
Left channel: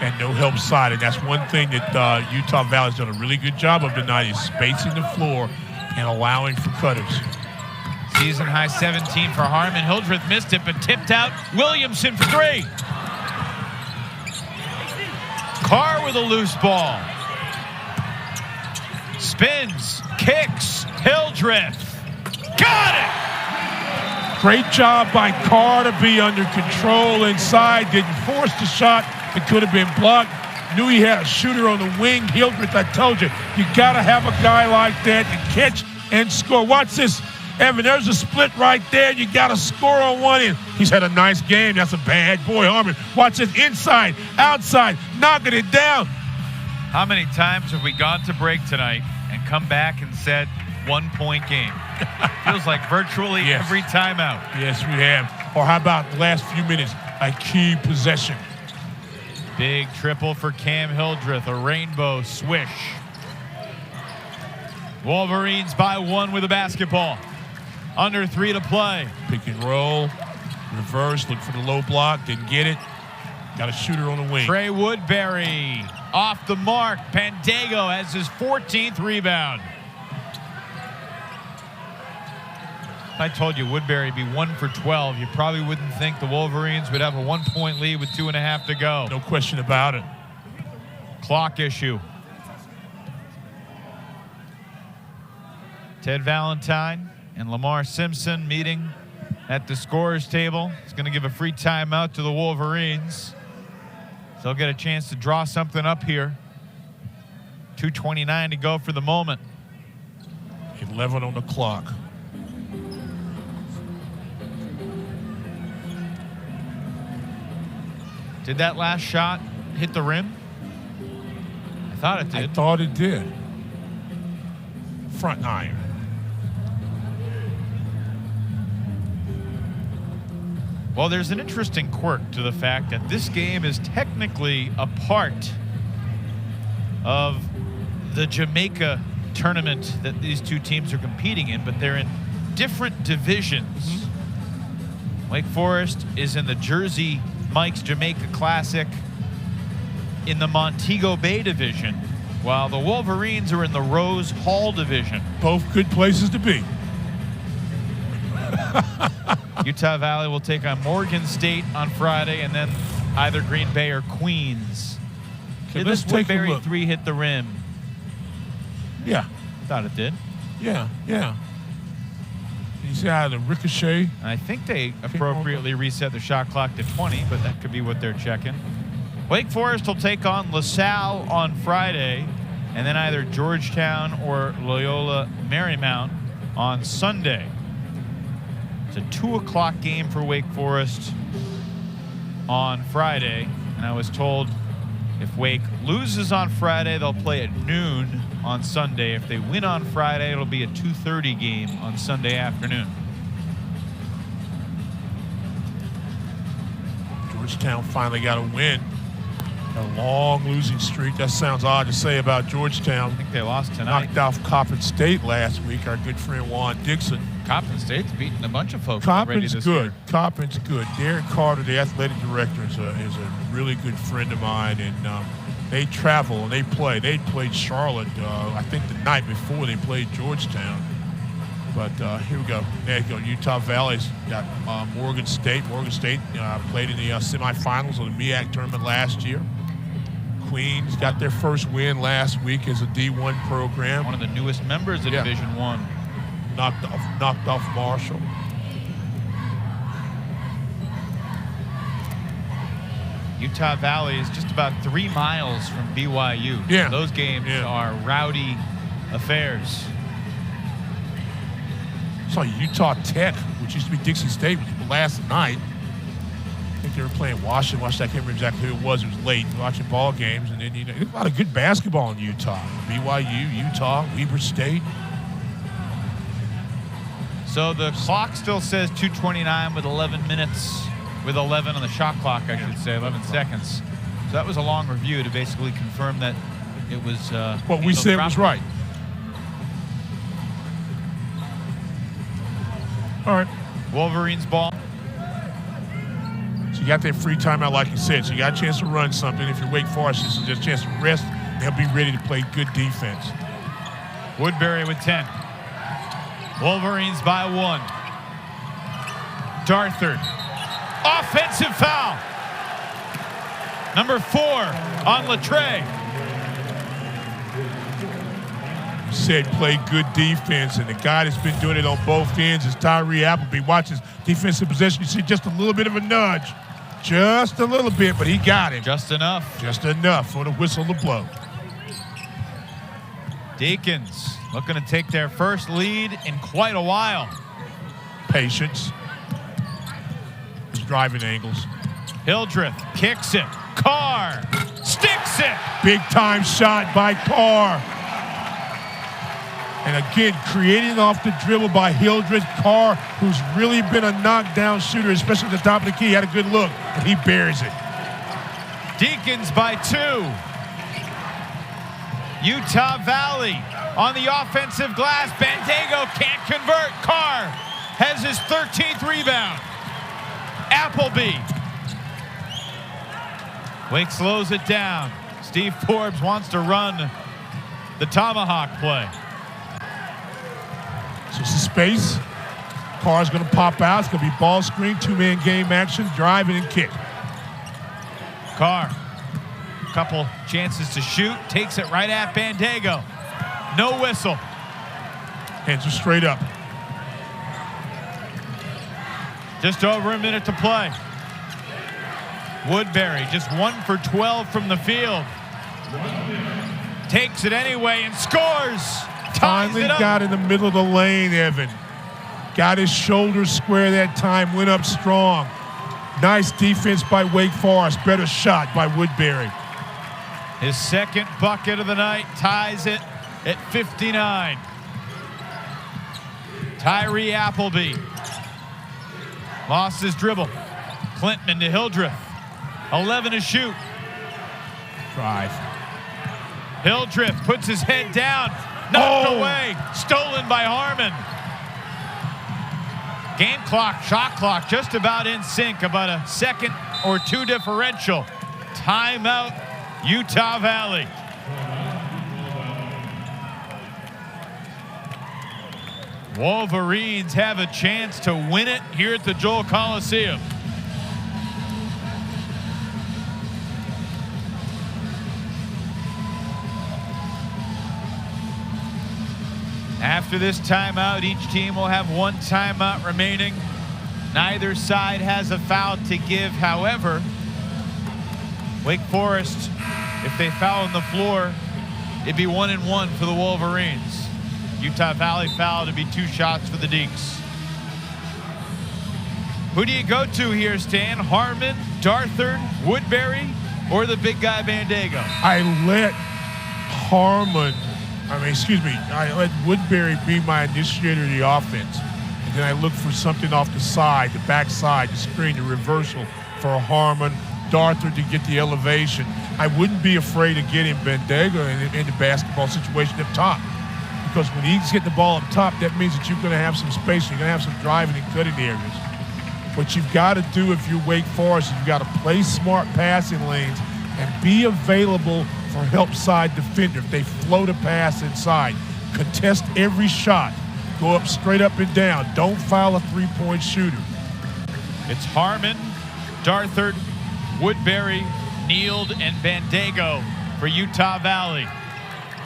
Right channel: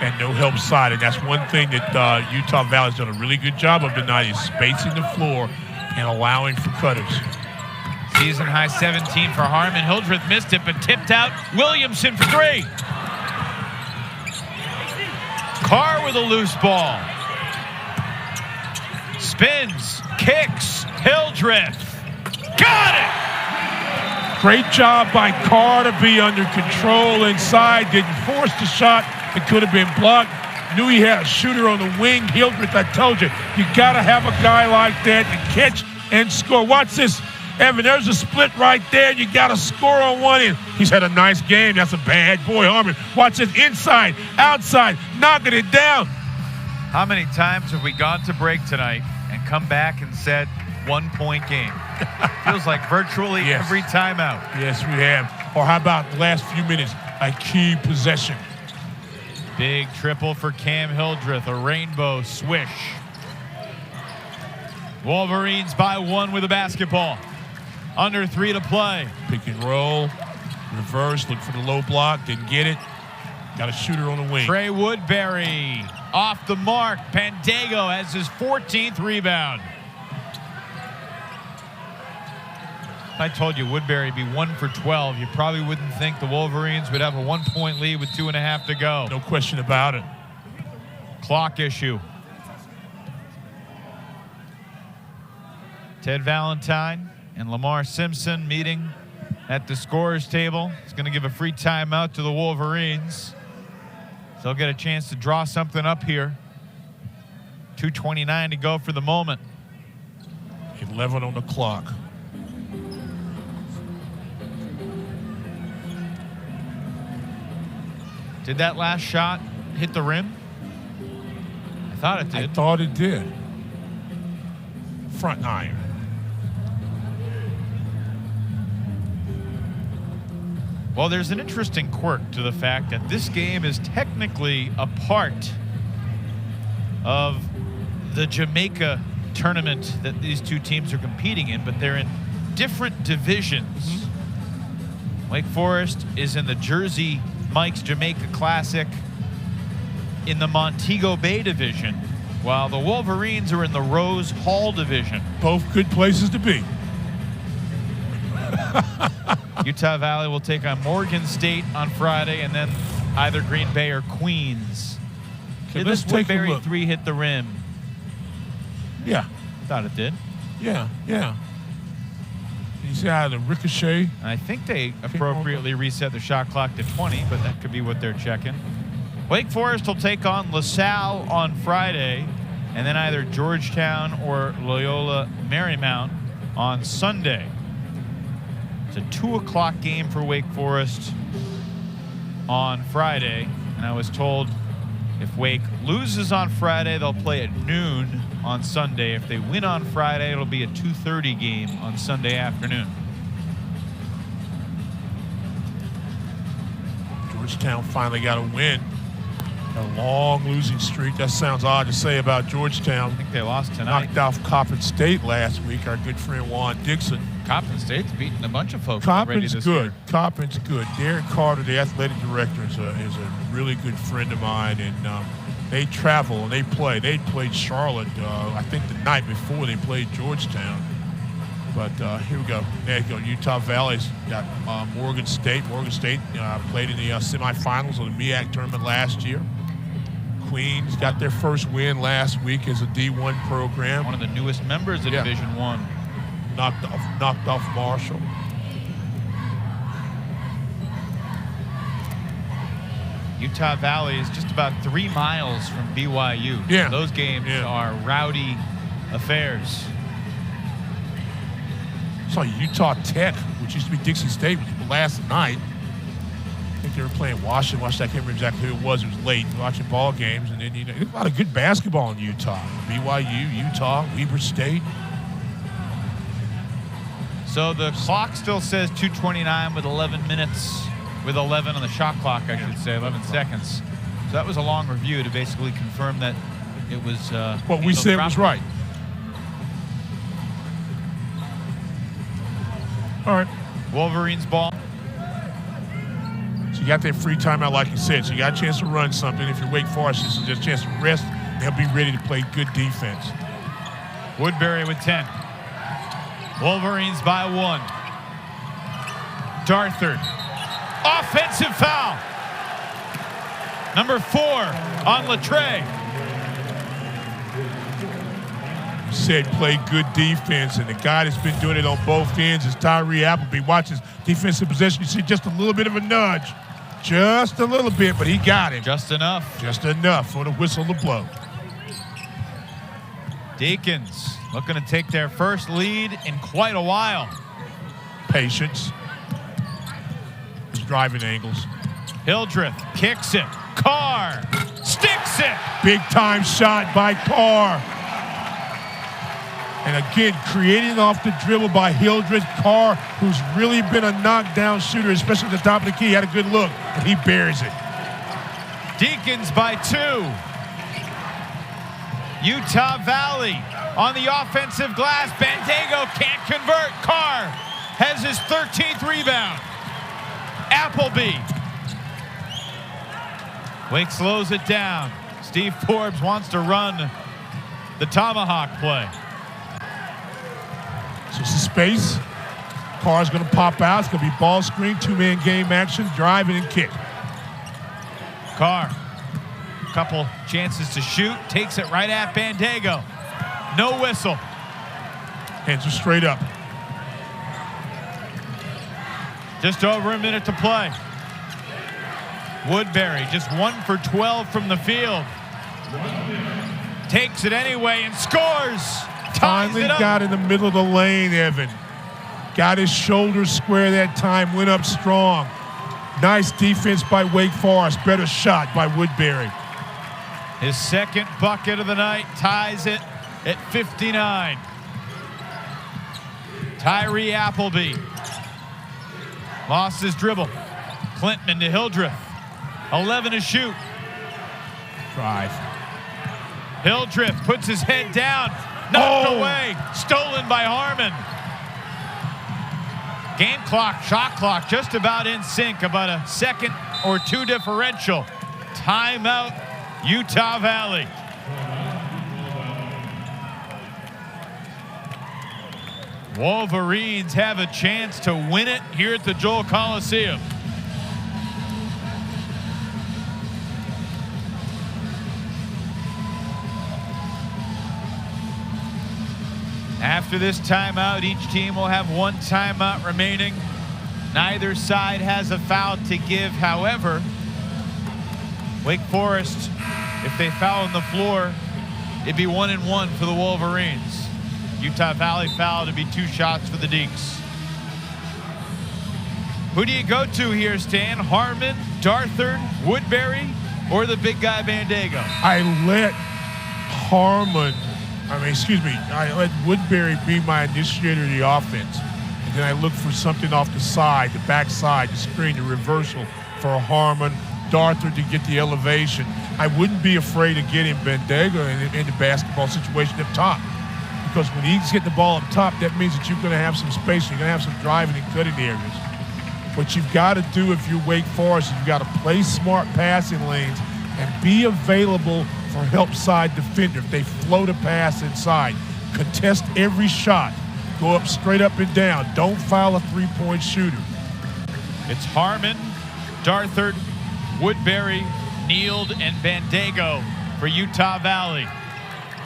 and no help side. And that's one thing that Utah Valley's done a really good job of tonight is spacing the floor and allowing for cutters. Season high 17 for Harmon. Hildreth missed it, but tipped out. Williamson for three. Carr with a loose ball. Spins, kicks, Hildreth. Got it! Great job by Carr to be under control inside. Didn't force the shot. It could have been blocked. Knew he had a shooter on the wing. Hildreth, I told you got to have a guy like that to catch and score. Watch this, Evan. There's a split right there. You got to score on one end. He's had a nice game. That's a bad boy, Harmon. Watch this, inside, outside, knocking it down. How many times have we gone to break tonight and come back and said 1 point game? Feels like virtually every timeout. Yes, we have. Or how about the last few minutes, a key possession? Big triple for Cam Hildreth, a rainbow swish. Wolverines by one with a basketball. Under 3 to play. Pick and roll, reverse, look for the low block, didn't get it. Got a shooter on the wing. Trey Woodbury off the mark. Pandego has his 14th rebound. If I told you Woodbury would be 1 for 12, you probably wouldn't think the Wolverines would have a 1 point lead with 2.5 to go. No question about it. Clock issue. Ted Valentine and Lamar Simpson meeting at the scorer's table. He's going to give a free timeout to the Wolverines. So they'll get a chance to draw something up here. 2:29 to go for the moment. 11 on the clock. Did that last shot hit the rim? I thought it did. I thought it did. Front iron. Well, there's an interesting quirk to the fact that this game is technically a part of the Jamaica tournament that these two teams are competing in, but they're in different divisions. Wake Forest is in the Jersey Mike's Jamaica Classic in the Montego Bay division, while the Wolverines are in the Rose Hall division. Both good places to be. Utah Valley will take on Morgan State on Friday, and then either Green Bay or Queens. Okay, Did let's this take a Woodbury look. 3 hit the rim? Yeah. Thought it did. Yeah. You see how the ricochet? I think they appropriately reset the shot clock to 20, but that could be what they're checking. Wake Forest will take on LaSalle on Friday, and then either Georgetown or Loyola Marymount on Sunday. It's a 2 o'clock game for Wake Forest on Friday, and I was told if Wake loses on Friday, they'll play at noon on Sunday. If they win on Friday, it'll be a 2:30 game on Sunday afternoon. Georgetown finally got a win. A long losing streak. That sounds odd to say about Georgetown. I think they lost tonight. Knocked off Coppin State last week. Our good friend Juan Dixon. Coppin State's beaten a bunch of folks already Coppin's this good. year. Coppin's good. Darren Carter, the athletic director, is a really good friend of mine, and they travel and they play. They played Charlotte, I think, the night before they played Georgetown. But here we go. There you go. Utah Valley's got Morgan State. Morgan State played in the semifinals of the MEAC tournament last year. Queens got their first win last week as a D1 program. One of the newest members of Division I. Knocked off Marshall. Utah Valley is just about 3 miles from BYU. Yeah. Those games are rowdy affairs. Saw Utah Tech, which used to be Dixie State, last night. I think they were playing Washington. I can't remember exactly who it was. It was late, watching ball games. And then, there's a lot of good basketball in Utah. BYU, Utah, Weber State. So the clock still says 2:29 with 11 minutes, with 11 on the shot clock, I should say, 11 seconds. So that was a long review to basically confirm that it was what we said was right. All right. Wolverines ball. So you got that free timeout, like you said. So you got a chance to run something. If you're Wake Forest, this is just a chance to rest. They'll be ready to play good defense. Woodbury with 10. Wolverines by 1. Darthard. Offensive foul. Number 4 on Latre. Said play good defense, and the guy that's been doing it on both ends is Tyree Appleby. Watch his defensive possession. You see just a little bit of a nudge. Just a little bit, but he got him. Just enough. Just enough for the whistle to blow. Deacons looking to take their first lead in quite a while. Patience. His driving angles. Hildreth kicks it. Carr sticks it. Big time shot by Carr. And again, creating off the dribble by Hildreth. Carr, who's really been a knockdown shooter, especially at the top of the key, had a good look, and he buries it. Deacons by 2. Utah Valley on the offensive glass. Bandego can't convert. Carr has his 13th rebound. Appleby. Wake slows it down. Steve Forbes wants to run the tomahawk play. So some space. Carr's going to pop out. It's going to be ball screen, two-man game action, driving and kick. Carr, couple chances to shoot, takes it right at Bandego. No whistle. Hands are straight up. Just over a minute to play. Woodbury just 1 for 12 from the field. Takes it anyway and scores. Finally got in the middle of the lane, Evan. Got his shoulders square that time, went up strong. Nice defense by Wake Forest. Better shot by Woodbury. His second bucket of the night ties it at 59. Tyree Appleby lost his dribble. Clinton to Hildreth. 11 to shoot. Drive. Hildreth puts his head down. Knocked away. Stolen by Harmon. Game clock, shot clock, just about in sync. About a second or 2 differential. Timeout, Utah Valley. Wolverines have a chance to win it here at the Joel Coliseum. After this timeout, each team will have 1 timeout remaining. Neither side has a foul to give. However, Wake Forest, if they foul on the floor, it'd be 1-1 for the Wolverines. Utah Valley foul to be 2 shots for the Deeks. Who do you go to here, Stan? Harmon, Darthard, Woodbury, or the big guy Bandego? I let I let Woodbury be my initiator of the offense. And then I look for something off the side, the backside, the screen, the reversal for Harmon, Darthard to get the elevation. I wouldn't be afraid of getting Bandego in the basketball situation up top. Because when he's getting the ball up top, that means that you're going to have some space. You're going to have some driving and cutting areas. What you've got to do if you're Wake Forest is you've got to play smart passing lanes and be available for help side defender. If they float a pass inside, contest every shot. Go up straight up and down. Don't foul a three-point shooter. It's Harmon, Darthard, Woodbury, Neild, and Bandego for Utah Valley.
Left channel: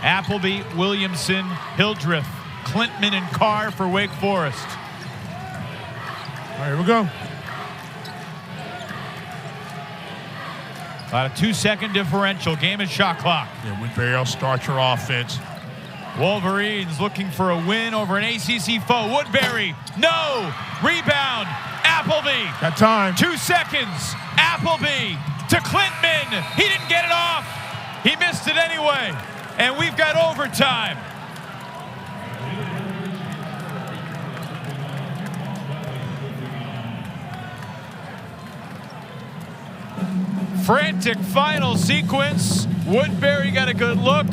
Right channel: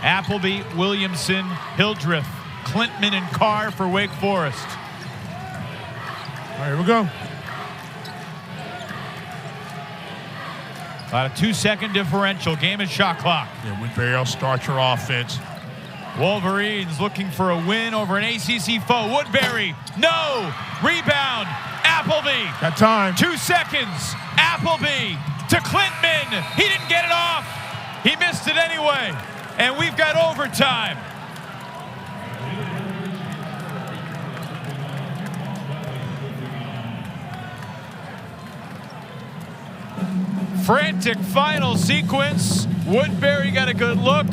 Appleby, Williamson, Hildreth, Clintman, and Carr for Wake Forest. All right, here we go. About a 2-second differential. Game and shot clock. Yeah, Woodbury will start your offense. Wolverines looking for a win over an ACC foe. Woodbury, no! Rebound, Appleby. Got time. 2 seconds. Appleby to Clintman. He didn't get it off. He missed it anyway. And we've got overtime. Frantic final sequence. Woodbury got a good look.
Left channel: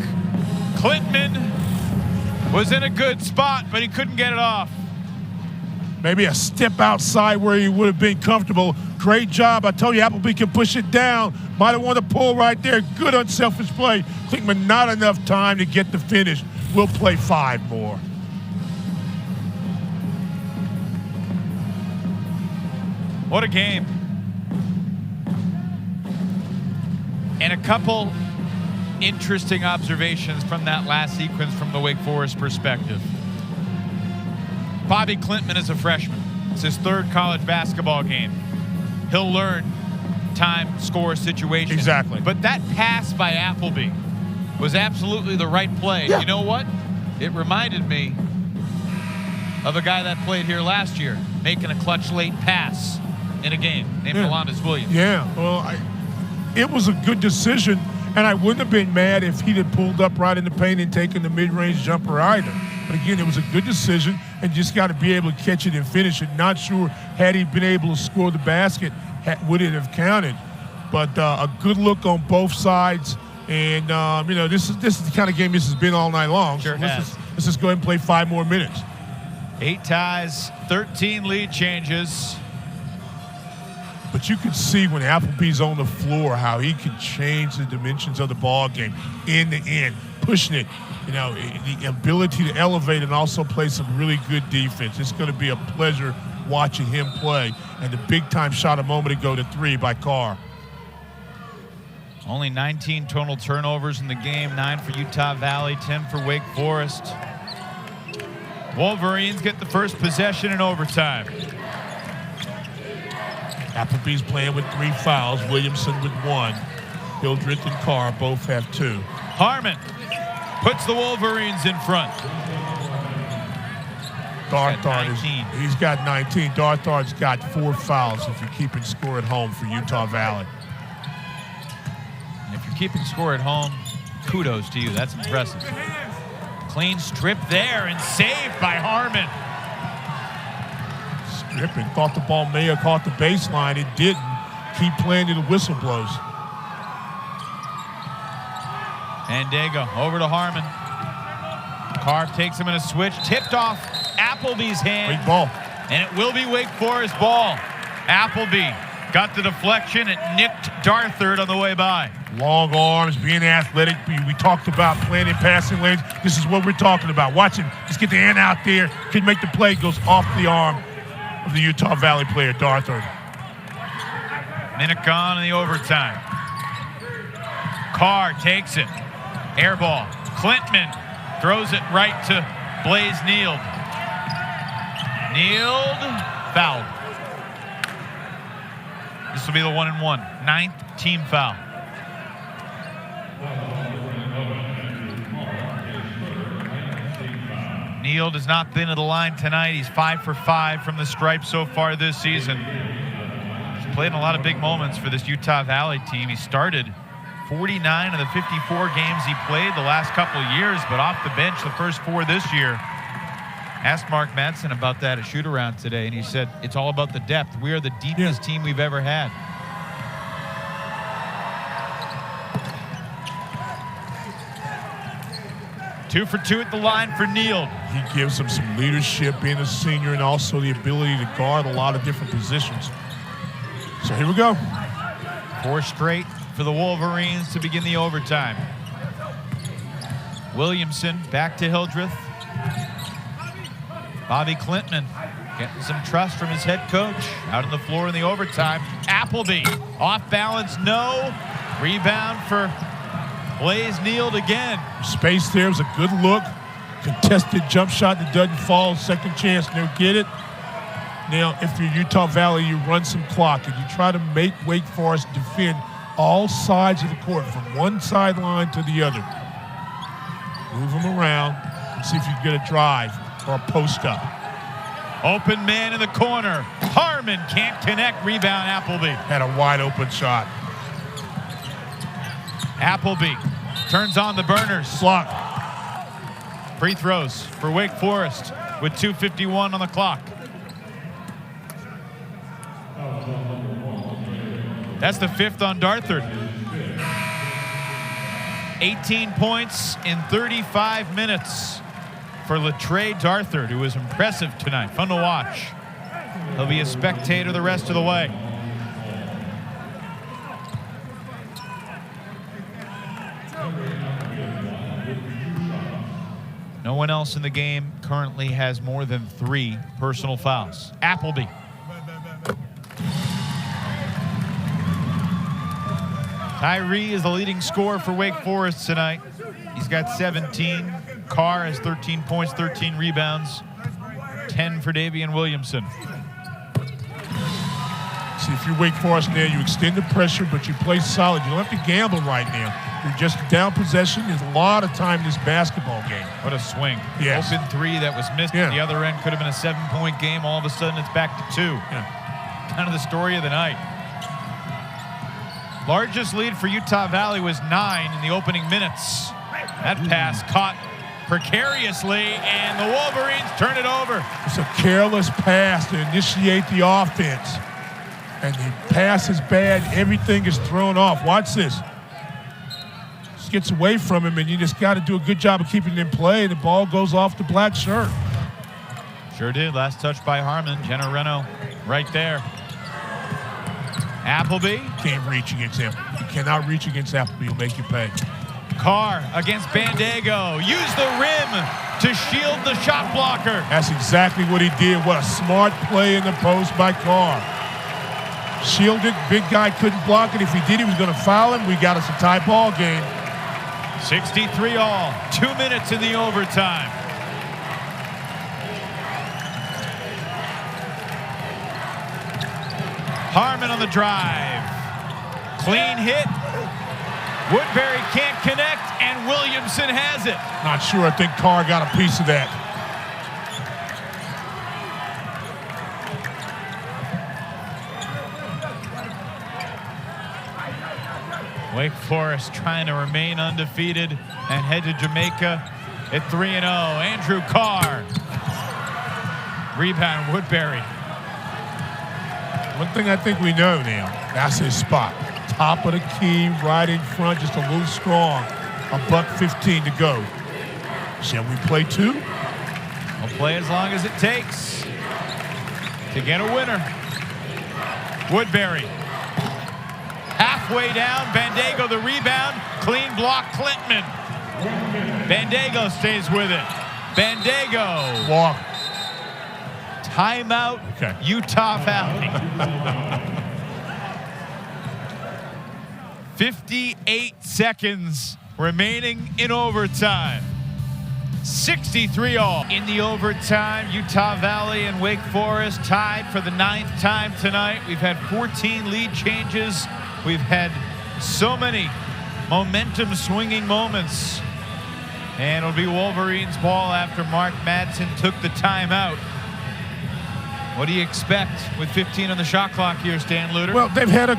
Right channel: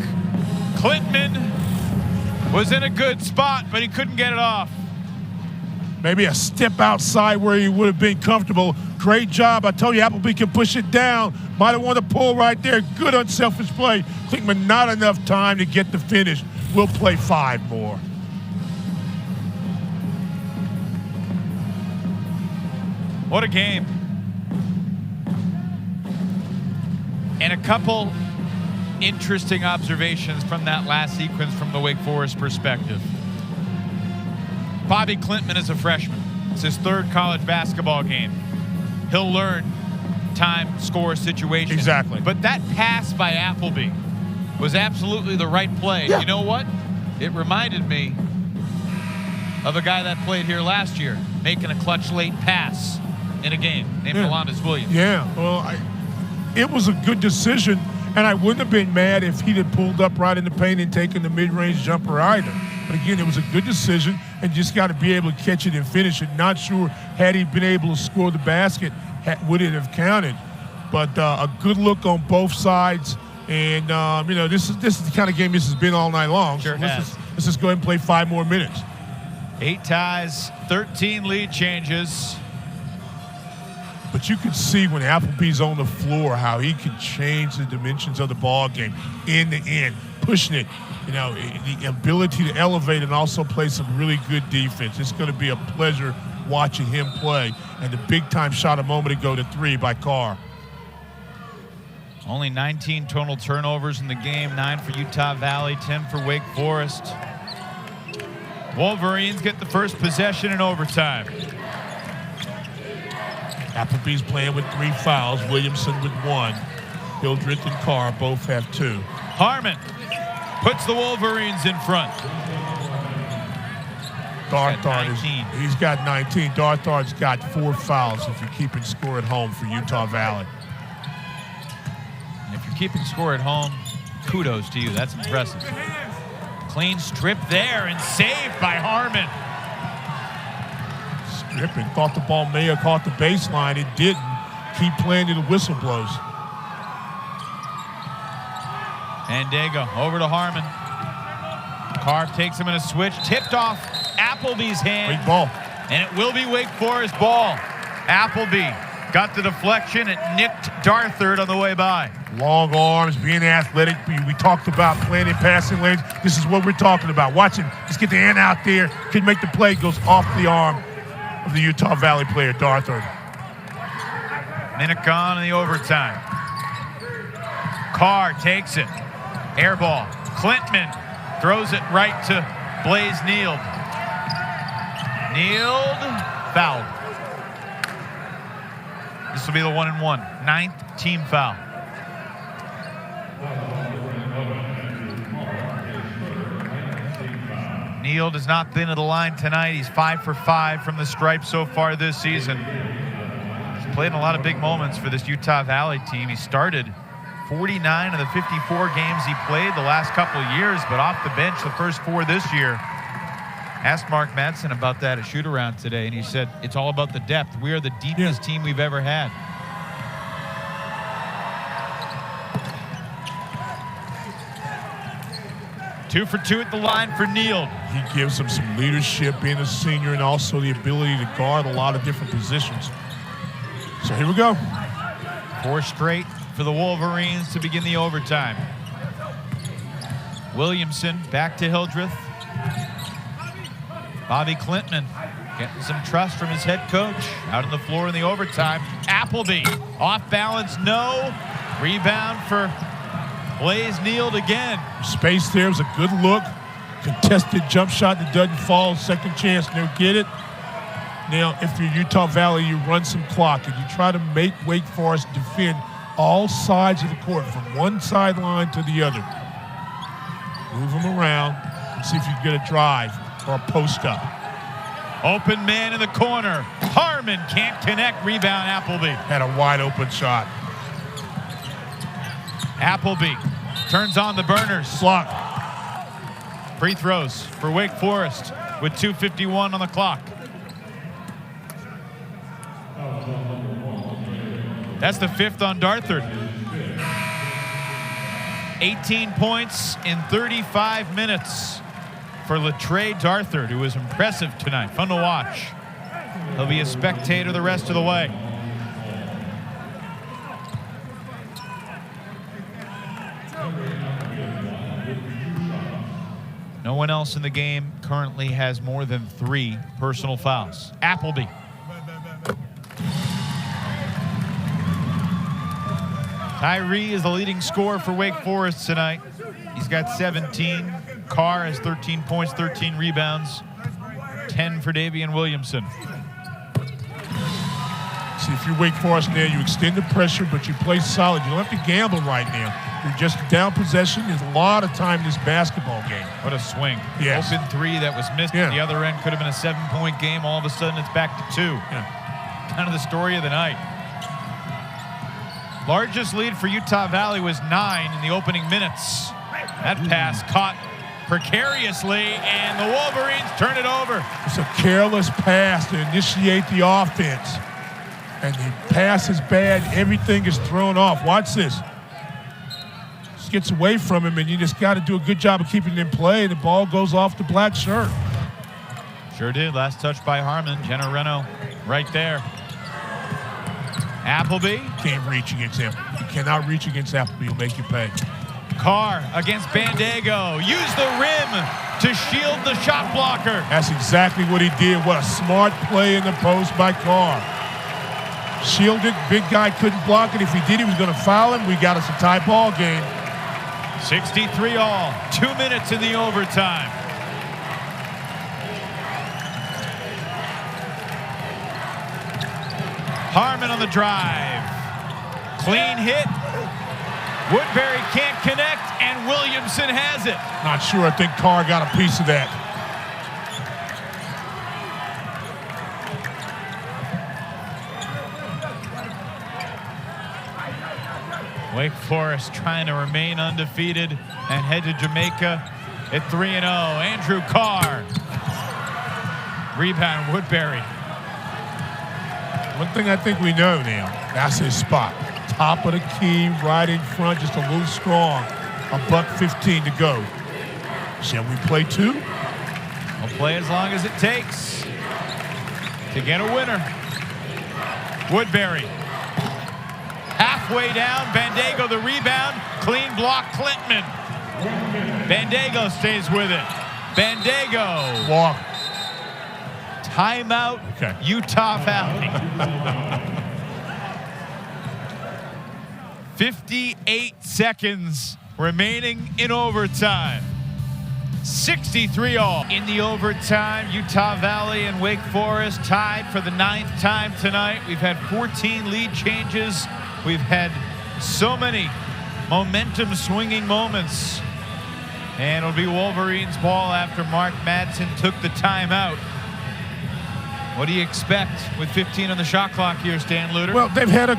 Klintman was in a good spot, but he couldn't get it off. Maybe a step outside where he would have been comfortable. Great job. I told you Appleby can push it down. Might have wanted to pull right there. Good unselfish play. Klintman not enough time to get the finish. We'll play 5 more. What a game. And a couple interesting observations from that last sequence from the Wake Forest perspective. Bobby Klintman is a freshman. It's his 3rd college basketball game. He'll learn time, score, situation. Exactly. But that pass by Appleby was absolutely the right play. Yeah. You know what? It reminded me of a guy that played here last year, making a clutch late pass in a game named Demon Williamson. Yeah, well, it was a good decision, and I wouldn't have been mad if he'd have pulled up right in the paint and taken the mid-range jumper either. But again, it was a good decision, and just got to be able to catch it and finish it. Not sure had he been able to score the basket, would it have counted. But a good look on both sides, and you know, this is the kind of game this has been all night long. Sure so has. Let's just go ahead and play 5 more minutes. 8 ties, 13 lead changes. But you can see when Appleby's on the floor how he can change the dimensions of the ball game, end to end, pushing it. You know, the ability to elevate and also play some really good defense. It's going to be a pleasure watching him play. And the big-time shot a moment ago to 3 by Carr. Only 19 total turnovers in the game, 9 for Utah Valley, 10 for Wake Forest. Wolverines get the first possession in overtime. Appleby's playing with 3 fouls, Williamson with 1. Hildreth and Carr both have 2. Harmon puts the Wolverines in front. He's got 19. Darthard's got 4 fouls if you're keeping score at home for Utah Valley. And if you're keeping score at home, kudos to you. That's impressive. Clean strip there and saved by Harmon. Stripping. Thought the ball may have caught the baseline. It didn't. Keep playing till the whistle blows. And Dago over to Harmon. Carr takes him in a switch. Tipped off Appleby's hand. Great ball. And it will be Wake Forest ball. Appleby got the deflection. It nicked Darthard on the way by. Long arms, being athletic. We talked about playing in passing lanes. This is what we're talking about. Watch him. Just get the hand out there. Can make the play. Goes off the arm of the Utah Valley player, Darthard. Minute gone in the overtime. Carr takes it. Air ball. Klintman throws it right to Blaze Neild. Neild fouled. This will be the 1-and-1. 9th team foul. Neild has not been at the line tonight. He's 5 for 5 from the stripe so far this season. He's played in a lot of big moments for this Utah Valley team. He started 49 of the 54 games he played the last couple of years, but off the bench the first 4 this year. Asked Mark Madsen about that at shoot-around today, and he said it's all about the depth. We are the deepest team we've ever had. Two for 2 at the line for Neild. He gives him some leadership, being a senior, and also the ability to guard a lot of different positions. So here we go. 4 straight for the Wolverines to begin the overtime. Williamson back to Hildreth. Bobby Klintman getting some trust from his head coach. Out on the floor in the overtime. Appleby off balance, no. Rebound for Blaze Neild again. Space there was a good look. Contested jump shot that doesn't fall. Second chance, they'll get it. Now, if you're Utah Valley, you run some clock and you try to make Wake Forest defend all sides of the court from one sideline to the other. Move them around and see if you can get a drive or a post up. Open man in the corner. Harmon can't connect. Rebound Appleby. Had a wide open shot. Appleby turns on the burners. Block. Free throws for Wake Forest with 2:51 on the clock. That's the 5th on Darthard. 18 points in 35 minutes for Latrey Darthard, who was impressive tonight. Fun to watch. He'll be a spectator the rest of the way. No one else in the game currently has more than 3 personal fouls. Appleby. Tyree is the leading scorer for Wake Forest tonight. He's got 17. Carr has 13 points, 13 rebounds, 10 for Daivien Williamson. See, if you're Wake Forest now, you extend the pressure, but you play solid. You don't have to gamble right now. You're just down possession. There's a lot of time in this basketball game. What a swing. Yes. Open 3 that was missed at the other end. Could have been a 7-point game. All of a sudden, it's back to 2. Yeah. Kind of the story of the night. Largest lead for Utah Valley was 9 in the opening minutes. That pass caught precariously, and the Wolverines turn it over. It's a careless pass to initiate the offense. And the pass is bad. Everything is thrown off. Watch this. Just gets away from him, and you just got to do a good job of keeping it in play. The ball goes off the black shirt. Sure did. Last touch by Harmon. Jenna Reno right there. Appleby. Can't reach against him. You cannot reach against Appleby. He'll make you pay. Carr against Bandego. Use the rim to shield the shot blocker. That's exactly what he did. What a smart play in the post by Carr. Shielded. Big guy couldn't block it. If he did, he was going to foul him. We got us a tie ball game. 63 all. 2 minutes in the overtime. Harmon on the drive. Clean hit. Woodbury can't connect, and Williamson has it. Not sure. I think Carr got a piece of that. Wake Forest trying to remain undefeated and head to Jamaica at 3-0. Andrew Carr. Rebound, Woodbury. One thing I think we know now, that's his spot. Top of the key, right in front, just a little strong. $1:15 to go. Shall we play 2? We'll play as long as it takes to get a winner. Woodbury. Halfway down, Bandego the rebound. Clean block, Clintman. Bandego stays with it. Bandego. Walk. Timeout, Okay. Utah Valley. 58 seconds remaining in overtime. 63 all. In the overtime, Utah Valley and Wake Forest tied for the 9th time tonight. We've had 14 lead changes. We've had so many momentum swinging moments. And it'll be Wolverines ball after Mark Madsen took the timeout. What do you expect with 15 on the shot clock here, Stan Luter? Well, they've had a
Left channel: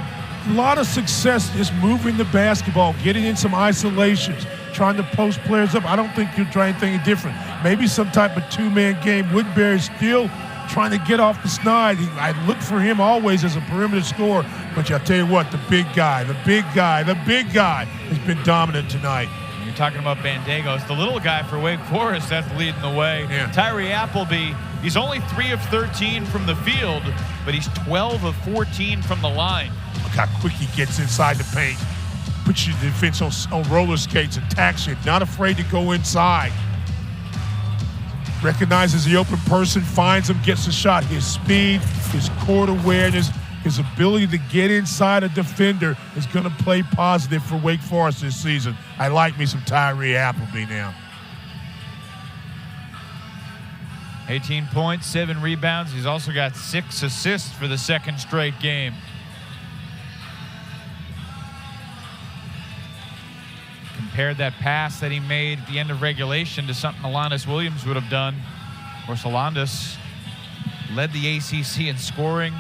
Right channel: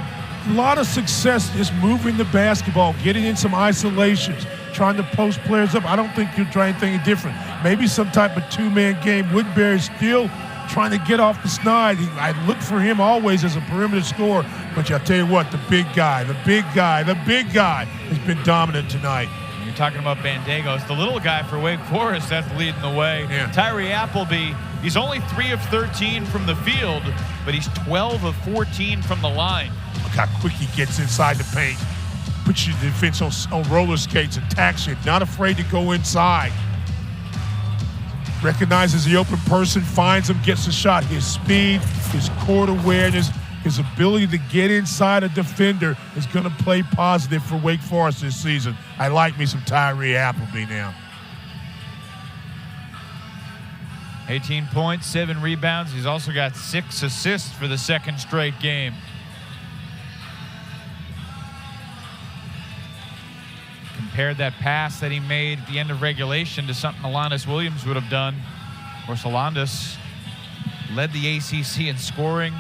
lot of success just moving the basketball, getting in some isolations, trying to post players up. I don't think you'll try anything different. Maybe some type of 2-man game. Woodbury's still trying to get off the snide. I look for him always as a perimeter scorer, but I'll tell you what, the big guy has been dominant tonight. You're talking about Bandego. It's the little guy for Wake Forest that's leading the way. Yeah. Tyree Appleby, he's only 3 of 13 from the field, but he's 12 of 14 from the line. Look how quick he gets inside the paint. Puts your defense on roller skates, attacks you, not afraid to go inside. Recognizes the open person, finds him, gets the shot. His speed, his court awareness, his ability to get inside a defender is going to play positive for Wake Forest this season. I like me some Tyree Appleby now. 18 points, 7 rebounds. He's also got 6 assists for the 2nd straight game. Compared that pass that he made at the end of regulation to something Alondas Williams would have done. Of course, Alondas led the ACC in scoring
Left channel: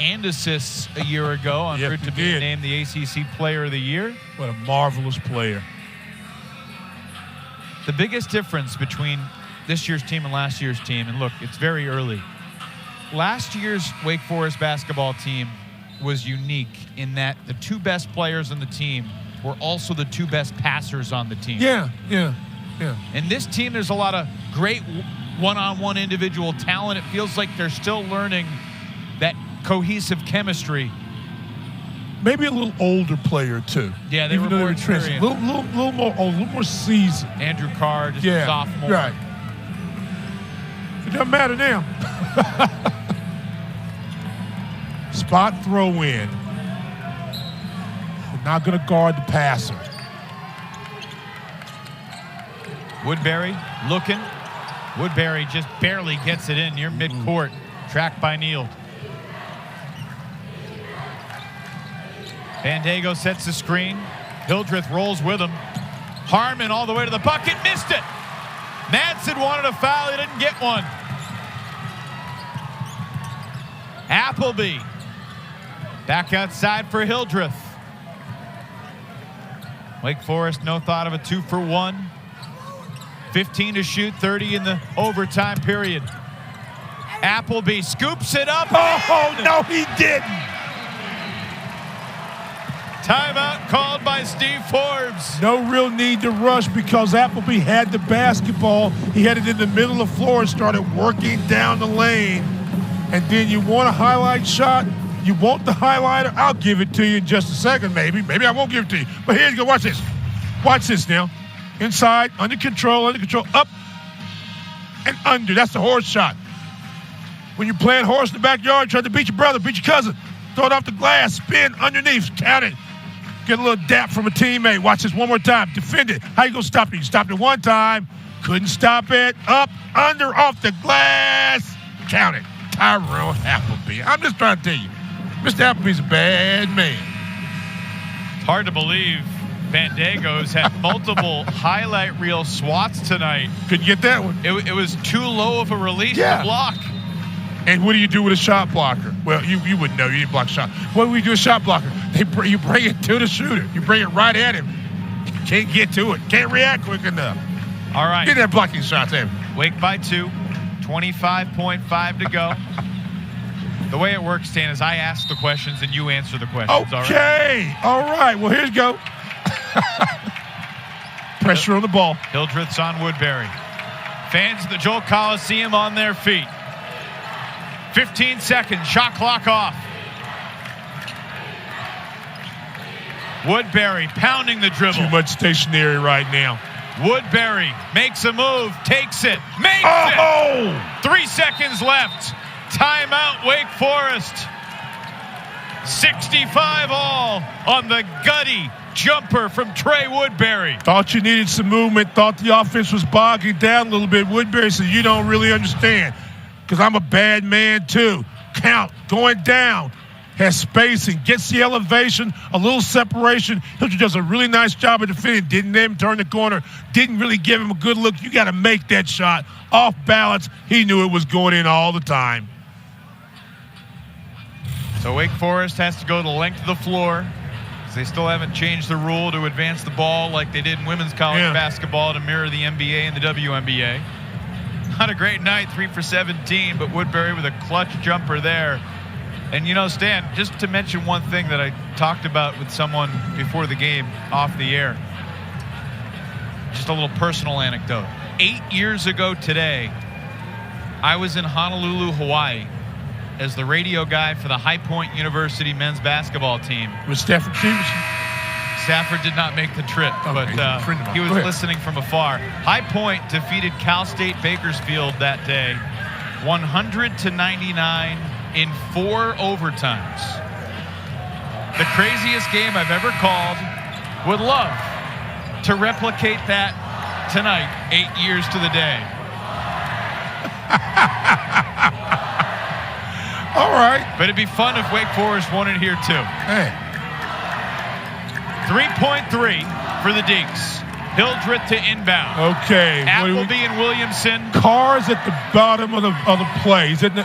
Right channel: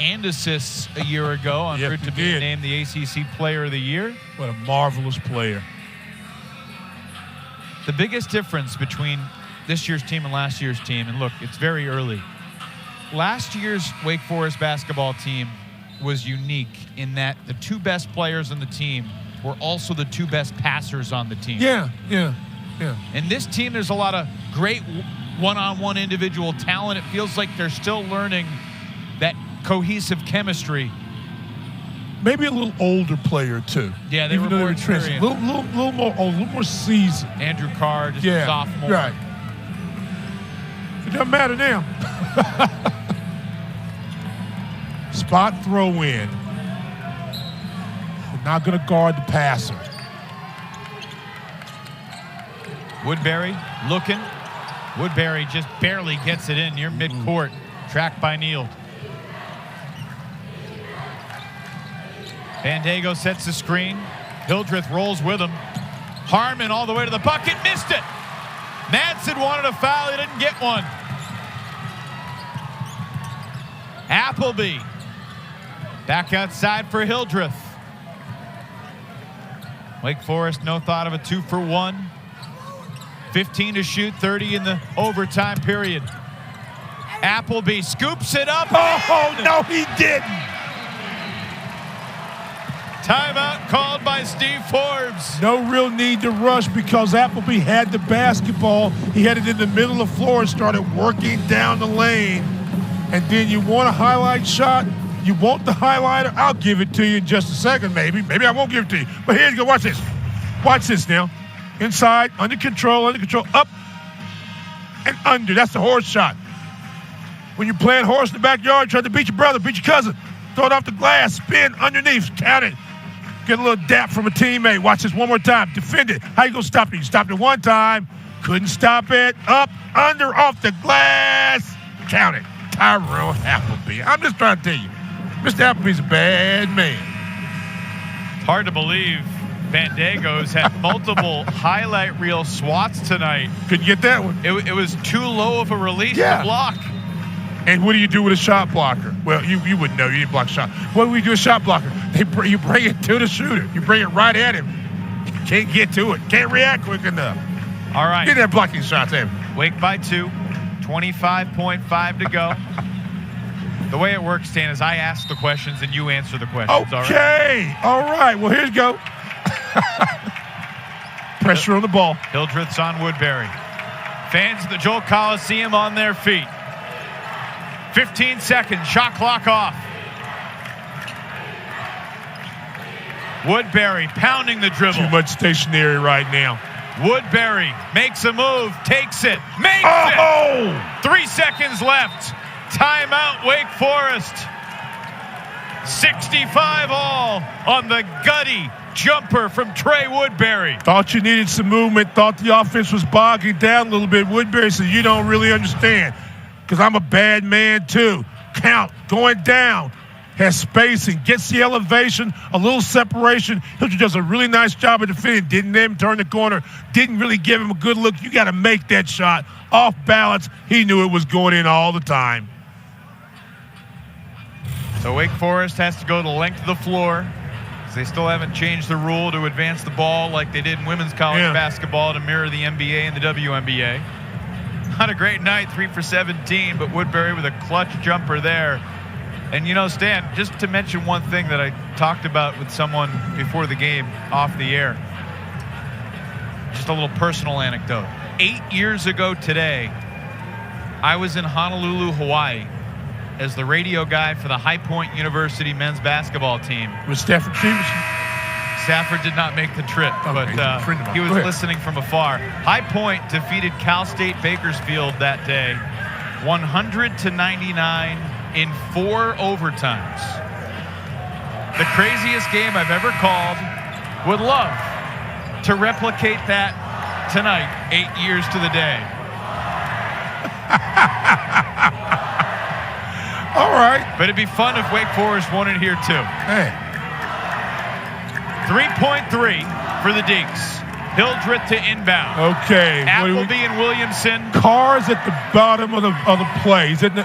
and assists a year ago, on route to be named the ACC Player of the Year. What a marvelous player. The biggest difference between this year's team and last year's team, and look, it's very early. Last year's Wake Forest basketball team was unique in that the two best players on the team were also the two best passers on the team. Yeah. And this team, there's a lot of great one-on-one individual talent. It feels like they're still learning that cohesive chemistry. Maybe a little older player too. Yeah, they were more experienced. A little more old, a little more seasoned. Andrew Carr, just a sophomore. Right. It doesn't matter now. Spot throw in. We're not going to guard the passer. Woodbury looking. Woodbury just barely gets it in near midcourt. Tracked by Neal. Bandego sets the screen. Hildreth rolls with him. Harmon all the way to the bucket. Missed it. Madsen wanted a foul. He didn't get one. Appleby. Back outside for Hildreth. Wake Forest, no thought of a 2-for-1. 15 to shoot, 30 in the overtime period. Appleby scoops it up. Oh, no, he didn't. Timeout called by Steve Forbes. No real need to rush because Appleby had the basketball. He had it in the middle of the floor and started working down the lane. And then you want a highlight shot? You want the highlighter? I'll give it to you in just a second, maybe. Maybe I won't give it to you. But here you go. Watch this. Watch this now. Inside, under control, up and under. That's the horse shot. When you're playing horse in the backyard, trying to beat your brother, beat your cousin, throw it off the glass, spin underneath, count it. Get a little dap from a teammate. Watch this one more time. Defend it. How you going to stop it? You stopped it one time. Couldn't stop it. Up, under, off the glass. Count it. Tyree Appleby. I'm just trying to tell you, Mr. Appleby's a bad man. It's hard to believe Bandego's had multiple highlight reel swats tonight. Couldn't get that one. It was too low of a release to block. And what do you do with a shot blocker? Well, you wouldn't know. You didn't block a shot. What do we do with a shot blocker? You bring it to the shooter. You bring it right at him. Can't get to it. Can't react quick enough. All right. Didn't have blocking shots, have you? Wake by 2. 25.5 to go. The way it works, Stan, is I ask the questions and you answer the questions. Okay. All right. Well, here you go. Pressure on the ball. Hildreth's on Woodbury. Fans of the Joel Coliseum on their feet. 15 seconds. Shot clock off. Woodbury pounding the dribble. Too much stationary right now. Woodbury makes a move, takes it, makes it. 3 seconds left. Timeout, Wake Forest. 65 all on the gutty jumper from Trey Woodbury. Thought you needed some movement. Thought the offense was bogging down a little bit. Woodbury said, you don't really understand because I'm a bad man too. Count, going down. Has spacing, gets the elevation, a little separation. He does a really nice job of defending. Didn't let him turn the corner. Didn't really give him a good look. You got to make that shot. Off balance. He knew it was going in all the time. So Wake Forest has to go the length of the floor. They still haven't changed the rule to advance the ball like they did in women's college basketball to mirror the NBA and the WNBA. Not a great night, 3 for 17, but Woodbury with a clutch jumper there. And, you know, Stan, just to mention one thing that I talked about with someone before the game off the air. Just a little personal anecdote. 8 years ago today, I was in Honolulu, Hawaii, as the radio guy for the High Point University men's basketball team. With Stafford Stevenson? Stafford did not make the trip, but he was listening from afar. High Point defeated Cal State Bakersfield that day, 100-99 in 4 overtimes. The craziest game I've ever called. Would love to replicate that tonight, 8 years to the day. All right. But it'd be fun if Wake Forest won it here too. Hey. 3.3 for the Deacs. Hildreth to inbound. Okay. Appleby and Williamson. Carr's at the bottom of the play. He's in the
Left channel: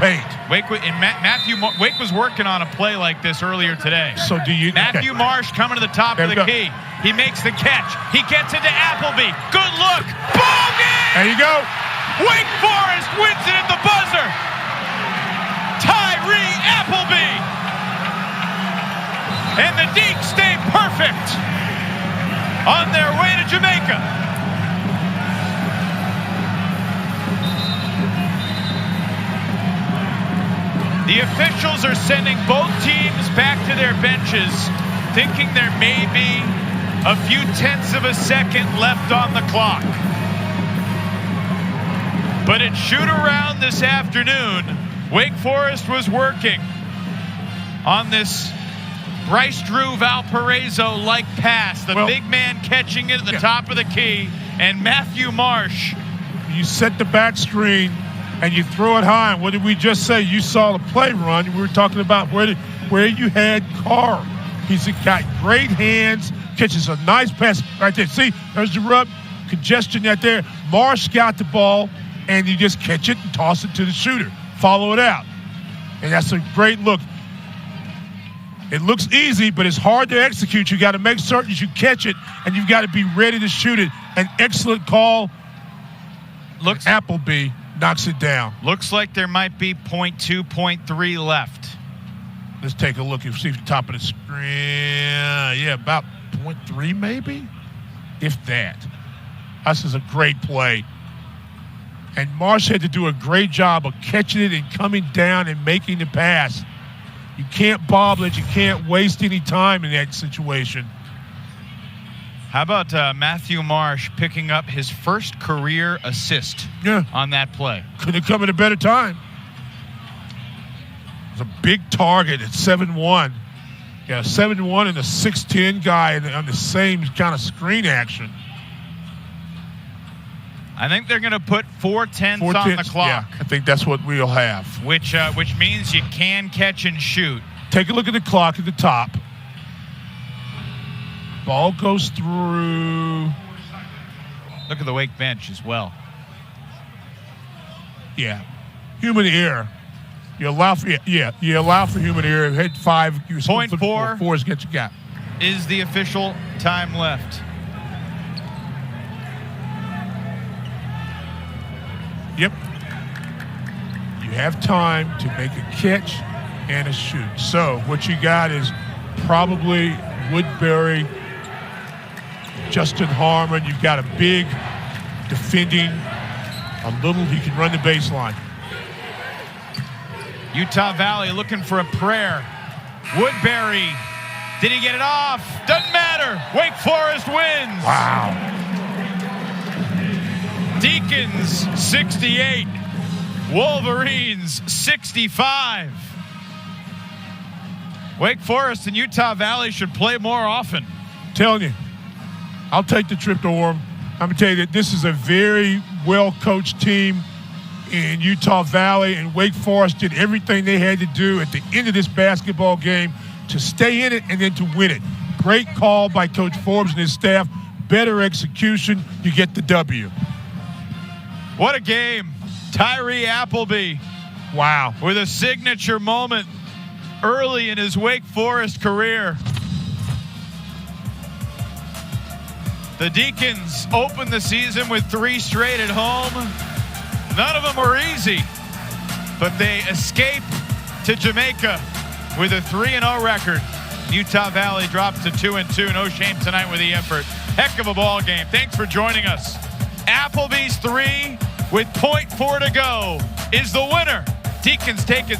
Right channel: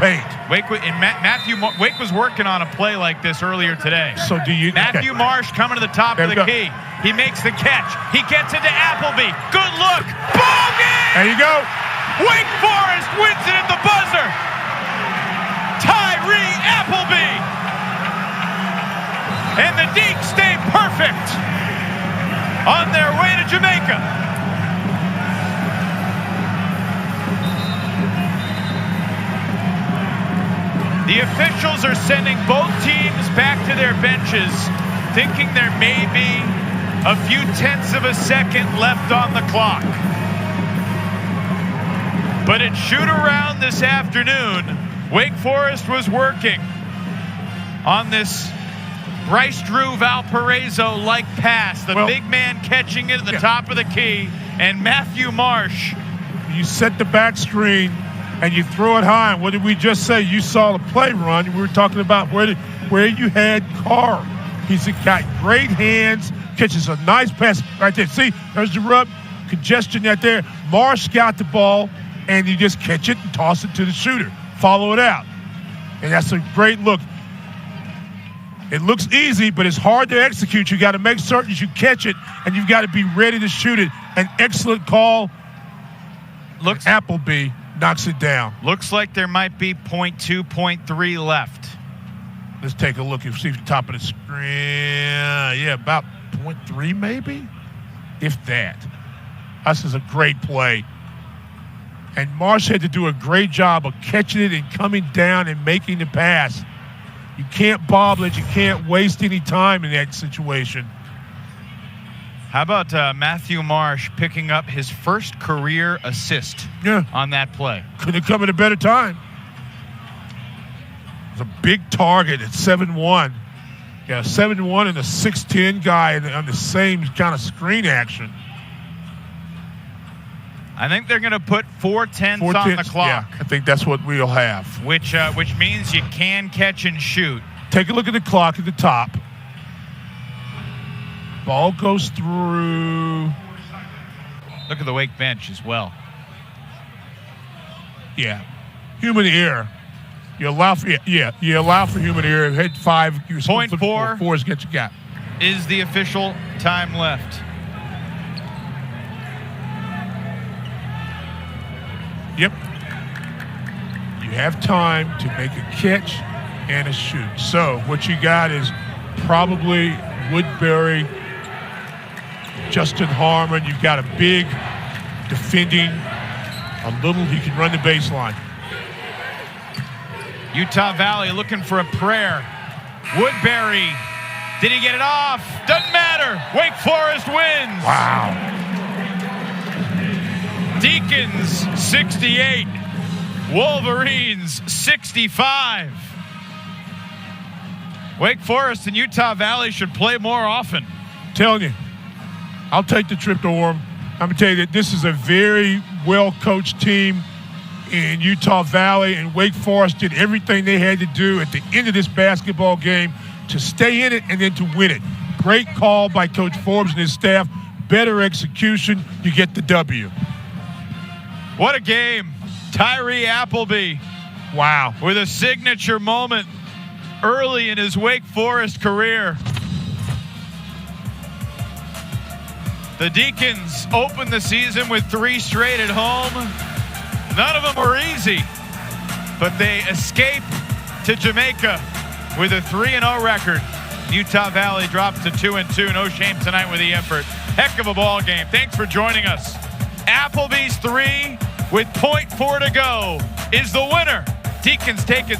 paint. Wake was working on a play like this earlier today. So do you? Matthew Marsh coming to the top of the key. He makes the catch. He gets into Appleby. Good look. Ball game. There you go. Wake Forest wins it at the buzzer. Tyree Appleby. Deeks stay perfect on their way to Jamaica. The officials are sending both teams back to their benches, thinking there may be a few tenths of a second left on the clock. But at shoot-around this afternoon, Wake Forest was working on this Bryce Drew Valparaiso-like pass. The big man catching it at the top of the key, and Matthew Marsh. You set the back screen and you throw it high. And what did we just say? You saw the play run. We were talking about where you had Carr. He's got great hands, catches a nice pass right there. See, there's the rub, congestion right there. Marsh got the ball, and you just catch it and toss it to the shooter. Follow it out. And that's a great look. It looks easy, but it's hard to execute. You got to make certain you catch it, and you've got to be ready to shoot it. An excellent call. Looks Appleby knocks it down. Looks like there might be 0.2, 0.3 left. Let's take a look and see the top of the screen. Yeah, about 0.3 maybe, if that. This is a great play. And Marsh had to do a great job of catching it and coming down and making the pass. You can't bobble it. You can't waste any time in that situation. How about Matthew Marsh picking up his first career assist on that play? Could have come at a better time. It was a big target at 7'1". Yeah, 7'1" and a 6'10" guy on the same kind of screen action. I think they're going to put 4 tenths on the clock. Yeah, I think that's what we'll have. Which means you can catch and shoot. Take a look at the clock at the top. Ball goes through. Look at the Wake bench as well. Yeah. Human error. You allow for human error. Hit 5. 0.4. 4 is get you got. Is the official time left. Yep. You have time to make a catch and a shoot. So what you got is probably Woodbury, Justin Harmon. You've got a big defending, he can run the baseline. Utah Valley looking for a prayer. Woodbury, did he get it off? Doesn't matter. Wake Forest wins. Wow. Deacons 68, Wolverines 65. Wake Forest and Utah Valley should play more often. Telling you, I'll take the trip to Orem. I'm going to tell you that this is a very well-coached team in Utah Valley, and Wake Forest did everything they had to do at the end of this basketball game to stay in it and then to win it. Great call by Coach Forbes and his staff. Better execution, you get the W. What a game. Tyree Appleby. Wow. With a signature moment early in his Wake Forest career. The Deacons opened the season with 3 straight at home. None of them were easy, but they escaped to Jamaica with a 3-0 record. Utah Valley drops to 2-2. No shame tonight with the effort. Heck of a ball game. Thanks for joining us. Appleby's 3 with 0.4 to go is the winner. Deacons take it.